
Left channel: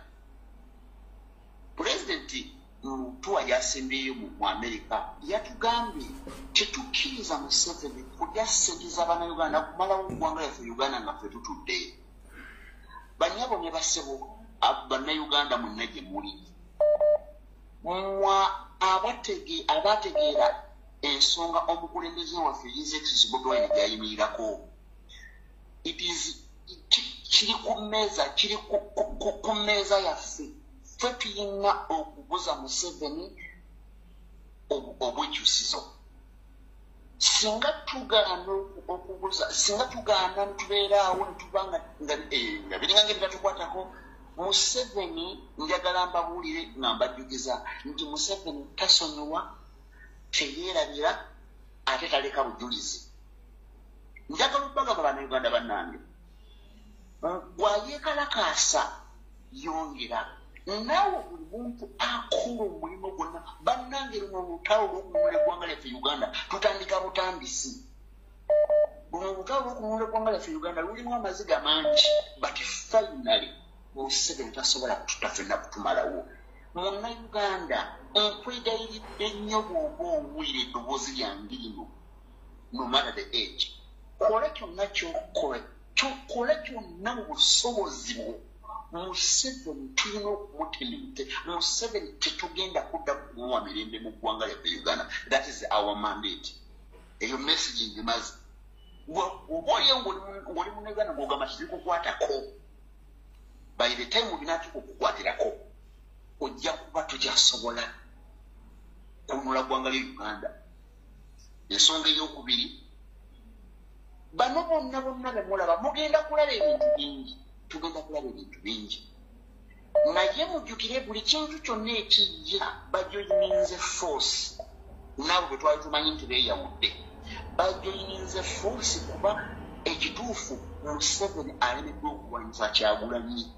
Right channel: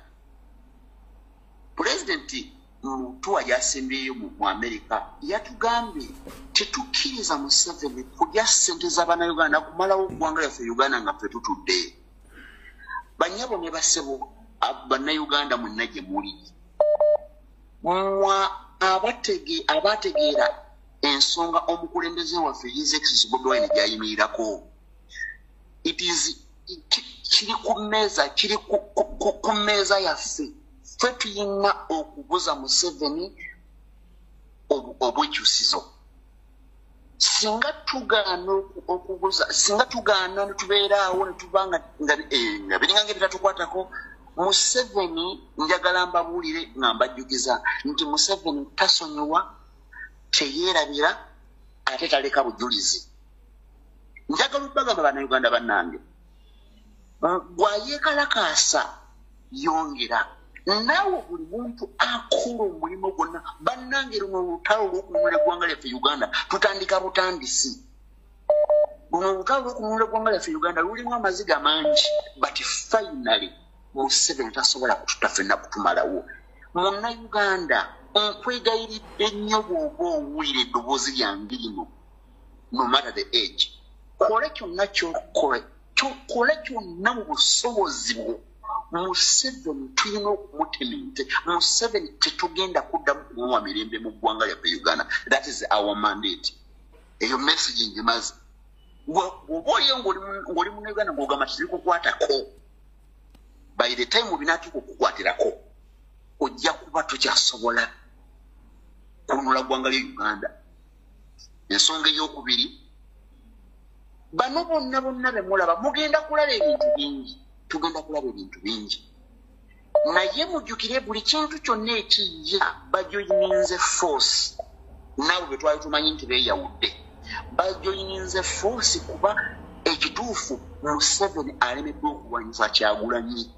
Pulezidenti Mutuwa yasembeyo mu Amerika yatugambye tetukkiriza Museveni kulya ssente z'Abannayuganda kumalawo eggwanga lyaffe Uganda nga ffe tutudde. Banyabo ne basebo Bannayuganda mwenna gye muli. Abategeera ensonga omukulembeze waffe His Excellency Bobi Wine gyayimirirako. It is kiri ku mmeeza yaffe ffe tuyina okubuza Museveni obwejjusizo. Singa tugaana okubuza, singa tugaana ne tubeeraawo ne tubanga nga biringa ngeri tatukwatako, Museveni njagala mbabuulire nga mbajjukiza nti Museveni tasonyiwa, teyeerabira, ate taleka bujulizi. Njagala okubagamba bannayuganda bannange, bw'ayeekalakaasa yongera, naawe buli muntu akola omulimu gwonna. Bannange luno olutalo olw'okununula eggwanga lyaffe Uganda tutandika butandisi. Luno olutalo olw'okununula eggwanga lyaffe Uganda lulimu amaziga mangi, but finally Museveni tasobola kututa ffenna kutumalawo. Munnayuganda, nkwegayiridde nnyo bw'oba owulira eddoboozi lyange lino, no matter the age, kole kyonna ky'okole, kole kyonna mu busobozi bwo. Museveni tulina okumutemente. Museveni tetugenda kuddamu kumuwa mirembe mu ggwanga lyaffe Uganda. That is our mandate. Eyo message ngimaze. Bw'oba oliyo ng'oli mu Uganda ng'ogamba tirikukwatako, by the time obinaatuuka okukwatirako, ojja kuba tokyasobola kununula ggwanga lya Uganda. Ensonga ey'okubiri, bano bonna be mulaba mugenda kulaba ebintu bingi. Tugenda kulaba ebintu bingi. Naye mujjukire buli kintu kyonna ekijja bajoyininze force. Nabo bwe twali tumanyi nti beeyawudde. Bajoyininze force kuba ekituufu Museveni alemeddwa okuwanyisa Kyagulanyi.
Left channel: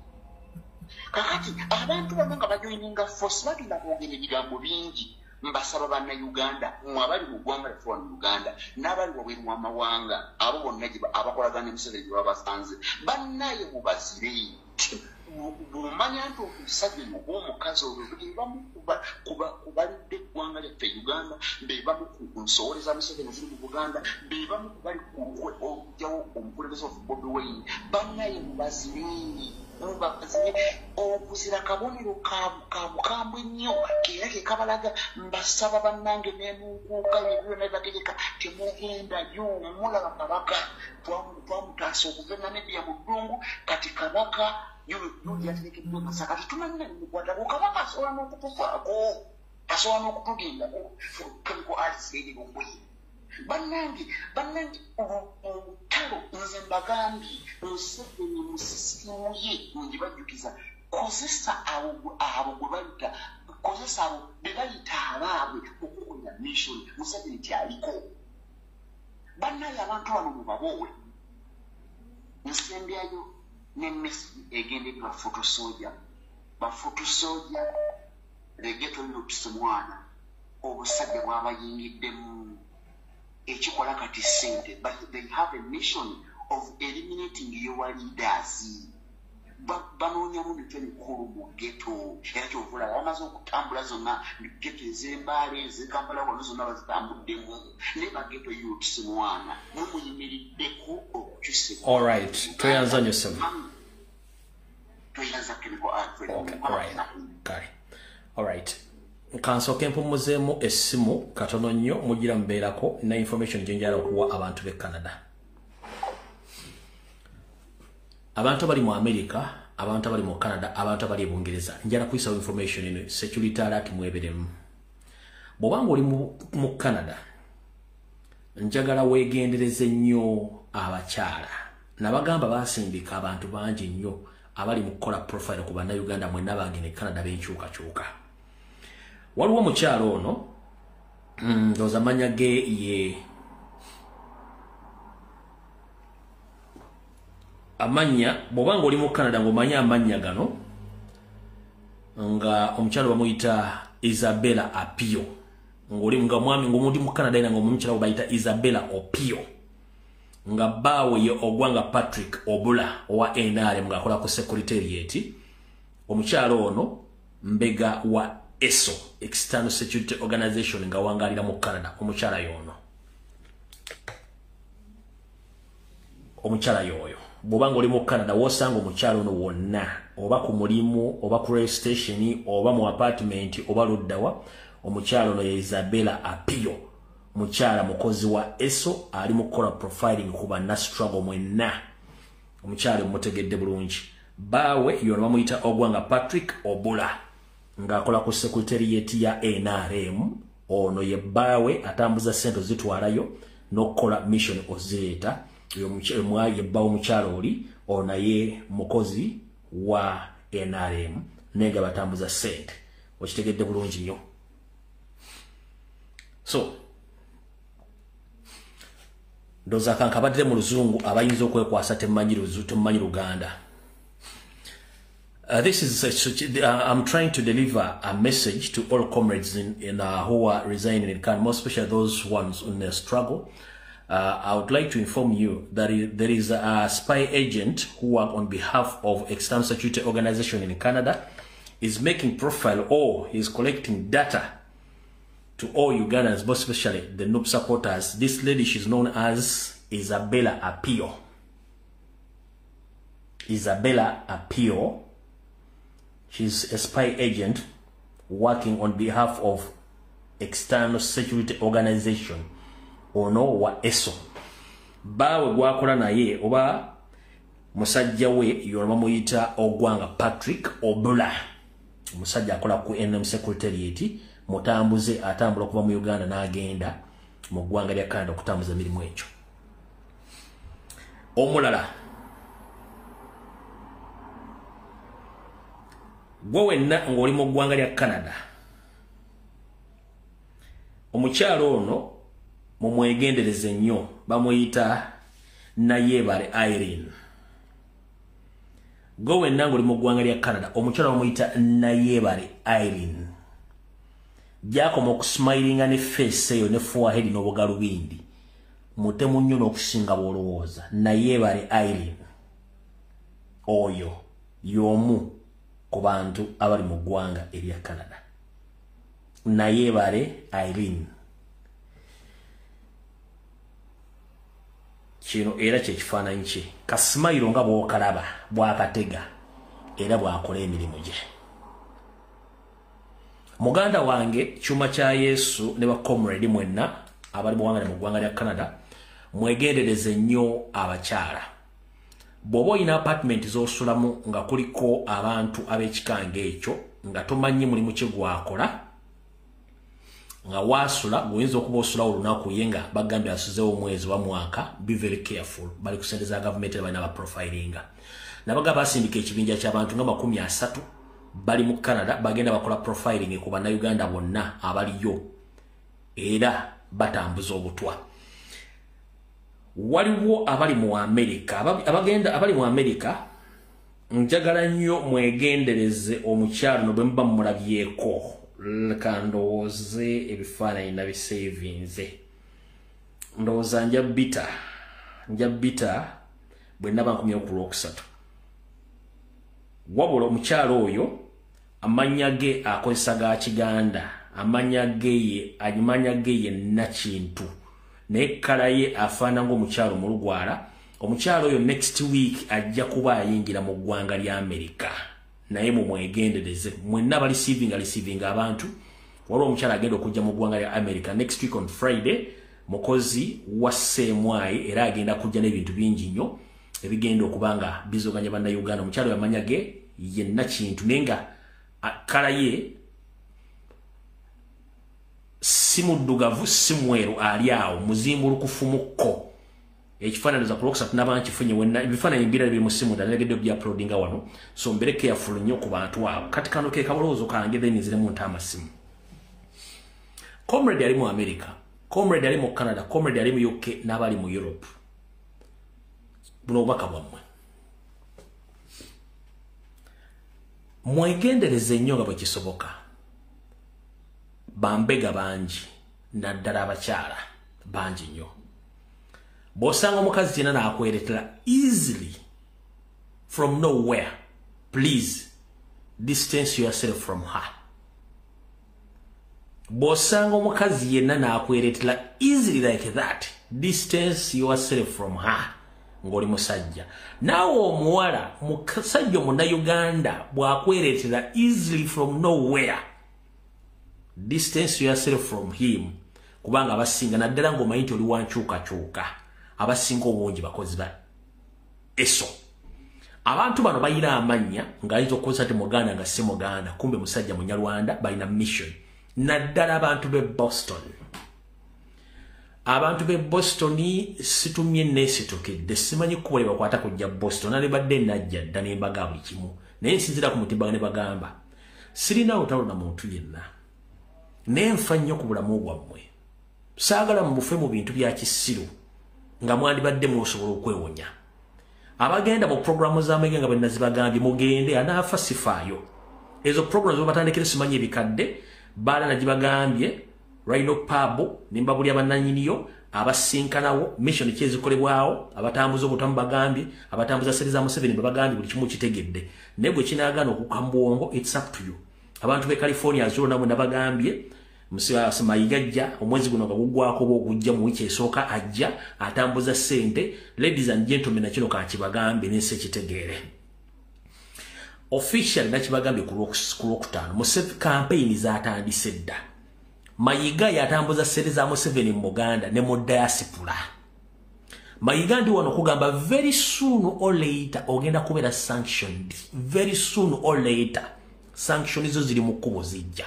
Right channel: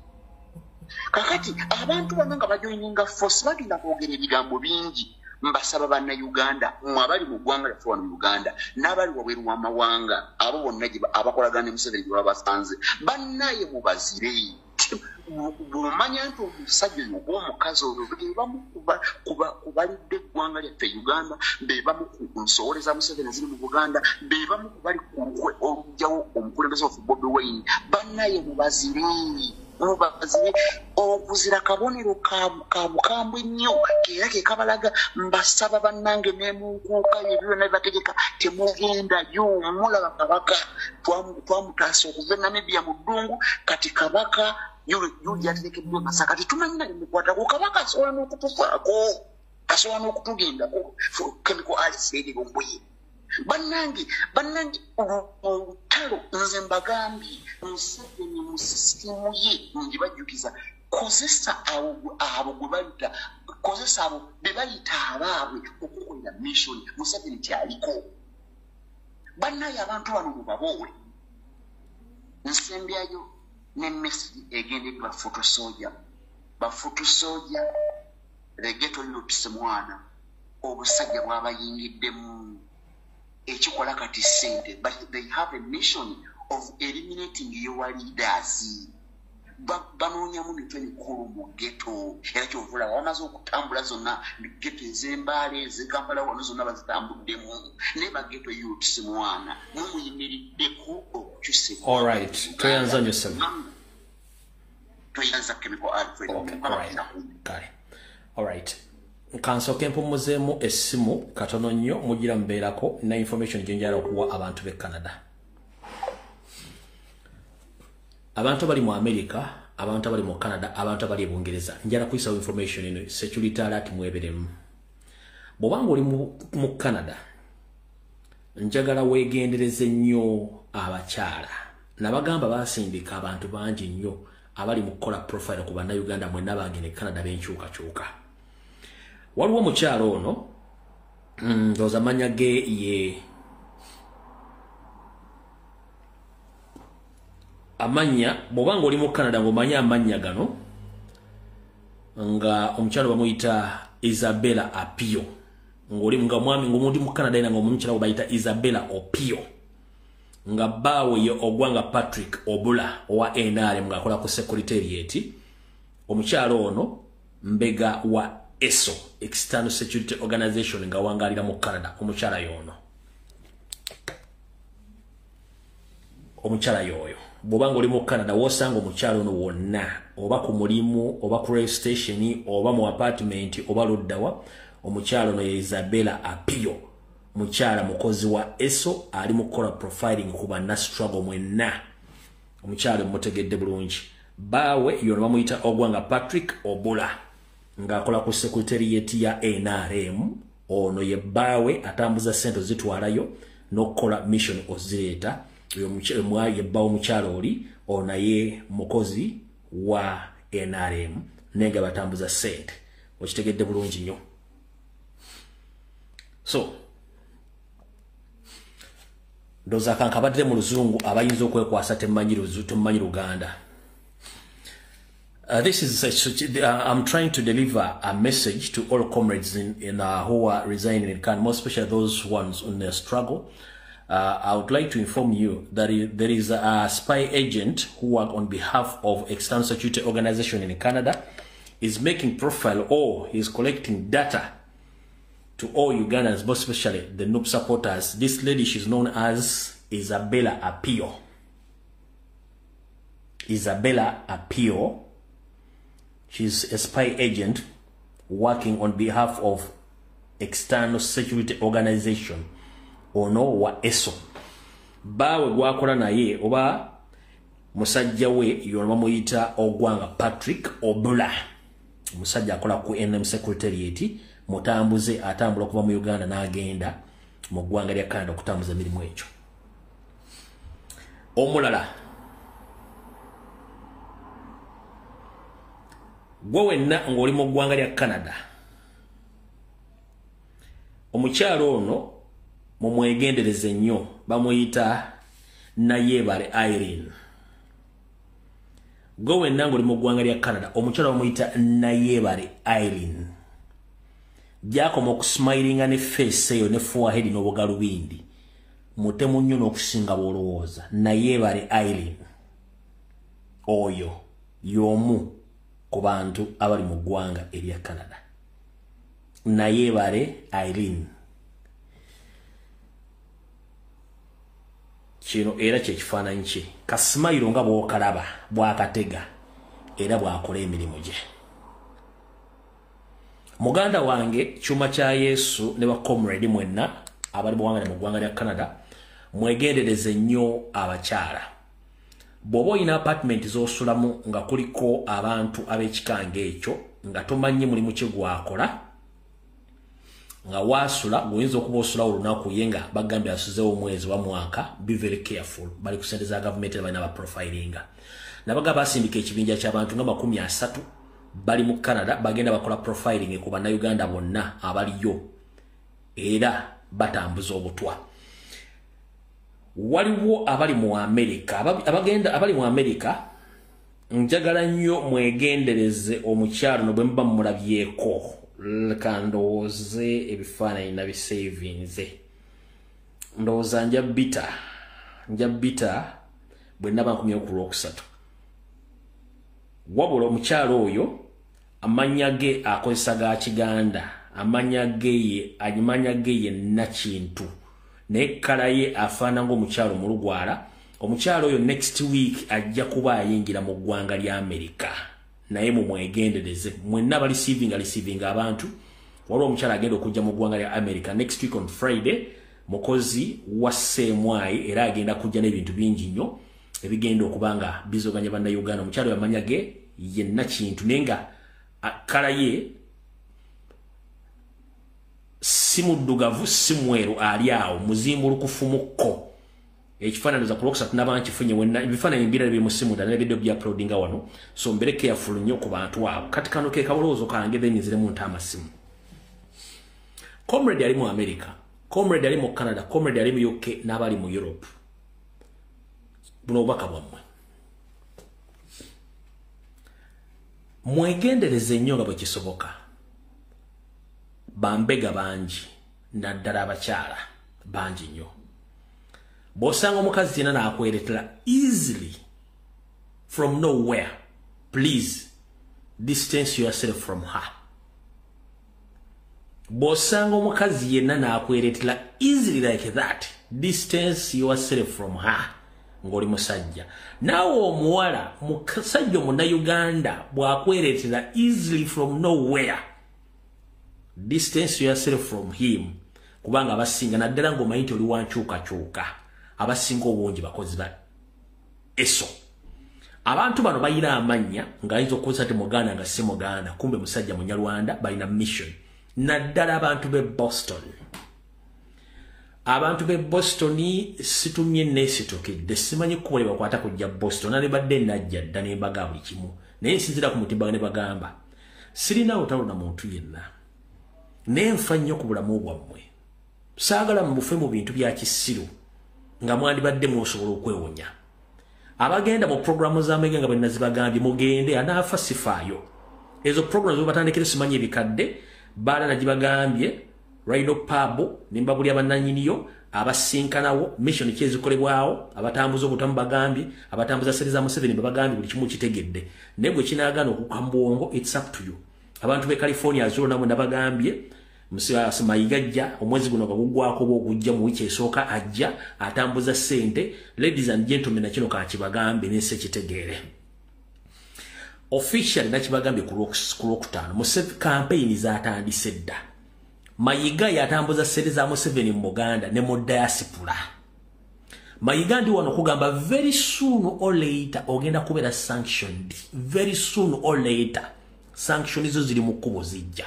Kakati abantu bonna nga bajoyininga force bagenda kwogera ebigambo bingi. Mbasaba bannayuganda, mmwe abali mu ggwanga lyaffe wano mu Uganda n'abali wabweru w'amawanga, abo bonna abakolagana ne Museveni gye babasanze, bannaye mubazire. Bw'omanya nti omusajja oyo oba omukazi olwo be bamu kubalidde eggwanga lyaffe Uganda, be bamu ku nsowole za Museveni eziri mu Buganda, be bamu kubali ku lukwe olugjawo omukulembeze waffe Bobi Wine, bannaye mubazire. Okuzira kabonero ka bukambwe nnyo keera ke kabalaga. Mbasaba bannange n'emunkuuka ebyo byonna bibategeka temugendayo. Mulaba Kabaka twamutaasa okuva e Namibia mu ddungu, kati Kabaka yuli aterekeddwa Masaka tetumanyina limukwatako. Kabaka asobola n'okutufaako, asobola n'okutugendako. Chemical arts lady Lumbuye. Bannange olutalo nze mbagambye Museveni mu sisitimu ye ngibajjukiza, kozesa abo gwe bayita, kozesa abo be bayita abaabwe okukolera mission. Museveni kyaliko. Bannaye abantu bano mubabowe. Nsembyayo ne message egendedde bafutusoja legeto lilutise mwana obusajja bw'abayingiddemu. Ekikola kati sente, but they have a mission of eliminating your leaders. Banoonyamu mitwe mikulu mu ghetto. Era kyovula bamaze okutambula zonna ghetto ez'Embaale ez'Ekampala wano zonna bazitambuddemu. Ne baghetto youths mwana mumuyimiriddeko okukyusa. All right, toyanza Joseph. Toyanza Chemical Alfred. Okay, all right. Kale. All right. Kansoke mpumuzeemu essimu katono nnyo mugira mbeerako na information gye njala okuwa abantu b'e Canada. Abantu abali mu America, abantu abali mu Canada, abantu abali e Bungereza, njala kuyisa information eno security alert mweberemu. Bw'obanga oli mu Canada, njagala weegendereze nnyo abakyala. Nabagamba baasindika abantu bangi nnyo abali mu kukola profile ku bannayuganda mwenna bange ne Canada b'enkyukakyuka. Waliwo omukyalo ono ndowooza amannya ge ye amanya bw'obanga oli mu Canada ng'omanya amannya gano nga omukyalo bamuyita Isabella Apio ng'oli nga mwami ng'omuntu mu Canada era ng'omukyalo bayita Isabella Opio nga bbaawe ye Ogwanga Patrick Obula owa NRM ng'akola ku Secretariat. Omukyalo ono mbega wa ESO, External Security Organization, nga wangalira mu Canada. Omukyala yono, omukyala yoyo bw'obanga oli mu Canada wosanga omukyala ono wonna, oba ku mulimu oba ku rail station oba mu apartment oba luddawa, omukyala ono ye Isabella Apio mukyala mukozi wa ESO ali mukola profiling kuba na struggle mwenna omukyala mutegedde bulungi bawe yona bamuyita Ogwanga Patrick Obula ng'akola ku secretariat ya NRM ono ye bawe atambuza sente zitwalayo n'okukola mission ozireta ye bawe mukyala oli ono ye mukozi wa NRM nenga batambuza sente okitegedde bulungi nnyo. So ndoza kankabadde mu luzungu abayinza okwekwasa temanyi Luganda. This is I'm trying to deliver a message to all comrades in who are resigning in Canada, more especially those ones in their struggle. I would like to inform you that there is a spy agent who work on behalf of external security organization in Canada is making profile or is collecting data to all Ugandans, most especially the noob supporters. This lady, she's known as Isabella Apio. Isabella Apio. She's a spy agent working on behalf of external security organization ono wa ESO. Bawe gwakola naye oba musajja we yona muyita Ogwanga Patrick Obula. Musajja akola ku NM secretariat mutambuze atambula kuva mu Uganda n'agenda mu ggwanga lya Canada okutambuza emirimu ekyo. Omulala gwe wenna ng'oli mu ggwanga lya Canada omukyalo ono mumwegendereze nnyo bamuyita Nayebare Irene. Gwe wenna ng'oli mu ggwanga lya Canada omukyalo bamuyita Nayebare Irene. Gyakoma okusmilinga ne face eyo ne forehead n'obugalubindi mutemu nnyo n'okusinga bw'olowooza. Nayebare Irene oyo y'omu ku bantu abali mu ggwanga erya Canada. Nayebare Irene kino era kyekifaananyi kye kasimayiro nga bw'okalaba bw'akatega era bw'akola emirimu gye. Muganda wange Kyuma kya Yesu ne ba comrade mwenna abali mu ggwanga lya Canada mwegendereze nnyo abakyala. Bw'oba olina apartment z'osulamu nga kuliko abantu ab'ekikanga ekyo nga tomanyi mulimu kye gwakola nga wasula guyinza okuba osulawo olunaku ye nga bagambye asuzeewo omwezi wa mwaka, be very careful. Bali ku ssente za gavumenti balina baprofilinga. Nabaga basindika ekibinja ky'abantu nga 30 bali mu Canada bagenda bakola profiling ku bannayuganda bonna abaliyo era batambuza obutwa. Waliwo abali mu America abali mu America njagala nnyo mwegendereze omukyalo no bwe muba mulabyeko kandooze ebifaananyi nabisavinze ndowooza nja bita bwe naba nkomye ku Lwokusatu. Wabula omukyalo oyo amanya ge akozesa ga Kiganda, amanya ge ye Nakintu naye kala ye afaana ng'omukyalo mu Lugwala. Omukyalo oyo next week ajja kuba ayingira mu ggwanga lya America naye mumwegendereze mwenna receiving abantu. Waliwo omukyalo agenda okujja mu ggwanga lya America next week on Friday, mukozi wa Semwai era agenda kujja n'ebintu bingi nnyo ebigenda okubanga bizoganya bannayuganda. Omukyalo yamanya ge ye Nakintu nenga kala ye si muddugavu si mweru ali awo muzimbulukufu mukko. Ekifaananiza ku Lwokusatu n'abantu kifunye wenna ebifaananyi mbirala biri mu simu ndanegedde by'uploadinga wano, so mbere careful nnyo ku bantu abo. Kati kano ke kaboloozo kange then nziremu nta amasimu. Comrade ali mu America, comrade ali mu Canada, comrade ali mu UK n'abali mu Europe. Buno obubaka bwammwe mwegendereze nnyo nga bwe kisoboka. Bambega bangi naddala abakyala bangi nnyo. Bw'osanga omukazi yenna n'akweretera easily from nowhere, please distance yourself from her. Bw'osanga omukazi yenna n'akweretera easily like that, distance yourself from her ng'oli musajja. Naawe omuwala musajja omunnayuganda bw'akweretera easily from nowhere, distance yourself from him. kubanga abasinga naddala ng'omanyi nti oli wankyukakyuka abasinga obungi bakozi ba eso. Abantu bano bayina amanya ng'ayinza okukozesa ti Muganda nga si Muganda kumbe musajja Munyarwanda bayina mission. Naddala abantu b'e Boston. Abantu b'e Boston situmye neesitukidde simanyi kkubo lye bakwata kujja Boston nali badde najja dda ne mbaga buli kimu naye nsinzira ku mutimba ne bagamba sirina lutalo na muntu yenna naye nfa nnyo ku bulamu bwammwe saagala mubufe mu bintu bya kisiru nga mwandibadde mwosobola okwewonya. Abagenda mu programu z'amege nga bwe nazibagambye mugende anaafa sifaayo ezo programu zebatandikire simanyi ebikadde baala nagibagambye Rhino Pub nimba buli abannanyiniyo abasinkanawo mission kyezikolebwawo abatambuza obutamu bagambye abatambuza seri za Museveni babagambye buli kimu kitegedde naye gwe kinaagana okukambwongo it's up to you. Abantu be California azuro namwe nabagambye Mayiga omwezi guno gagugwako bw'okujja mu wiki esooka ajja atambuza ssente. Ladies and gentlemen nakino kakibagambe nese kitegeere official nakibagambye ku Lwokutaano Museveni campaign zatandise dda. Mayiga yatambuza ssente za Museveni mu Buganda ne mu diaspora. Mayiga ndi wano kugamba very soon or later ogenda kubeera sanctioned. Very soon or later sanction izo ziri mu kkubo zijja.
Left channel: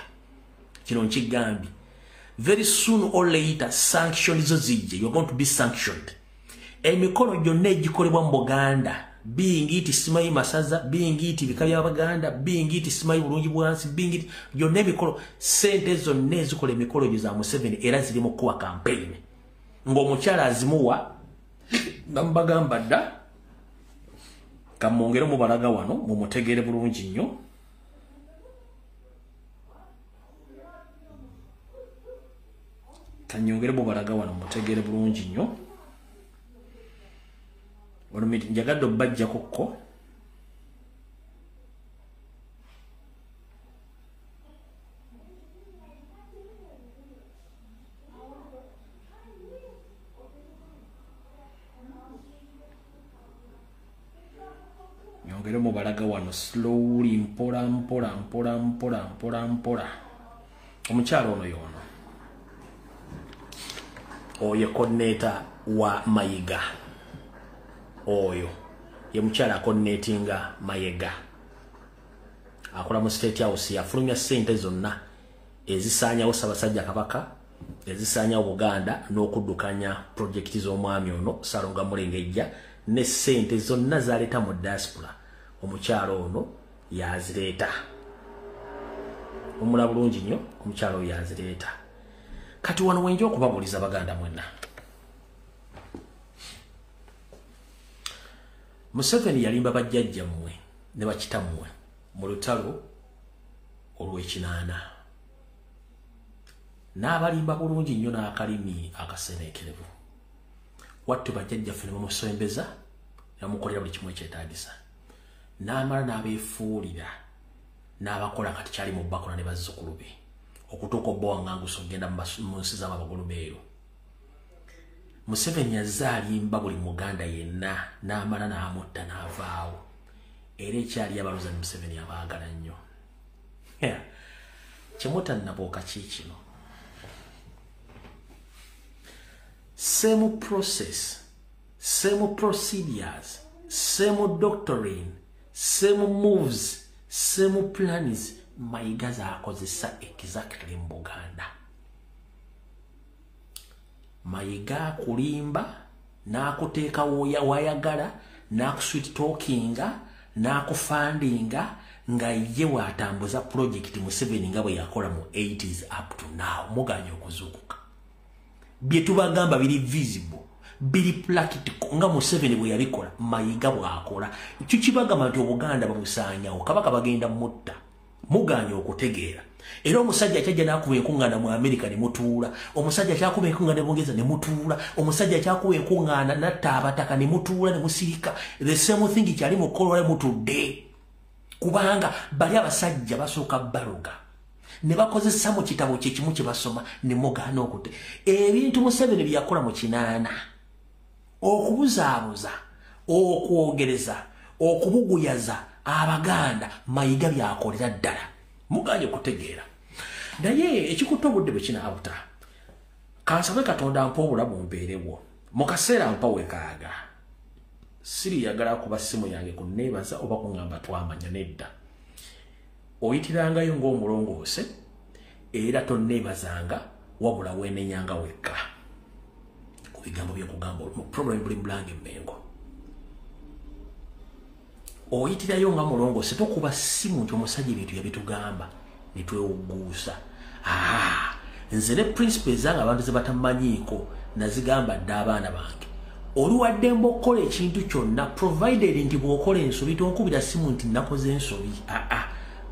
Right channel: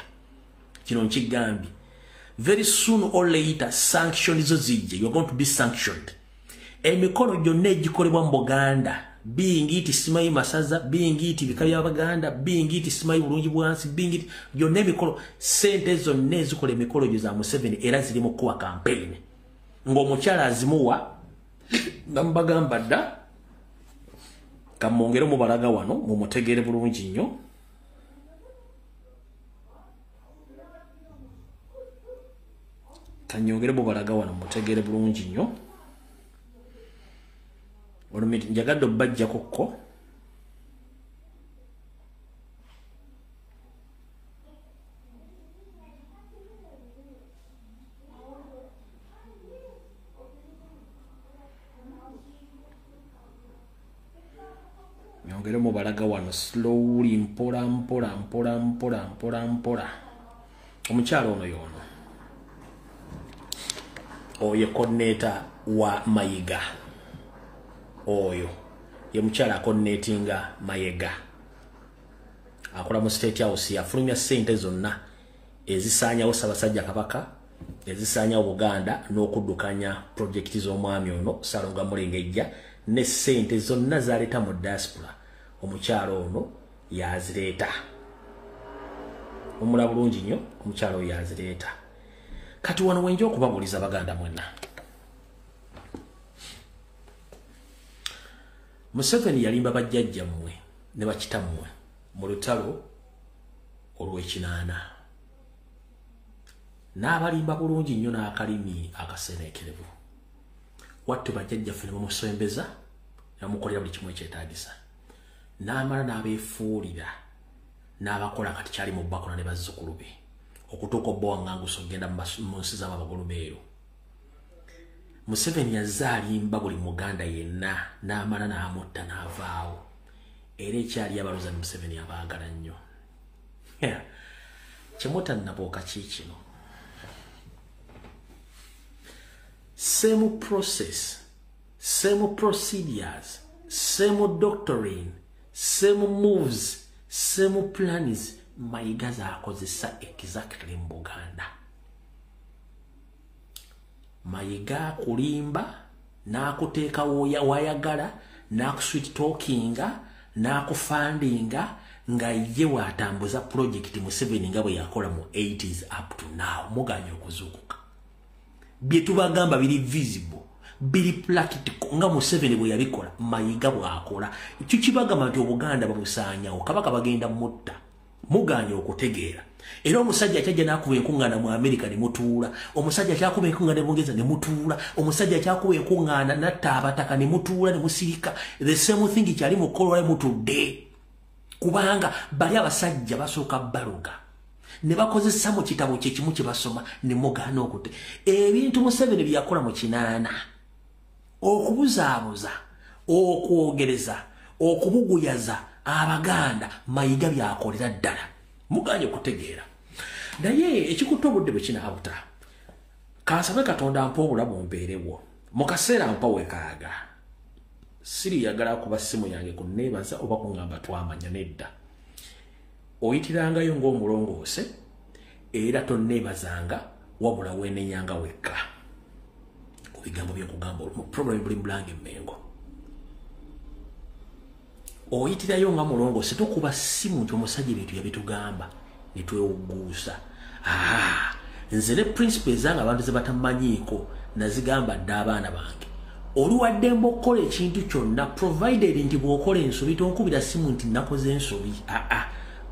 Kino nkigambi very soon or later sanction izo zijja. You're going to be sanctioned. Emikono gyonna egikolebwa mu Buganda being it simayi masaza being it bika by'Abaganda being it simayi bulungi bwansi being it gyonna emikolo sente zonna ezikola emikolo gyo za Museveni era ziri mu kuwa campaign ng'omukyala azimuwa nambagamba dda kamwongere mu balaga wano mumutegeere bulungi nnyo. Kanyongere mu balaga wano mumutegeere bulungi nnyo. Olumiti njagadde obbajja kokko nyongere mu balaga wano slowly mpola omukyalo ono yono oyo coordinator wa Mayiga oyo ye mukyala akonetinga Mayega akola mu State House yafulumya ssente zonna ezisaanyawo Ssaabasajja Kabaka ezisaanyawo Buganda n'okuddukanya projekiti z'omwami ono Salonga Mulengejja ne ssente zonna zaleeta mu diaspora omukyalo ono yazireeta. Omula bulungi nnyo omukyalo oyo yazireeta. Kati wano wenja okubabuuliza Baganda mwenna Museveni yalimba bajjajja mmwe ne bakitammwe mu lutalo olw'ekinaana. N'abalimba bulungi nnyo n'akalimi akaseneekerevu. Wattu bajjajjaffe ne bamusembeza ne bamukolera buli kimu ekyetaagisa. N'amala n'abeefuulira n'abakola kati kyali mu Bakola ne bazzukulu be okutuuka obba waŋŋangusa okugenda mu nsi z'Abagulumeero. Museveni yazaalimba buli Muganda yenna n'amala n'amutta n'avaawo era ekyali abaloza ne Museveni abaagala nnyo. Kyemutannabooka kiikino same process, same procedures, same doctrine, same moves, same plans Mayiga zaakozesa exactly mu Buganda. Mayiga kulimba n'akuteeka wayagala n'akusweet talkinga n'akufandinga nga ye waatambuza project Museveni nga bwe yakola mu 80s up to now. Muganya okuzuukuka bye tubagamba biri visible biri practical nga Museveni bwe yabikola Mayiga bw'akola. Ekyo kibagamba nti Obuganda babusaanyawo Kabaka bagenda mutta. Muganya okutegeera era omusajja kyajja n'akuba enkuŋŋaana mu America ne mutuula, omusajja kyakuba enkuŋŋaana ne Bungereza ne mutuula, omusajja kyakuba enkuŋŋaana n'atta abataka ne mutuula ne musirika. The same thing kyali mu kukolwa mutudde kubanga bali abasajja basooka baloga ne bakozesa mu kitabo kye kimu kye basoma ne mugaana okute ebintu Museveni bye yakola mu kinaana okubuzaabuza okwogereza okubuguyaza Abaganda Mayiga byakolera ddala. Muganye okutegeera naye ekikutte obudde bwe kinaabuta kansabe katonda mpa obulamu mbeerewo mu kaseera mpa wekaaga siri yagala kuba simu yange kunneebaza oba kuŋŋamba twamanya nedda oyitirangayo ng'omulongoose era tonneebazanga wabula weenenyanga wekka ku bigambo byenkugamba mu problem buli mulange Mmengo oyitirayo nga mulongoose tokuba simu nti omusajja ebintu yabitugamba ne twewuguusa nze ne principles zange abantu ze batamanyiiko nazigamba dda abaana bange oluwadde mbokola ekintu kyonna provided nti bw'okola ensobi tonkubira simu nti nakoze ensobi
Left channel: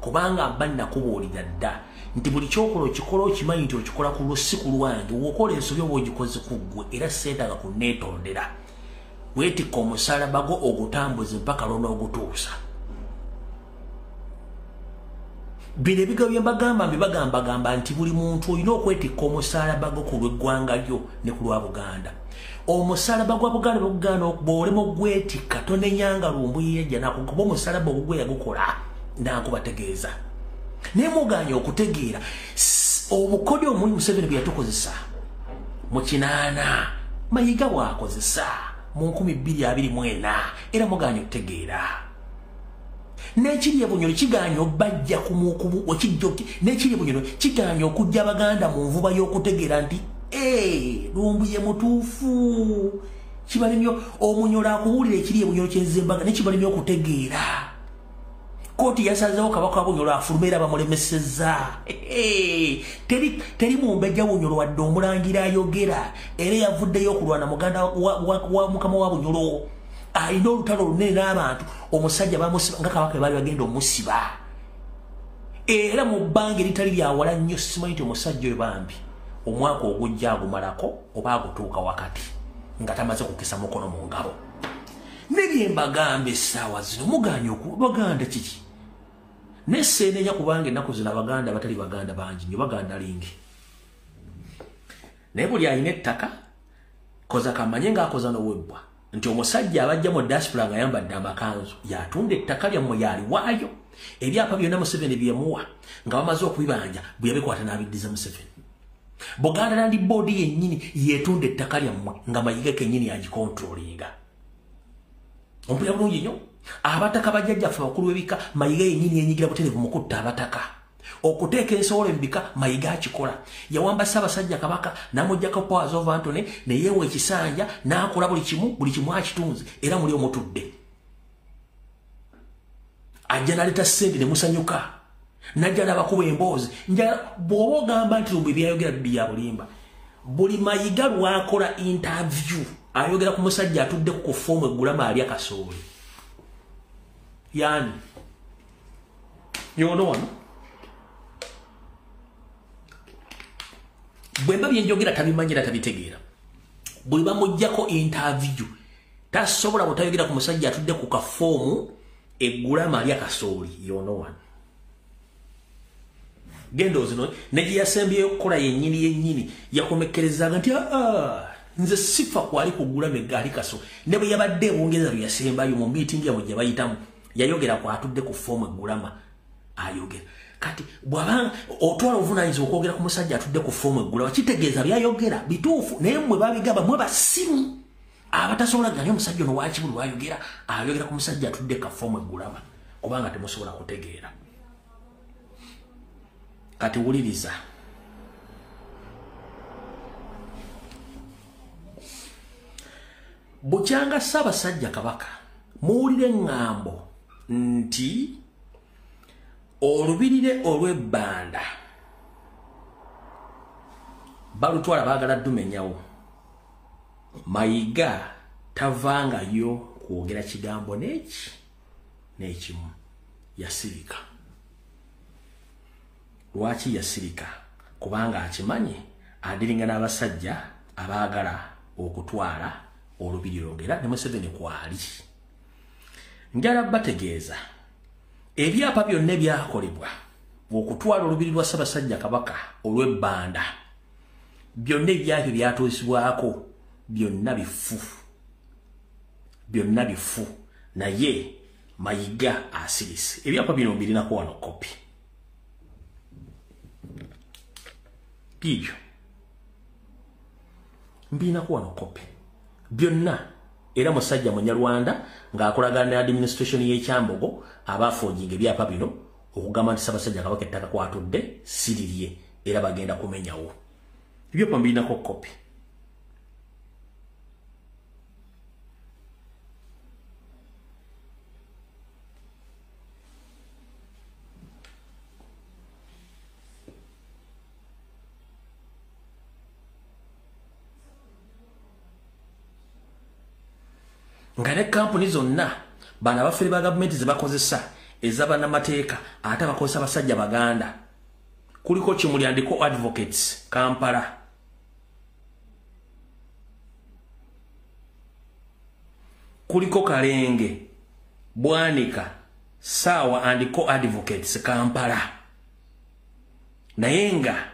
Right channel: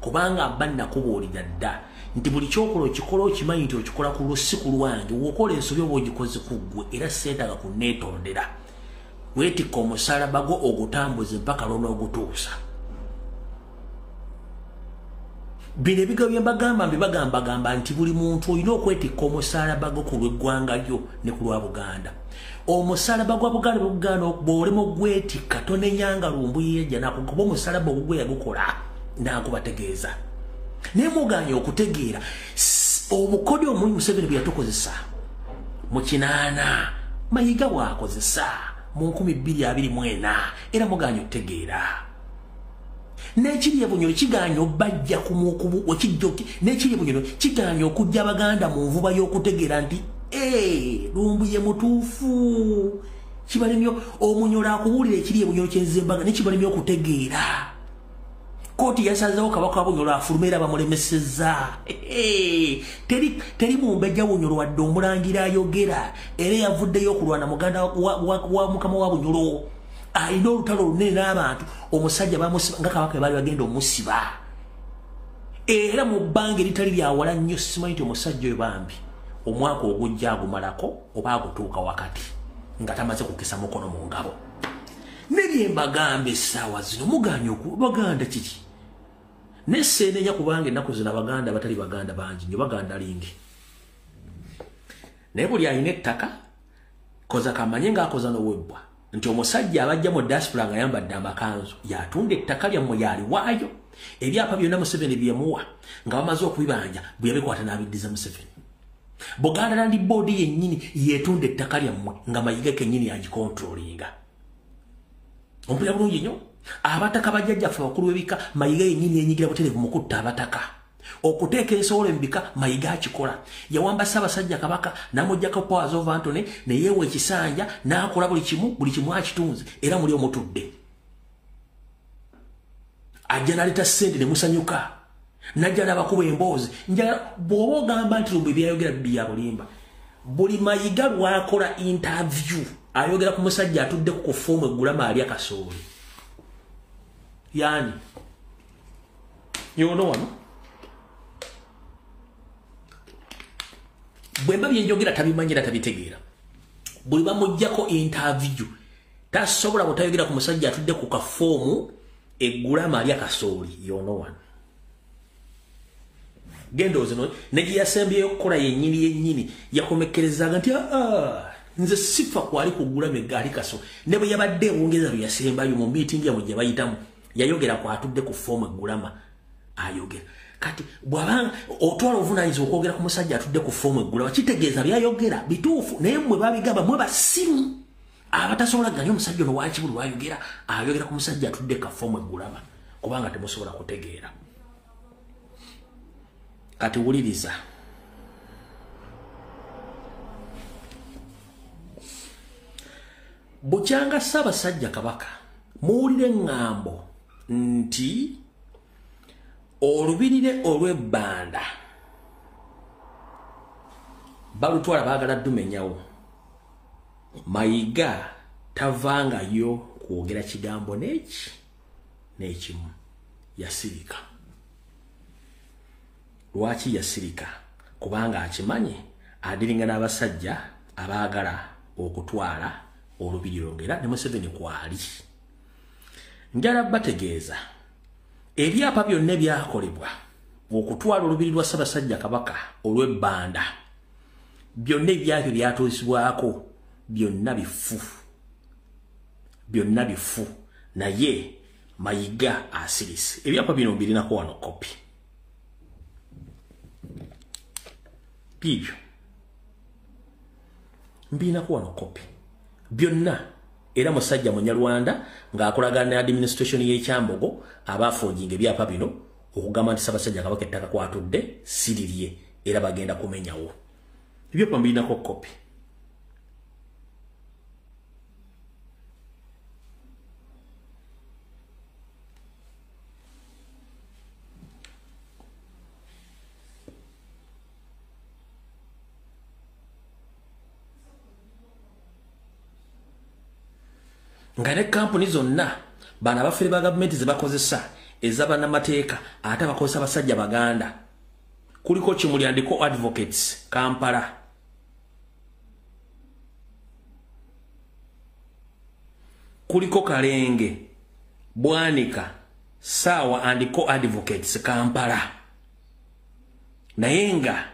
kubanga mba nakubuulira dda nti buli kyokola okikola okimanyi nti okikola ku lusi ku lwange wokola ensobi oba ogikoze ku ggwe era seetaaga kunneetondera weetikka omusalaba gwo ogutambuze mpaka lw'onoogutuusa bino ebigambo bye mbagamba nti buli muntu olina okwetikka omusalaba gwo ku lw'eggwanga lyo ne ku lwa Buganda omusalaba gwa Buganda bw'olema ogwetikka tonenyanga Lumbuye yajja nakukuba omusalaba ogwo gwe yagukola nakubategeeza naye muganya okutegeera obukodyo omuli Museveni bwe yatukozesa mu 8 Mayiga bw'akozesa mu 2024 era muganya okutegeera n'ekiri ebunyolo kiganya obajja kumukubu okijjoki n'ekiri ebunyolo kiganya okujja Abaganda mu nvuba y'okutegeera nti Lumbuye mutuufu kibalemyo omunyolo akuwulira ekiri ebunyolo kyenzembaga nekibalemyo okutegeera kooti yasazeewo kabaka wa Bunyolo afulumera bamulemesezza teri mumbejja Bunyolo wadde omulangira ayogera era yavuddeyo okulwana muganda wa mukama wa Bunyolo alina olutalo lunene n'abantu omusajja bamusiba nga kabaka baali bagenda omusiba era mu bbanga eritali lyawala nnyo simanyi nti omusajja oyo bambi omwaka ogujja agumalako oba agutuuka wakati nga tamaze kukisa mukono mu ngabo nebyembagamba essaawa zino muganya Baganda kiki neseenenya kubanga ennaku zino Abaganda batali Baganda bangi nnyo Baganda lingi naye buli alina ettaka koza kamanye ng'akoza n'owebbwa nti omusajja abajja mu diaspora nga yambadde amakanzu yatunda ettaka lyammwe yaliwaayo ebyapa byonna Museveni byemuwa nga bamaze okubibanja bwe yabikwata n'abiddiza Museveni Buganda Land Board yennyini yeetunda ettaka lyammwe nga Mayiga kennyini yagikontrolinga ompulira bulungi nnyo abataka bajjajjaffe abakulu b'ebika Mayiga yennyini yenyigira butereevu mu kutta abataka okuteeka ensowolo embika Mayiga akikola yawamba Ssaabasajja Kabaka n'amuggyako powers of Antony ne yeewa ekisanja n'akola buli kimu akitunze era muli omutudde ajja n'aleeta ssente ne musanyuka najja n'abakuba emboozi bw'oba ogamba nti Lumbuye byayogera bya bulimba buli Mayiga lwakola interview ayogera ku musajja atudde ku foomu eggulama ali akasooli yani yono wano bwemba byenjogera tabimanyira tabitegeera buli bamuggyako interview tasobola butayogera ku musajja atudde ku kafoomu eggulama ali akasooli yono wano gendo zino neji yasembyeyo okukola yennyini yakomekkerezaga nti nze sifa kwali kugula megali kaso ne bwe yabadde bongeza lyasembayo mu meeting ya mujja bayitamu yayogera kwa atudde ku form eggulama ayogera kati bwabanga otwala ovunanyizibwa okwogera ku musajja atudde ku form eggulama kitegeeza byayogera bituufu naye mmwe babigamba mwe basimu abatasobola ganya omusajja ono wakibulu ayogera ayogera ku musajja atudde ka form eggulama kubanga temusobola kutegeera kati wuliriza bukyanga Ssaabasajja Kabaka muwulire ŋŋambo nti olubirire olw'ebbanda balutwala baagala dumenyawo Mayiga tavangayo kwogera kigambo n'ekimu yasirika lwaki yasirika kubanga akimanyi adiringa n'abasajja abaagala okutwala olubiriro ngera ne Museveni kwali njala bategeeza ebyapa byonna byakolebwa okutwala olubiri lwa Ssaabasajja Kabaka olw'ebbanda byonna ebyabyo byatuusibwako byonna bifu naye Mayiga asirise ebyapa bino birinako wano kopi bibyo mbina kuwa no copy byonna era musajja Munyarwanda ng'akolagana ne administration y'ekyambogo abaafojinga ebyapa bino okugamba nti Ssaabasajja Kabaka ettaka kwatudde sirirye era bagenda kumenyawo ebyapa mbinako copy nga ne kampuni zonna bana bafere ba government zibakozesa ezabana mateeka ate bakozesa basajja baganda kuliko Kimulyandiko Advocates Kampala kuliko Kalenge Bwanika Sawa andiko Advocates Kampala naye nga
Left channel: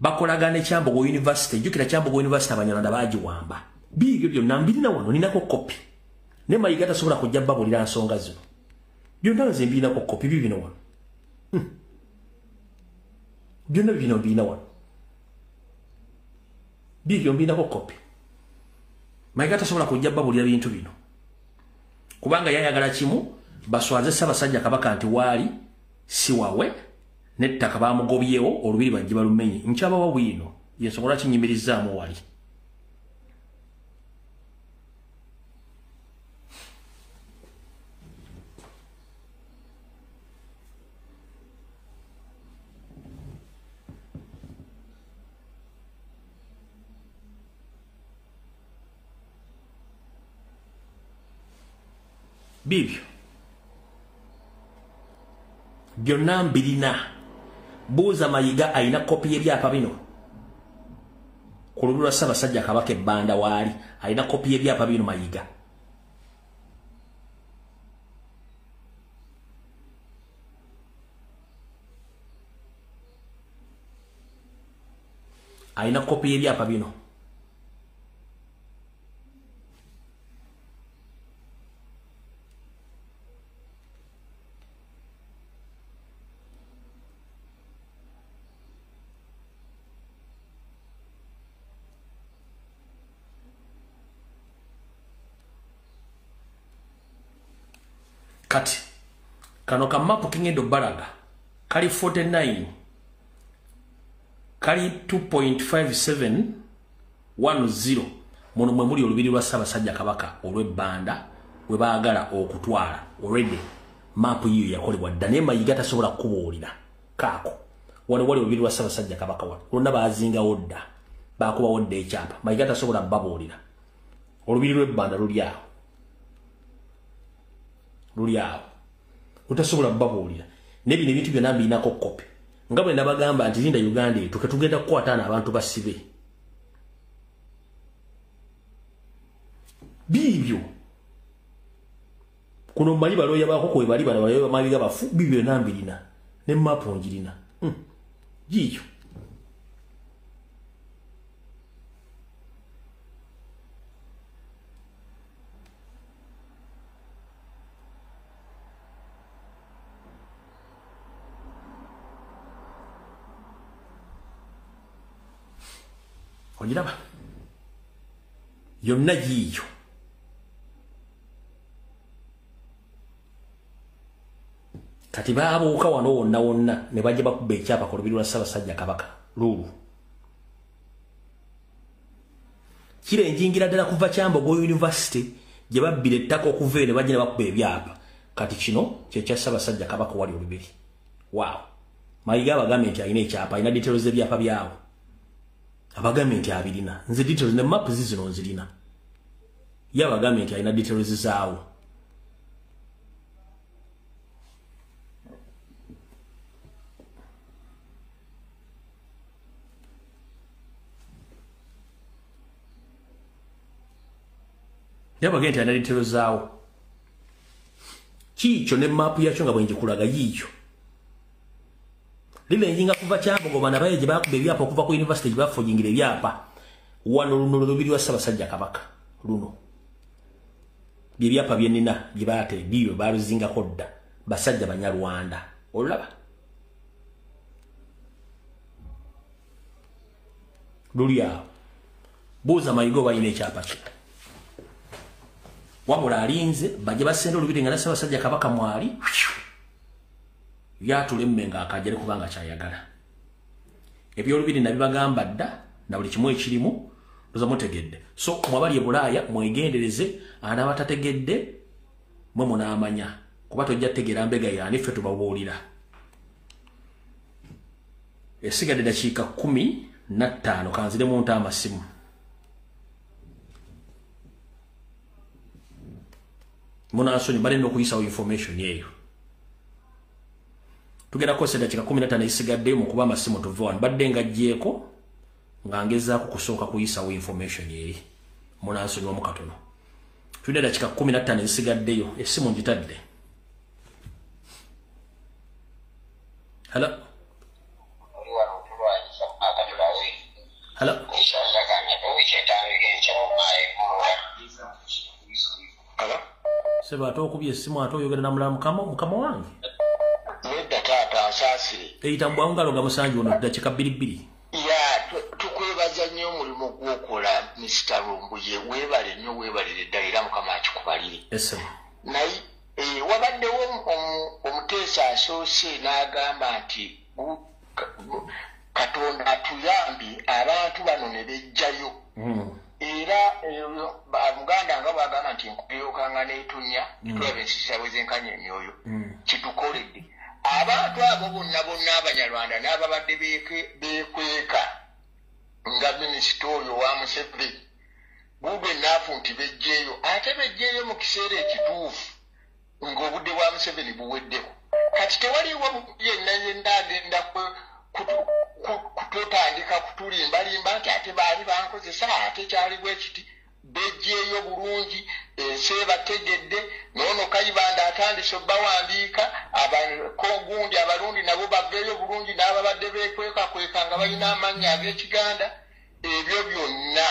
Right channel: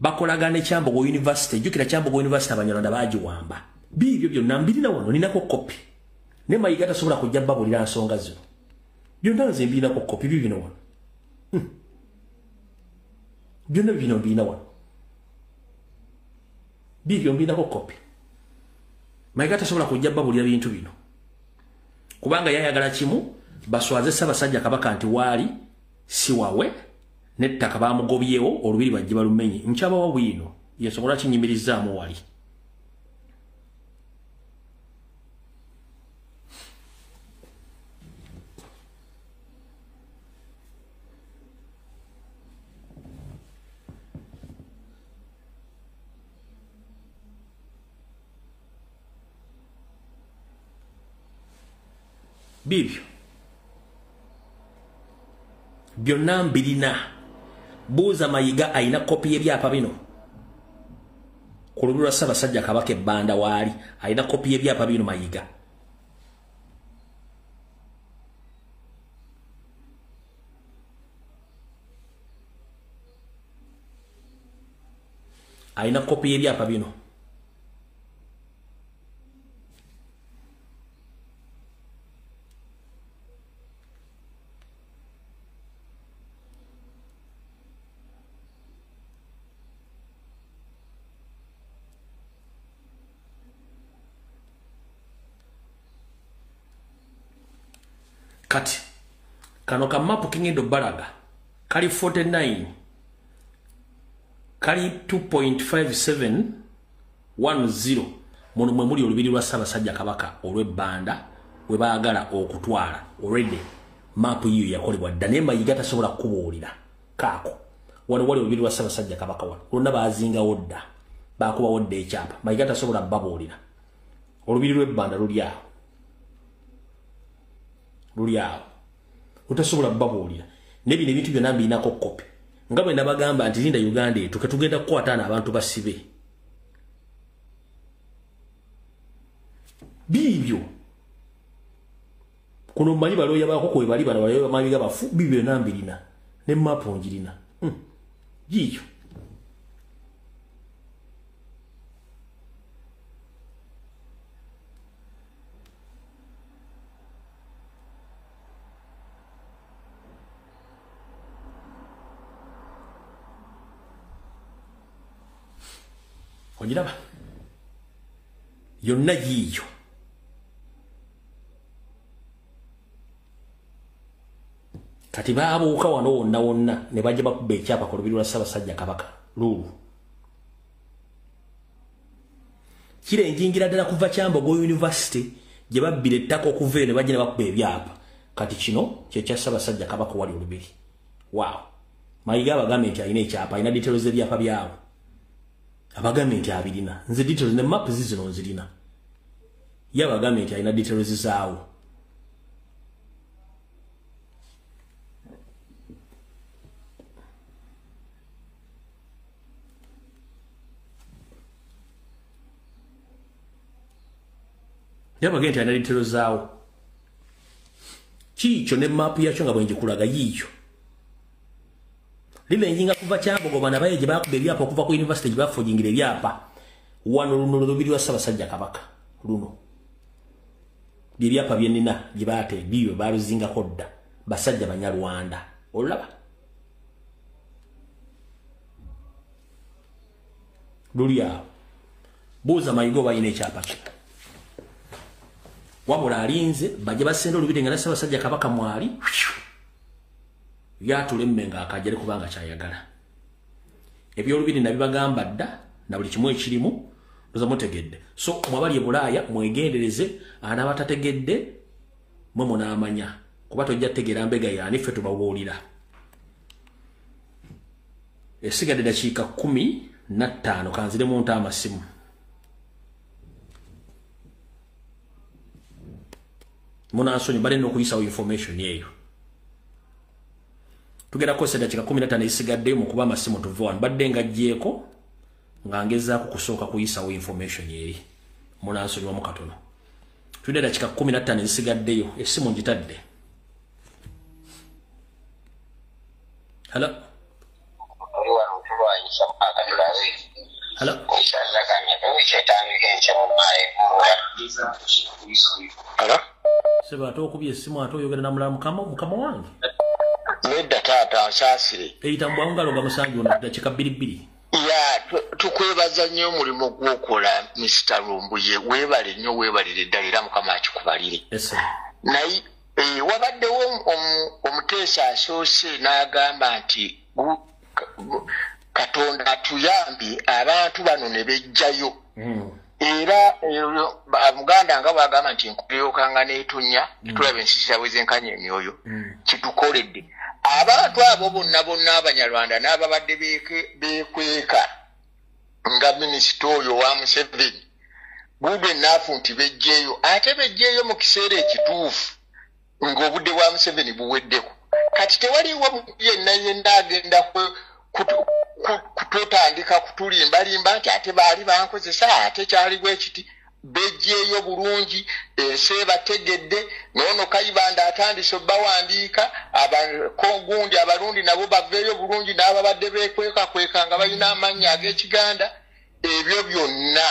bakolagana Kyambogo University jukira Kyambogo University Abanyarwanda bagiwamba bibyo byonna mbirina wano ninako copy ne Mayiga tasobola kujja babulira nsonga zino byonna nze mbinako copy bibino wano byonna bino mbina wano bibyo mbinako copy Mayiga tasobola kujja babulira bintu bino kubanga yayagala kimu baswaze Ssaabasajja Kabaka nti wali si wawe nettaka bamugobyewo olubiri bajje balumenye nkyaba wa bwino yesobola kinyimirizaamu wali bibyo byonna mbirina buuza Mayiga ayina kopi y'ebyapa bino ku lubiri lwa Ssaabasajja Kabaka ebbanda waali ayina kopi y'ebyapa bino Mayiga ayina kopi y'ebyapa bino kati kano kamapu kingendo balaga kali 49 kali 2.5710 muno mwe muli olubiri lwa Ssaabasajja Kabaka olw'ebbanda we baagala okutwala already mapu yiyo yakolebwa dda naye Mayiga tasobola kubuulira kaako wali olubiri lwa Ssaabasajja Kabaka wano lwonna baazingawo dda baakubawo dda ekyapa Mayiga tasobola babuulira olubiri lw'ebbanda luli awo utasobola babuulira nebino ebintu byonna mbinako kopi nga bwe nabagamba nti linda Uganda etu ketugenda kukwataana abantu basibe bibyo kuno mmanyi balooya baako kwe bali bana balooya Mayiga bafu bibyo byonna mbirina ne mapu ngirina gikyo ogiraba yonna yiyo kati baabuuka wano wonna ne bajja bakuba ekyapa ku lubiri lwa Ssaabasajja Kabaka luulu kirenjingira ddala kuva Kyambogo University gye babbira ettaka okuva ne bajja ne bakuba ebyapa kati kino kyekya Ssaabasajja Kabaka wali olubiri waaw Mayiga abagambye nti alina ekyapa alina details ebyapa byawo abagambye nti abirina nze details ne map zino nzirina yabagambye nti alina details zaawo yabagambye nti alina details zaawo kiikyo ne map yakyo nga bwenjikulaga yiikyo lile njinga kuva Kyambogo bana baye gye bakuba ebyapa okuva ku university gye bafojingira ebyapa wano luno lubiri lwa Ssaabasajja Kabaka luno by'ebyapa byenina gye baate biyo baluzingako dda basajja Banyarwanda olaba luli awo buuza mayigo bayina ekyapa ki wabula alinze bajja basenda olubiri nga Ssaabasajja Kabaka mwali yatulemme nga akajere kubanga kyayagala ebyolubiri nabibagamba dda na buli kimu ekirimu ndoza mutegedde so mwabali ebulaaya mwegendereze anabatategedde mwe munaamanya kuba tojja tegera mbega yani ffe tubabuulira esigadde dakiika 15 kanzire mu nta amasimu munansonyi bale n'okuyisawo information yeeyo tugenda kosa dakiika 15 esigadde mu kuba amasimu tuve wano badde ngajjeeko nga ngezaako kusooka kuyisawo information yeeri munansonyi wamu katono tudde dakiika 15 esigaddeyo essimu ngitadde hello hello hello seba ate okubye essimu ate oyogera na mulala mukama wange nedda taata asaasire eyitambwawo ngaloga musanju ono dakiika 2 ya tukwebaza nnyo omulimu gw'okola Mr. Lumbuye weebale nnyo weebalire ddala era mukama akikubalire naye wabaddewo omuteesa asoose n'agamba nti Katonda atuyambye abantu bano ne bejjayo era Muganda nga bwagamba nti nkulyokanga n'etonya tulaba ensisira bwe zenkanya emyoyo kitukoledde abantu abo bonna Abanyarwanda n'ababadde beekweka nga minisita oyo wa Museveni bube naafu nti bejjeeyo ate bejjeeyo mu kiseera ekituufu ng'obudde bwa Museveni buweddeko kati tewaliwo yenna agenda kututandika kutulimbalimba nti ate baali bankozesa ate kyali bwe kiti bejjeeyo bulungi ensi ebategedde n'ono Kayibanda atandise obbawandiika Kongundi abalundi nabo baveeyo bulungi n'ababadde beekwekakweka nga balina amannya ag'Ekiganda ebyo byonna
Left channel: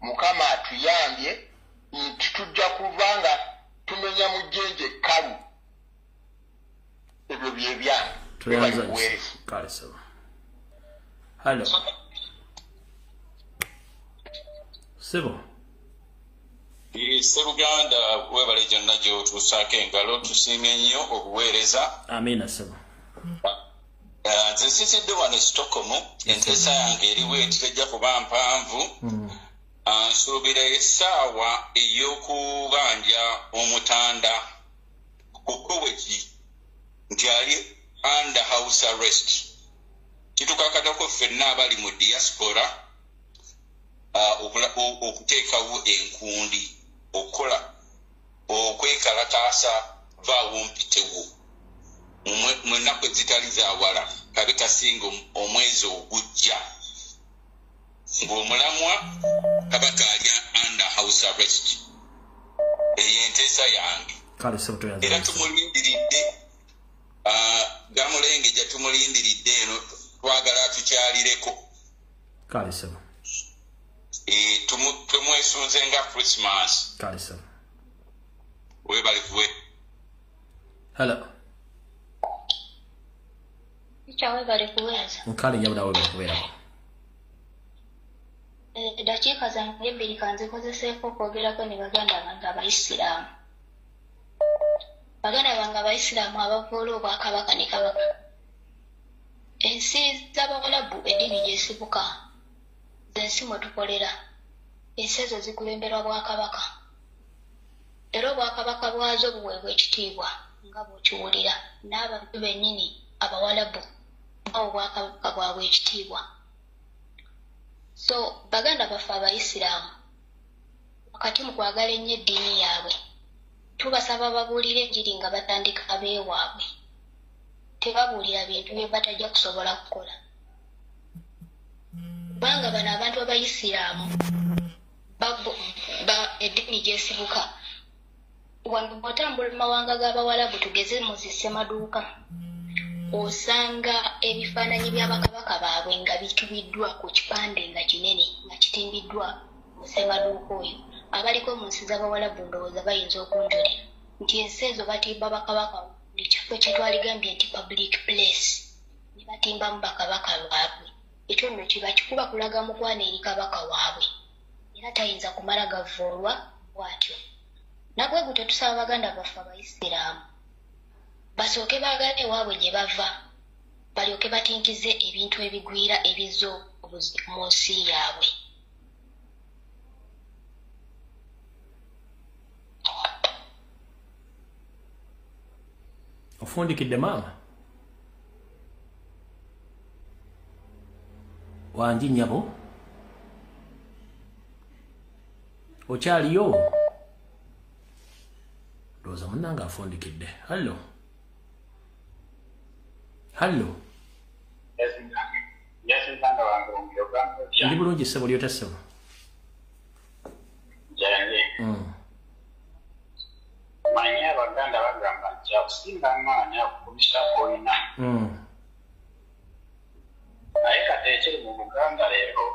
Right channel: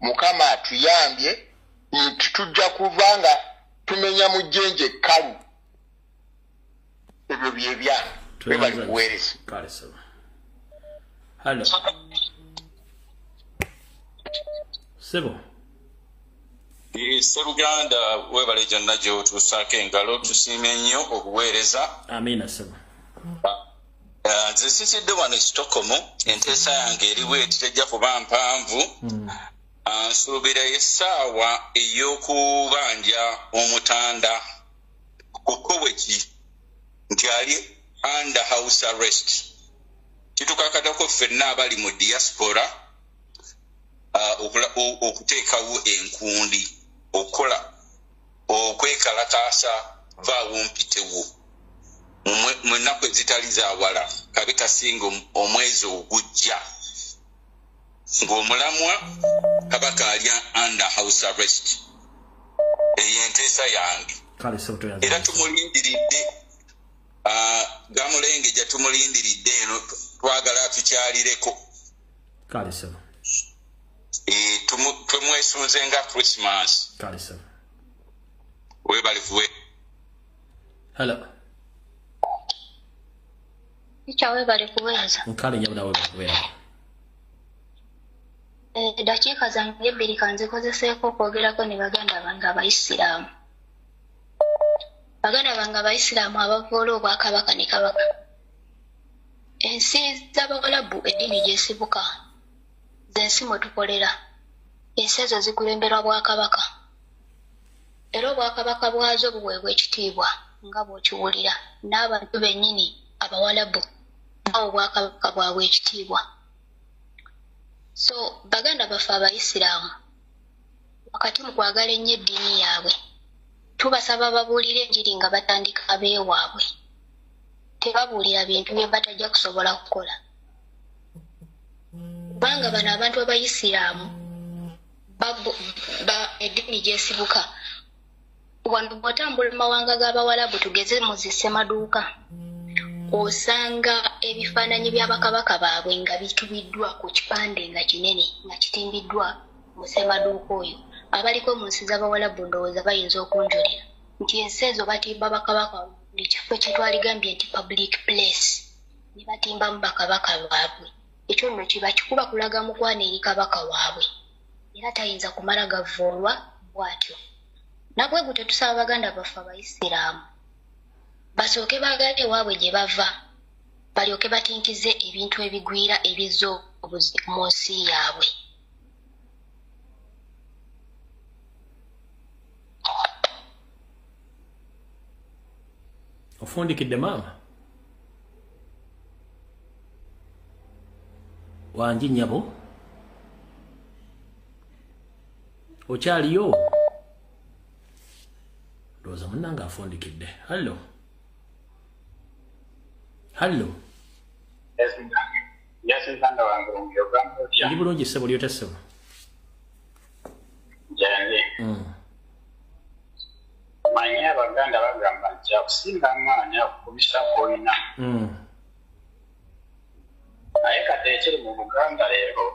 Mukama atuyambye nti tujja kuva nga tumenya mu jjenje ekkalu ebyo byebyange Hello. Sebo. Sseruganda webale gyonna gy'otuusaako engalo tusiime nnyo okuweereza. Amiina Sebo. Nze sisidde wano e Stockholm enteesa yange eriwo etitejja kuba mpanvu. Nsuubira essaawa ey'okubanja omutanda ku Koweki nti ali under house arrest. Kitukakatako ffenna abali mu diaspora okuteekawo enkundi okukola okwekalataasa vaawo mpitewo mu nnaku ezitali zaawala kabe kasinga omwezi ogujja ng'omulamwa Kabaka ali under house arrest eyo enteesa yange era tumulindiridde Gamulenge gye tumulindiridde eno twagala tukyalireko kale sebo tumwesunze nga Christmas kale sebo webale kuwe hello Ichawe bali kuweza nkale nyabula webale kubeerako dakiika zange 2 kanzikozeseeko okwogerako ne baganda bange Abayisiraamu baganda bange Abayisiraamu abavoola Obwakabaka ne Kabaka ensi z'Abawalabu eddiini gyesibuka zensi mwe tukolera ensi ezo zikulemberwa Bwakabaka era Obwakabaka bwazo buweebwa ekitiibwa nga bw'okiwulira n'abantu bennyini Abawalabu nabo Obwakabaka bwabwe ekitiibwa so baganda baffe Abayisiraamu wakati mu kwagala ennyo eddiini yaabwe tubasaba babuulire enjiri nga batandika abeewaabwe tebabuulira bintu bye batajja kusobola kukola kubanga bano abantu Abayisiraamu eddiini gyesibuka wano bw'otambula mu mawanga g'Abawalabu tugeze mu zissemaduuka osanga ebifaananyi bya bakabaka baabwe nga bitubiddwa ku kipande nga kinene nga kitimbiddwa mu ssemaduuka oyo abaliko mu nsi z'Abawalabu ndowooza bayinza okunjulira nti ensi ezo batimba bakabaka buli kifo kye twaligambye nti public place ne batimbamu bakabaka baabwe ekyo nno kiba kikuba kulaga mukwano eri kabaka waabwe era tayinza kumala gavuulwa bw'atyo. Nabwe gute tusaba Abaganda baffe Abayisiraamu basooke baagale ewaabwe gye bava balyoke batinkize ebintu ebigwira ebizza obuzi mu nsi yaabwe. Ofundikidde maama wangi nnyabo okyaliyo ndowooza munnange afundikidde. Hallo ndi bulungi ssebo lyota ssebo. Manyi Abaganda bagamba nti akusinga amaanyi okukubisa olina. Naye kati ekiri mu Buganda leero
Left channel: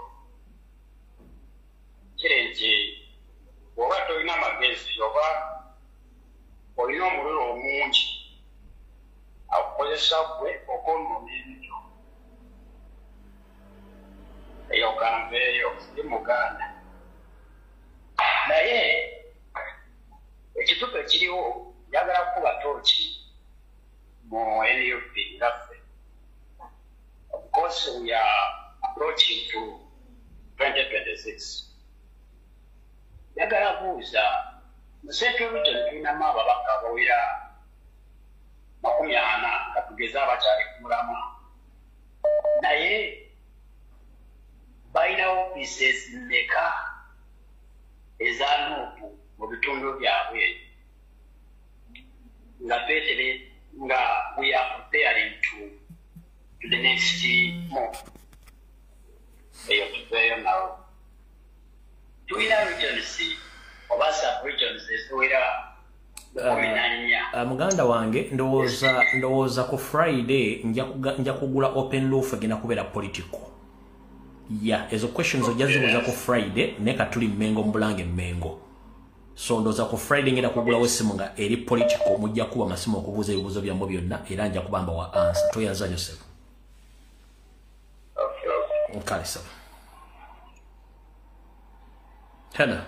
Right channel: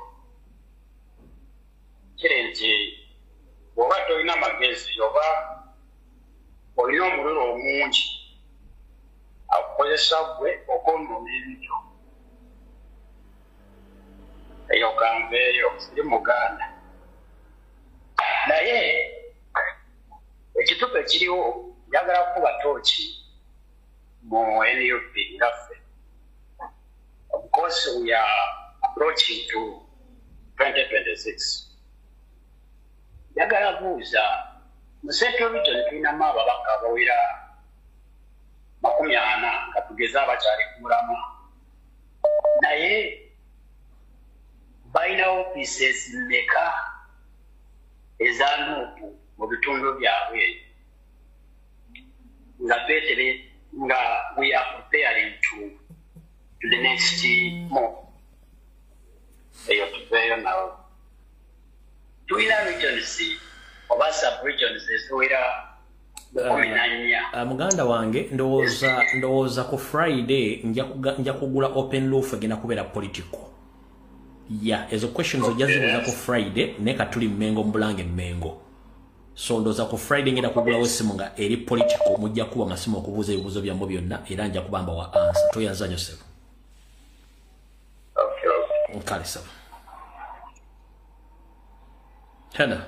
kiri nti bw'oba tolina magezi oba olina omuliro omungi akukozesa ggwe okwonona ebintu. Eyo gamba eyo ndi Muganda. Naye ekitupe kiriwo njagala kuba tooki mu NUP ngaffe. Of course we are approaching to 2026. Njagala buuza mu Central Region tulinamu ababaka abawera 40 nga tugeza abakyali ku mulamwa. Naye balina offices mmeka eza Nuupu mu bitundu byabwe nga beetere nga we are preparing to the next month. Eyo tuveeyo nawo. Tulina regions oba sub-regions eziwera muganda wange ndowooza ku Friday nja kugula open roof egenda kubeera political. Ezo questions ojja zibuuza ku Friday naye katuli Mmengo Mbulange Mmengo. So ndowooza ku Friday ngenda kugulawo essimu nga eri political mujja kuba amasimu okubuuza ebibuuzo byambo byonna era nja kubamba wa answer. Toyanza nnyo ssebo. Nkale ssebo. Hena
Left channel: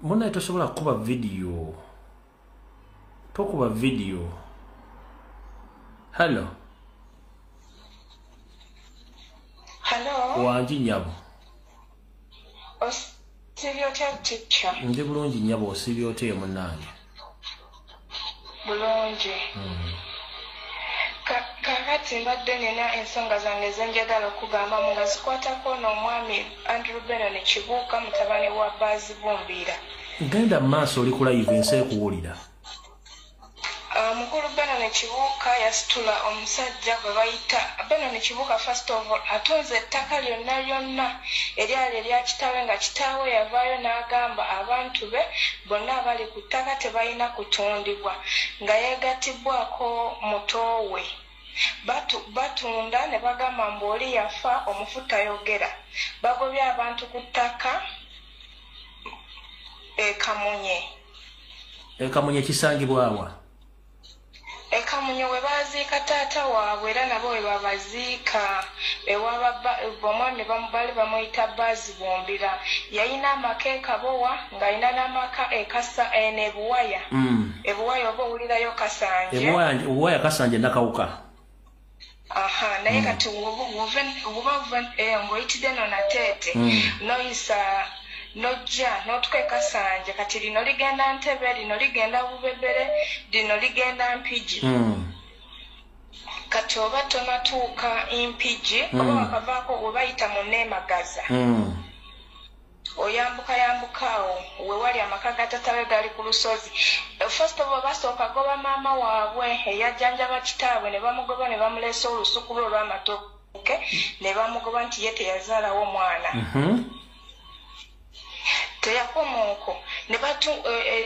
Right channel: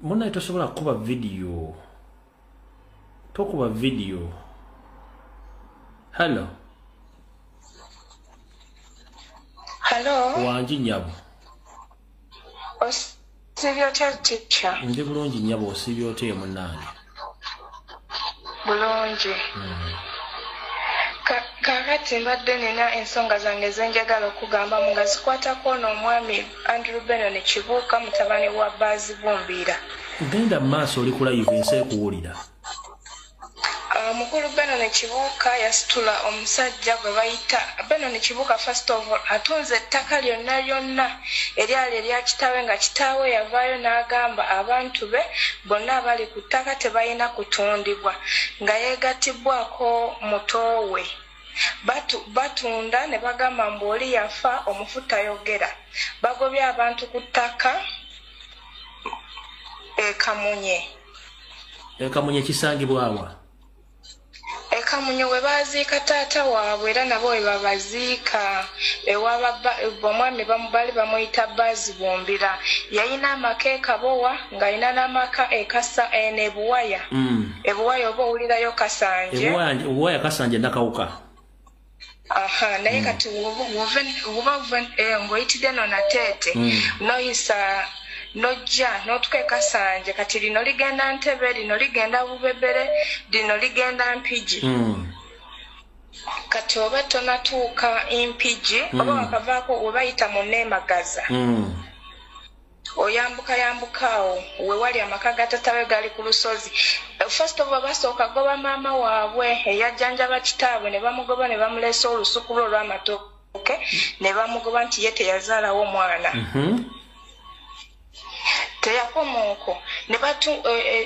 munnaye tosobola kukuba video. Tokuba video. Hello. Wangi nnyabo. Osibye otya teacher? Ndi bulungi nnyabo, osibye otya munnange? Bulungi. Kakati mbadde nina ensonga zange zenjagala okugamba nga zikwatako n'omwami Andrew Benon Kibuuka mutabani wa Bazibumbira. Genda mu maaso oli ku live ensi ekuwulira. Mukulu Benon Kibuuka yasitula omusajja gwe bayita Benon Kibuuka first of all atunze ettaka lyonna lyonna eryali erya kitaawe nga kitaawe yavaayo n'agamba abantu be bonna abali ku ttaka tebalina kutundibwa nga yeegattibwako muto we. Batunda ne bagamba mbu oli yafa omufu tayogera. Bagobye abantu ku ttaka Kamunye. Kamunye kisangibwa wa? Kamunye we baziika taata waabwe era nabo we babaziika omwami bali bamuyita Bazibumbira. Yalina amaka Kabowa ng'alina n'amaka Kasa n'Ebuwaya. Ebuwaya oba owulirayo Kasanje. Ebuwaya Kasanje nakawuka. Naye kati ng'oyitidde n'onateete noyisa nojja n'otuka Kasanje kati lino ligenda Ntebe lino ligenda Bubebere lino ligenda Mpigi. Kati oba tonatuuka Mpigi oba bakavaako obayita mu Neemagaza. Oyambukaawo we wali amaka ga taatawe gali ku lusozi. First of all basooka goba maama waabwe eyajjanjaba kitaabwe ne bamugoba ne bamuleesa olusuku lwe olw'amatooke ne bamugoba nti ye teyazaalawo mwana. Teyakomaoko ne batu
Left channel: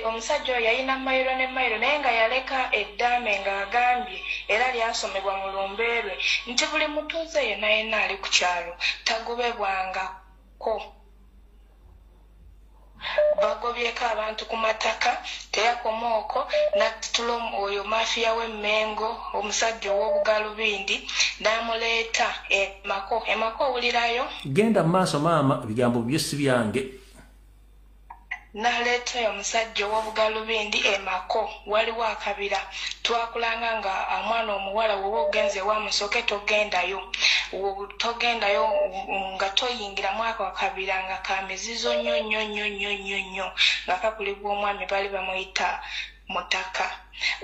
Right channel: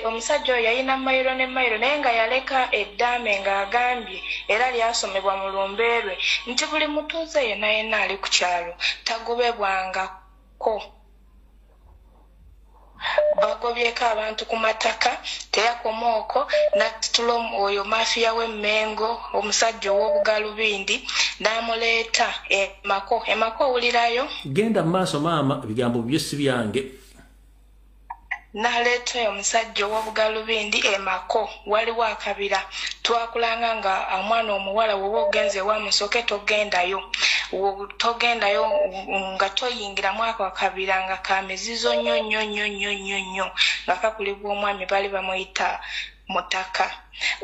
omusajja oyo yalina mayiro ne mayiro naye nga yaleka eddaame ng'agambye era lyasomebwa mu Lumbuye nti buli mutuuze yenna yenna ali ku kyalo tagobebwangako. bagobyeko abantu ku mataka teyakomaoko natitula oyo mafiya w'emmengo omusajja ow'obugalubindi n'amuleeta emako owulirayo genda mu maaso maama ebigambo byo si byange n'aleeta oyo omusajja ow'obugalubindi emako waliwo akabira twakulanga nga omwana omuwala woba ogenze wamusooke togendayo nga toyingiramu ako akabira nga kamizizo nnyo nga kakulibwa omwami bali bamuyita mutaka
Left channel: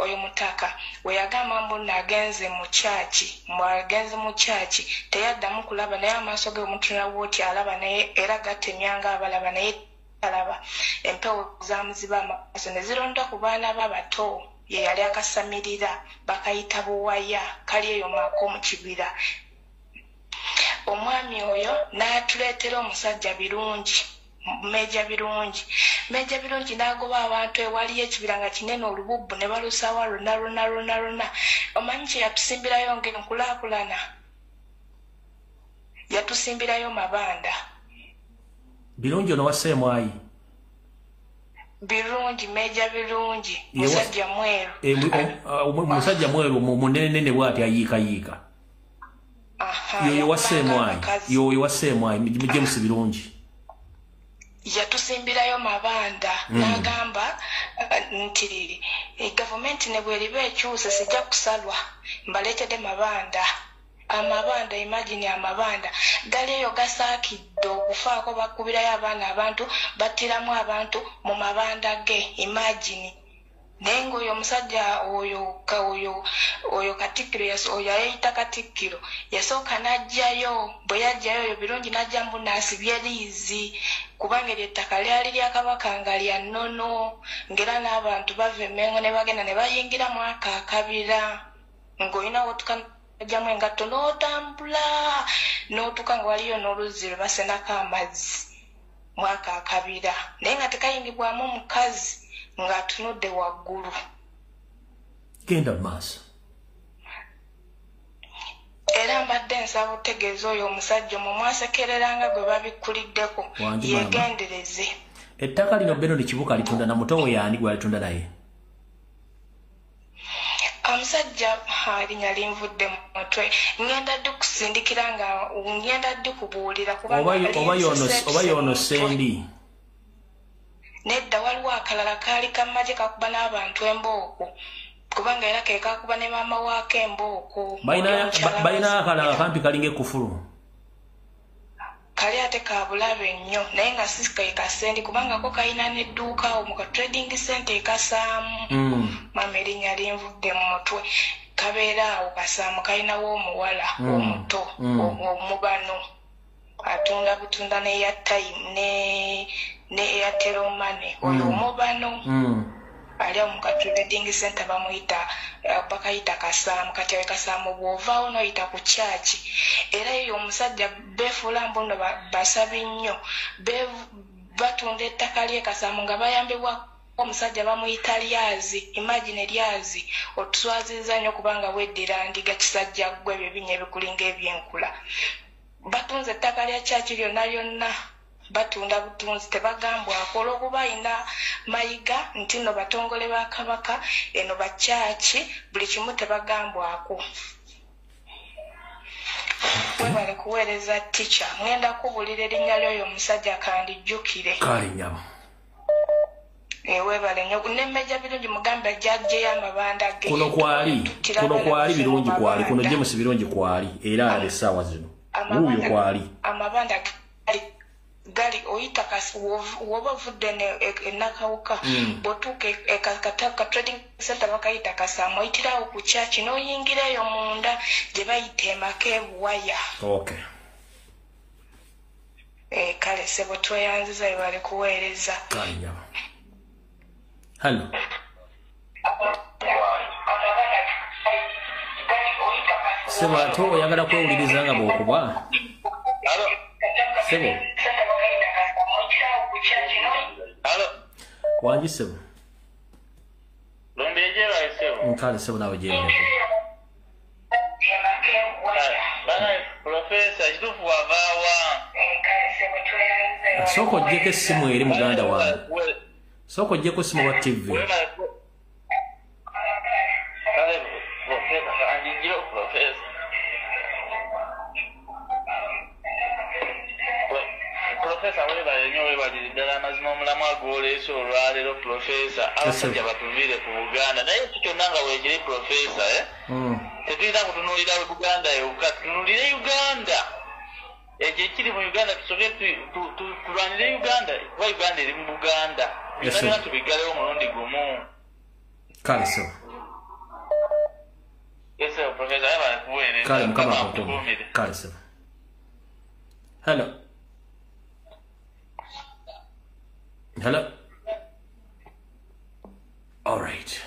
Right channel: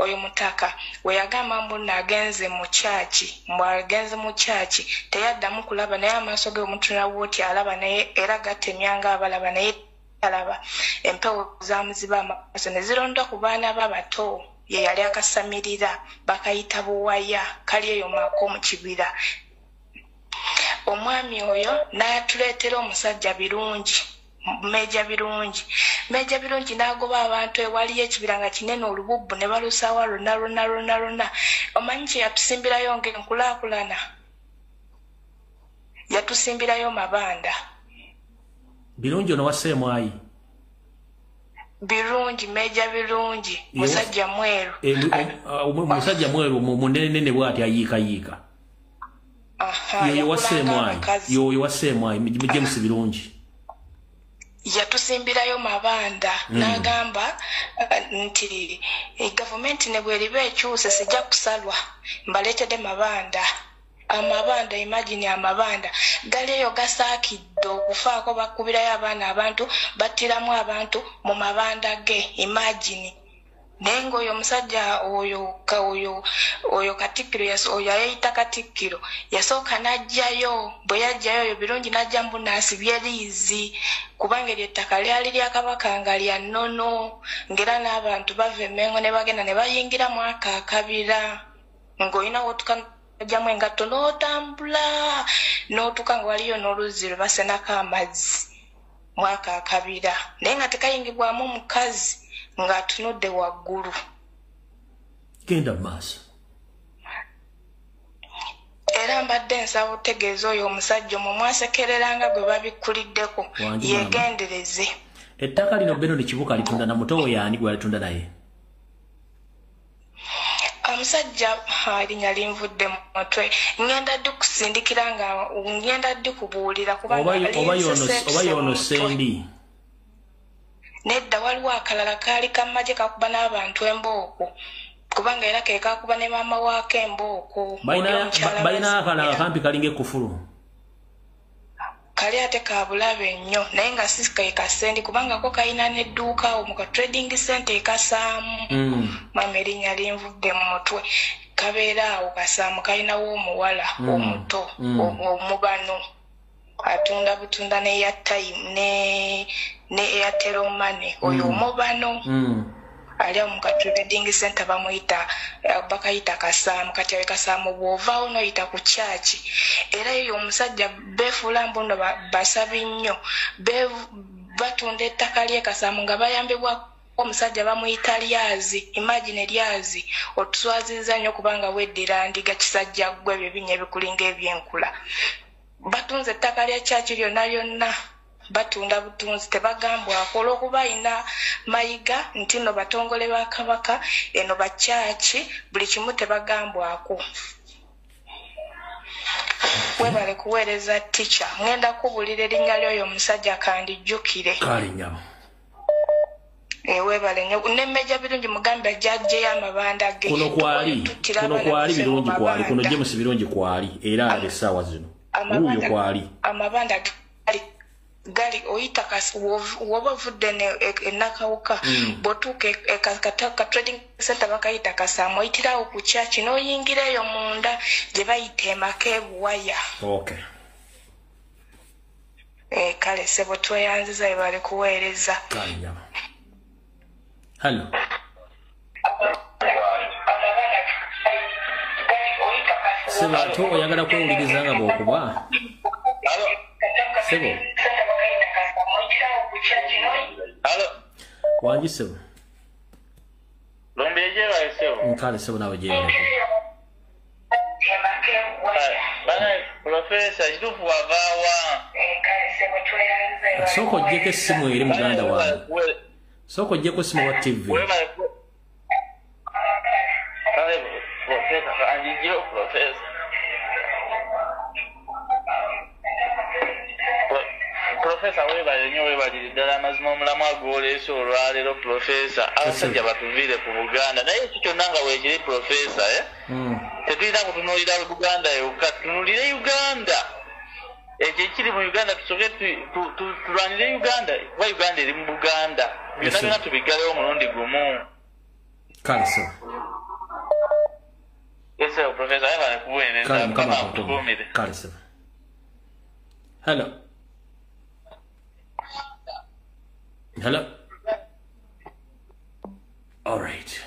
oyo mutaka weyagamba mbuno agenze mu kyaki mbwagenze mu kyaki teyaddamu kulaba naye amaaso ge omutuna bwoti alaba naye era gatemyanga abalaba naye alaba empewo zamuziba amaaso ne zironda ku baana b'abato ye yali akasamirira bakayita buwaya kali eyo mako mu kibira omwami oyo n'atuleetera omusajja birungi meja birungi n'agoba abantu ewaliyo ekibira nga kinene olububbu ne balusaawa lonna omanyi kye yatusimbirayo ng'enkulaakulana yatusimbirayo mabanda birungi ono wasseemwayi birungi meja birungi musajja mweru musajja mweru munenenene bw'ati ayiikayiika yoyo wasseemwayi James birungi yatusimbirayo mabanda n'agamba nti gavumenti ne bweriba ekyuse sijja kusalwa mbaleetedde mabanda amabanda imagine amabanda gali eyo gasaakidde okufaako bakubirayo abaana abantu battiramu abantu mu mabanda ge imagine naye ng'oyo omusajja oyo katikkiro oyo ayeyita katikkiro yasooka n'ajjayo bwe yajjayo oyo birungi n'ajja mbu n'asibye liizi kubanga eryo ettaka lyali lya kabaka nga lya nnono ng'era n'abantu bava Emmengo ne bagenda ne bayingira mu ako akabira ng'olina wotuka ajjamu engatto n'otambula n'otuka nga waliyo n'oluzzi lwe basenako amazzi mu ako akabira naye nga tekayingibwamu mukazi ng'atunudde waggulu genda maaso era mbadde nsaba otegeeza oyo omusajja omwo mwasekereranga gwe babikkuliddeko yegendereze ettaka lino beno likibuka litunda na muto we yaani gwe alitunda naye omusajja linnya linvudde mu mutwe ngenda ddi kusindikira nga ngenda ddi kubuulira oba yono sendi nedda waliwo akalala kaali kamagye kakuba n'abantu embooko kubanga era ke kakuba ne maama waako embooko balina akalala kampi kalinga ekkufulu kali ate kabulabe nnyo naye nga si kasendi kubanga ko kalina n'edduuka awo mu ka trading center ekasaamu mama erinnya linvudde mu mutwe kabeera awo kasaamu kalinawo omuwala omuto omubano atunda butunda ne airtime ne Airtel money oyo omubano ali mu ka trading center bakayita kasaamu kati kasaamu bw'ovaawo n'oyita ku kyaki era eyo omusajja beefuula mbuno basabi nnyo batunda ettaka ly'e kasaamu nga bayambibwa omusajja bamuyita lyazi imagine lyazi otuswaziza nnyo kubanga weddira ndiga kisajja ggwe ebibinya ebikulinga ebyenkula batunze ettaka lya kyaki lyonna batunda butunzi tebagambwako olw'okuba alina mayiga nti no batongole ba kabaka eno bakyaki buli kimu tebagambwako webale kuweereza tica ngenda kubulira erinnya ly'oyo omusajja kandijjukire kalinyama webale nnyo nemmeja birungi mugambe ajjajjeyo amabanda ge kuno kwali birungi kwali kuno James birungi kwali era alabe essaawa zino wuuyo kwali amabanda gali oyita kasi woba ovudde enakawuka bw'otuuka ka trading center bakayita kasaamu oyitirawo ku kyaki n'oyingira eyo munda gye bayita emaka ebuwaya kale sebo tweyanziza ebale kuweereza Hello. Sebo ate oyagala kwewuliriza nga bw'okuba Sebo wangi Sebo nkale Sebo nawe gyewuleko Profesa ntufu wavaawa Soko jeke simu eri muganda wange. Soko jeko simu wa TV. Professor weba nyo weba dala mazimo mulamu agoleso olwalero professor abasajja batuvire ku Buganda naye kitonanga wegere professor tebira kutunulira Buganda ukatunulire Uganda ekiri mu Uganda tusoke tulwanire Uganda wa Uganda eri mu Buganda bina tubigalewo omulundi gumu Kaliso Yes professor aba kuwene Kale mukama akutumu Kaliso Hello Hello. All right.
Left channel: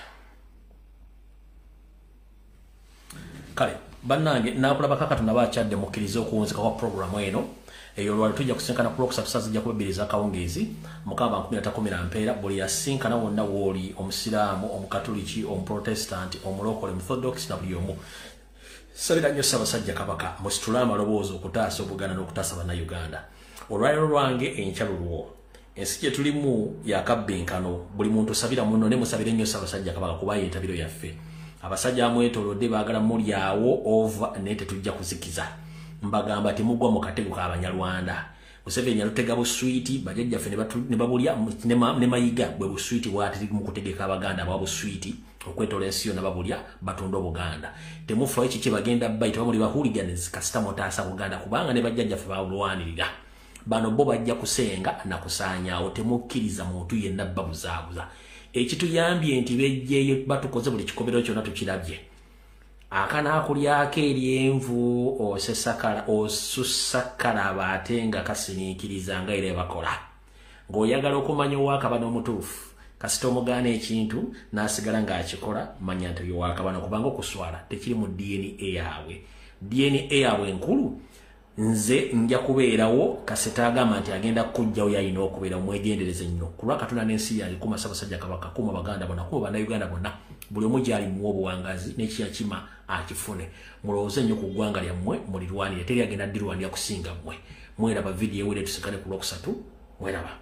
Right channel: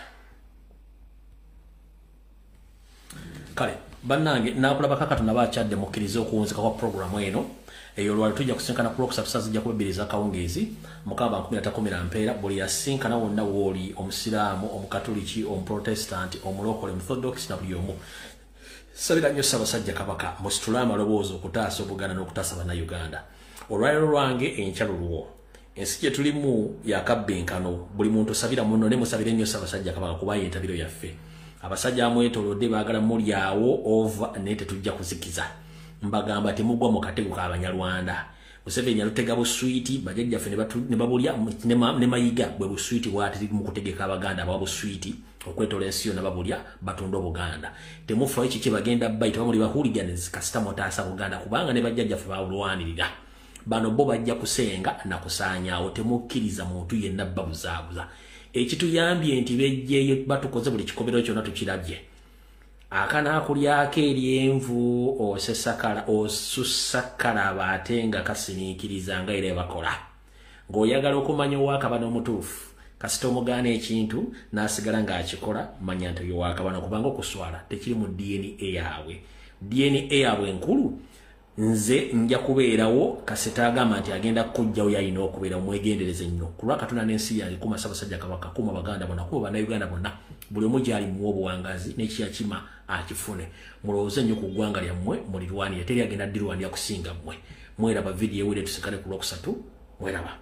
Kale, bannange nakulaba kakati nabachadde mukkiriza okuwunzika kwa programu eno. Eyo lwali tujja kusinkana ku Lwokusatu sazijja kubabiriza kawungeezi mukaba 13 mpeera buli yasinkana wonna wooli omusiraamu omukatoliki omuprotestant omulokole Orthodox na buli omu. Sabira nnyo Ssaabasajja Kabaka musitule amaloboozi okutaasa Obuganda n'okutaasa bannayuganda. Olwaliro lwange enkyalulwo ensi gye tulimu yakabbenkano buli muntu sabira muno ne musabire nnyo Ssaabasajja Kabaka kuba yentabiro yaffe abasajja amwetoolodde baagala mulyawo over ne tetujja kuzikiza mbagamba temugwa mu katego k'Abanyarwanda Museveni yalutega buswiti bajjajjaffe ne babulya ne mayiga bwe buswiti bwatiri mu kutegeka Abaganda aba buswiti okwetoola ensi yonna babulya batunda Obuganda temufa ekiki bagenda bayita bamuli bahooligans kasita motaasa Buganda kubanga ne bajjajjaffe bawulwanirira bano bo bajja kusenga na kusaanyaawo temukkiriza muntu yenna babuzaabuza ekituyambye nti bejjeeyo batukoze buli kikobero kyonna tukirabye akana akulyako eryenvu osusakala ate nga kasiniikiriza nga era bakola ng'oyagala okumanya owakaba n'omutuufu kasita omugaana ekintu n'asigala ng'akikola manya nti oyo wakabano kubanga okuswala tekiri mu DNA yaabwe enkulu nze nja kubeerawo kasita agamba nti agenda kujjawo yalina okubeera omwegendereze nnyo kulwa Katonda n'ensi yange kuma Ssaabasajja Kabaka kuma Baganda bonna kuma bannayuganda bonna buli omu gyali muwa obuwangazi n'ekiyakima akifune mulowooze nnyo ku ggwanga lyammwe mulirwanire teri agenda ddirwanira kusinga mmwe mweraba vidiyo ewere tusikane ku Lwokusatu mweraba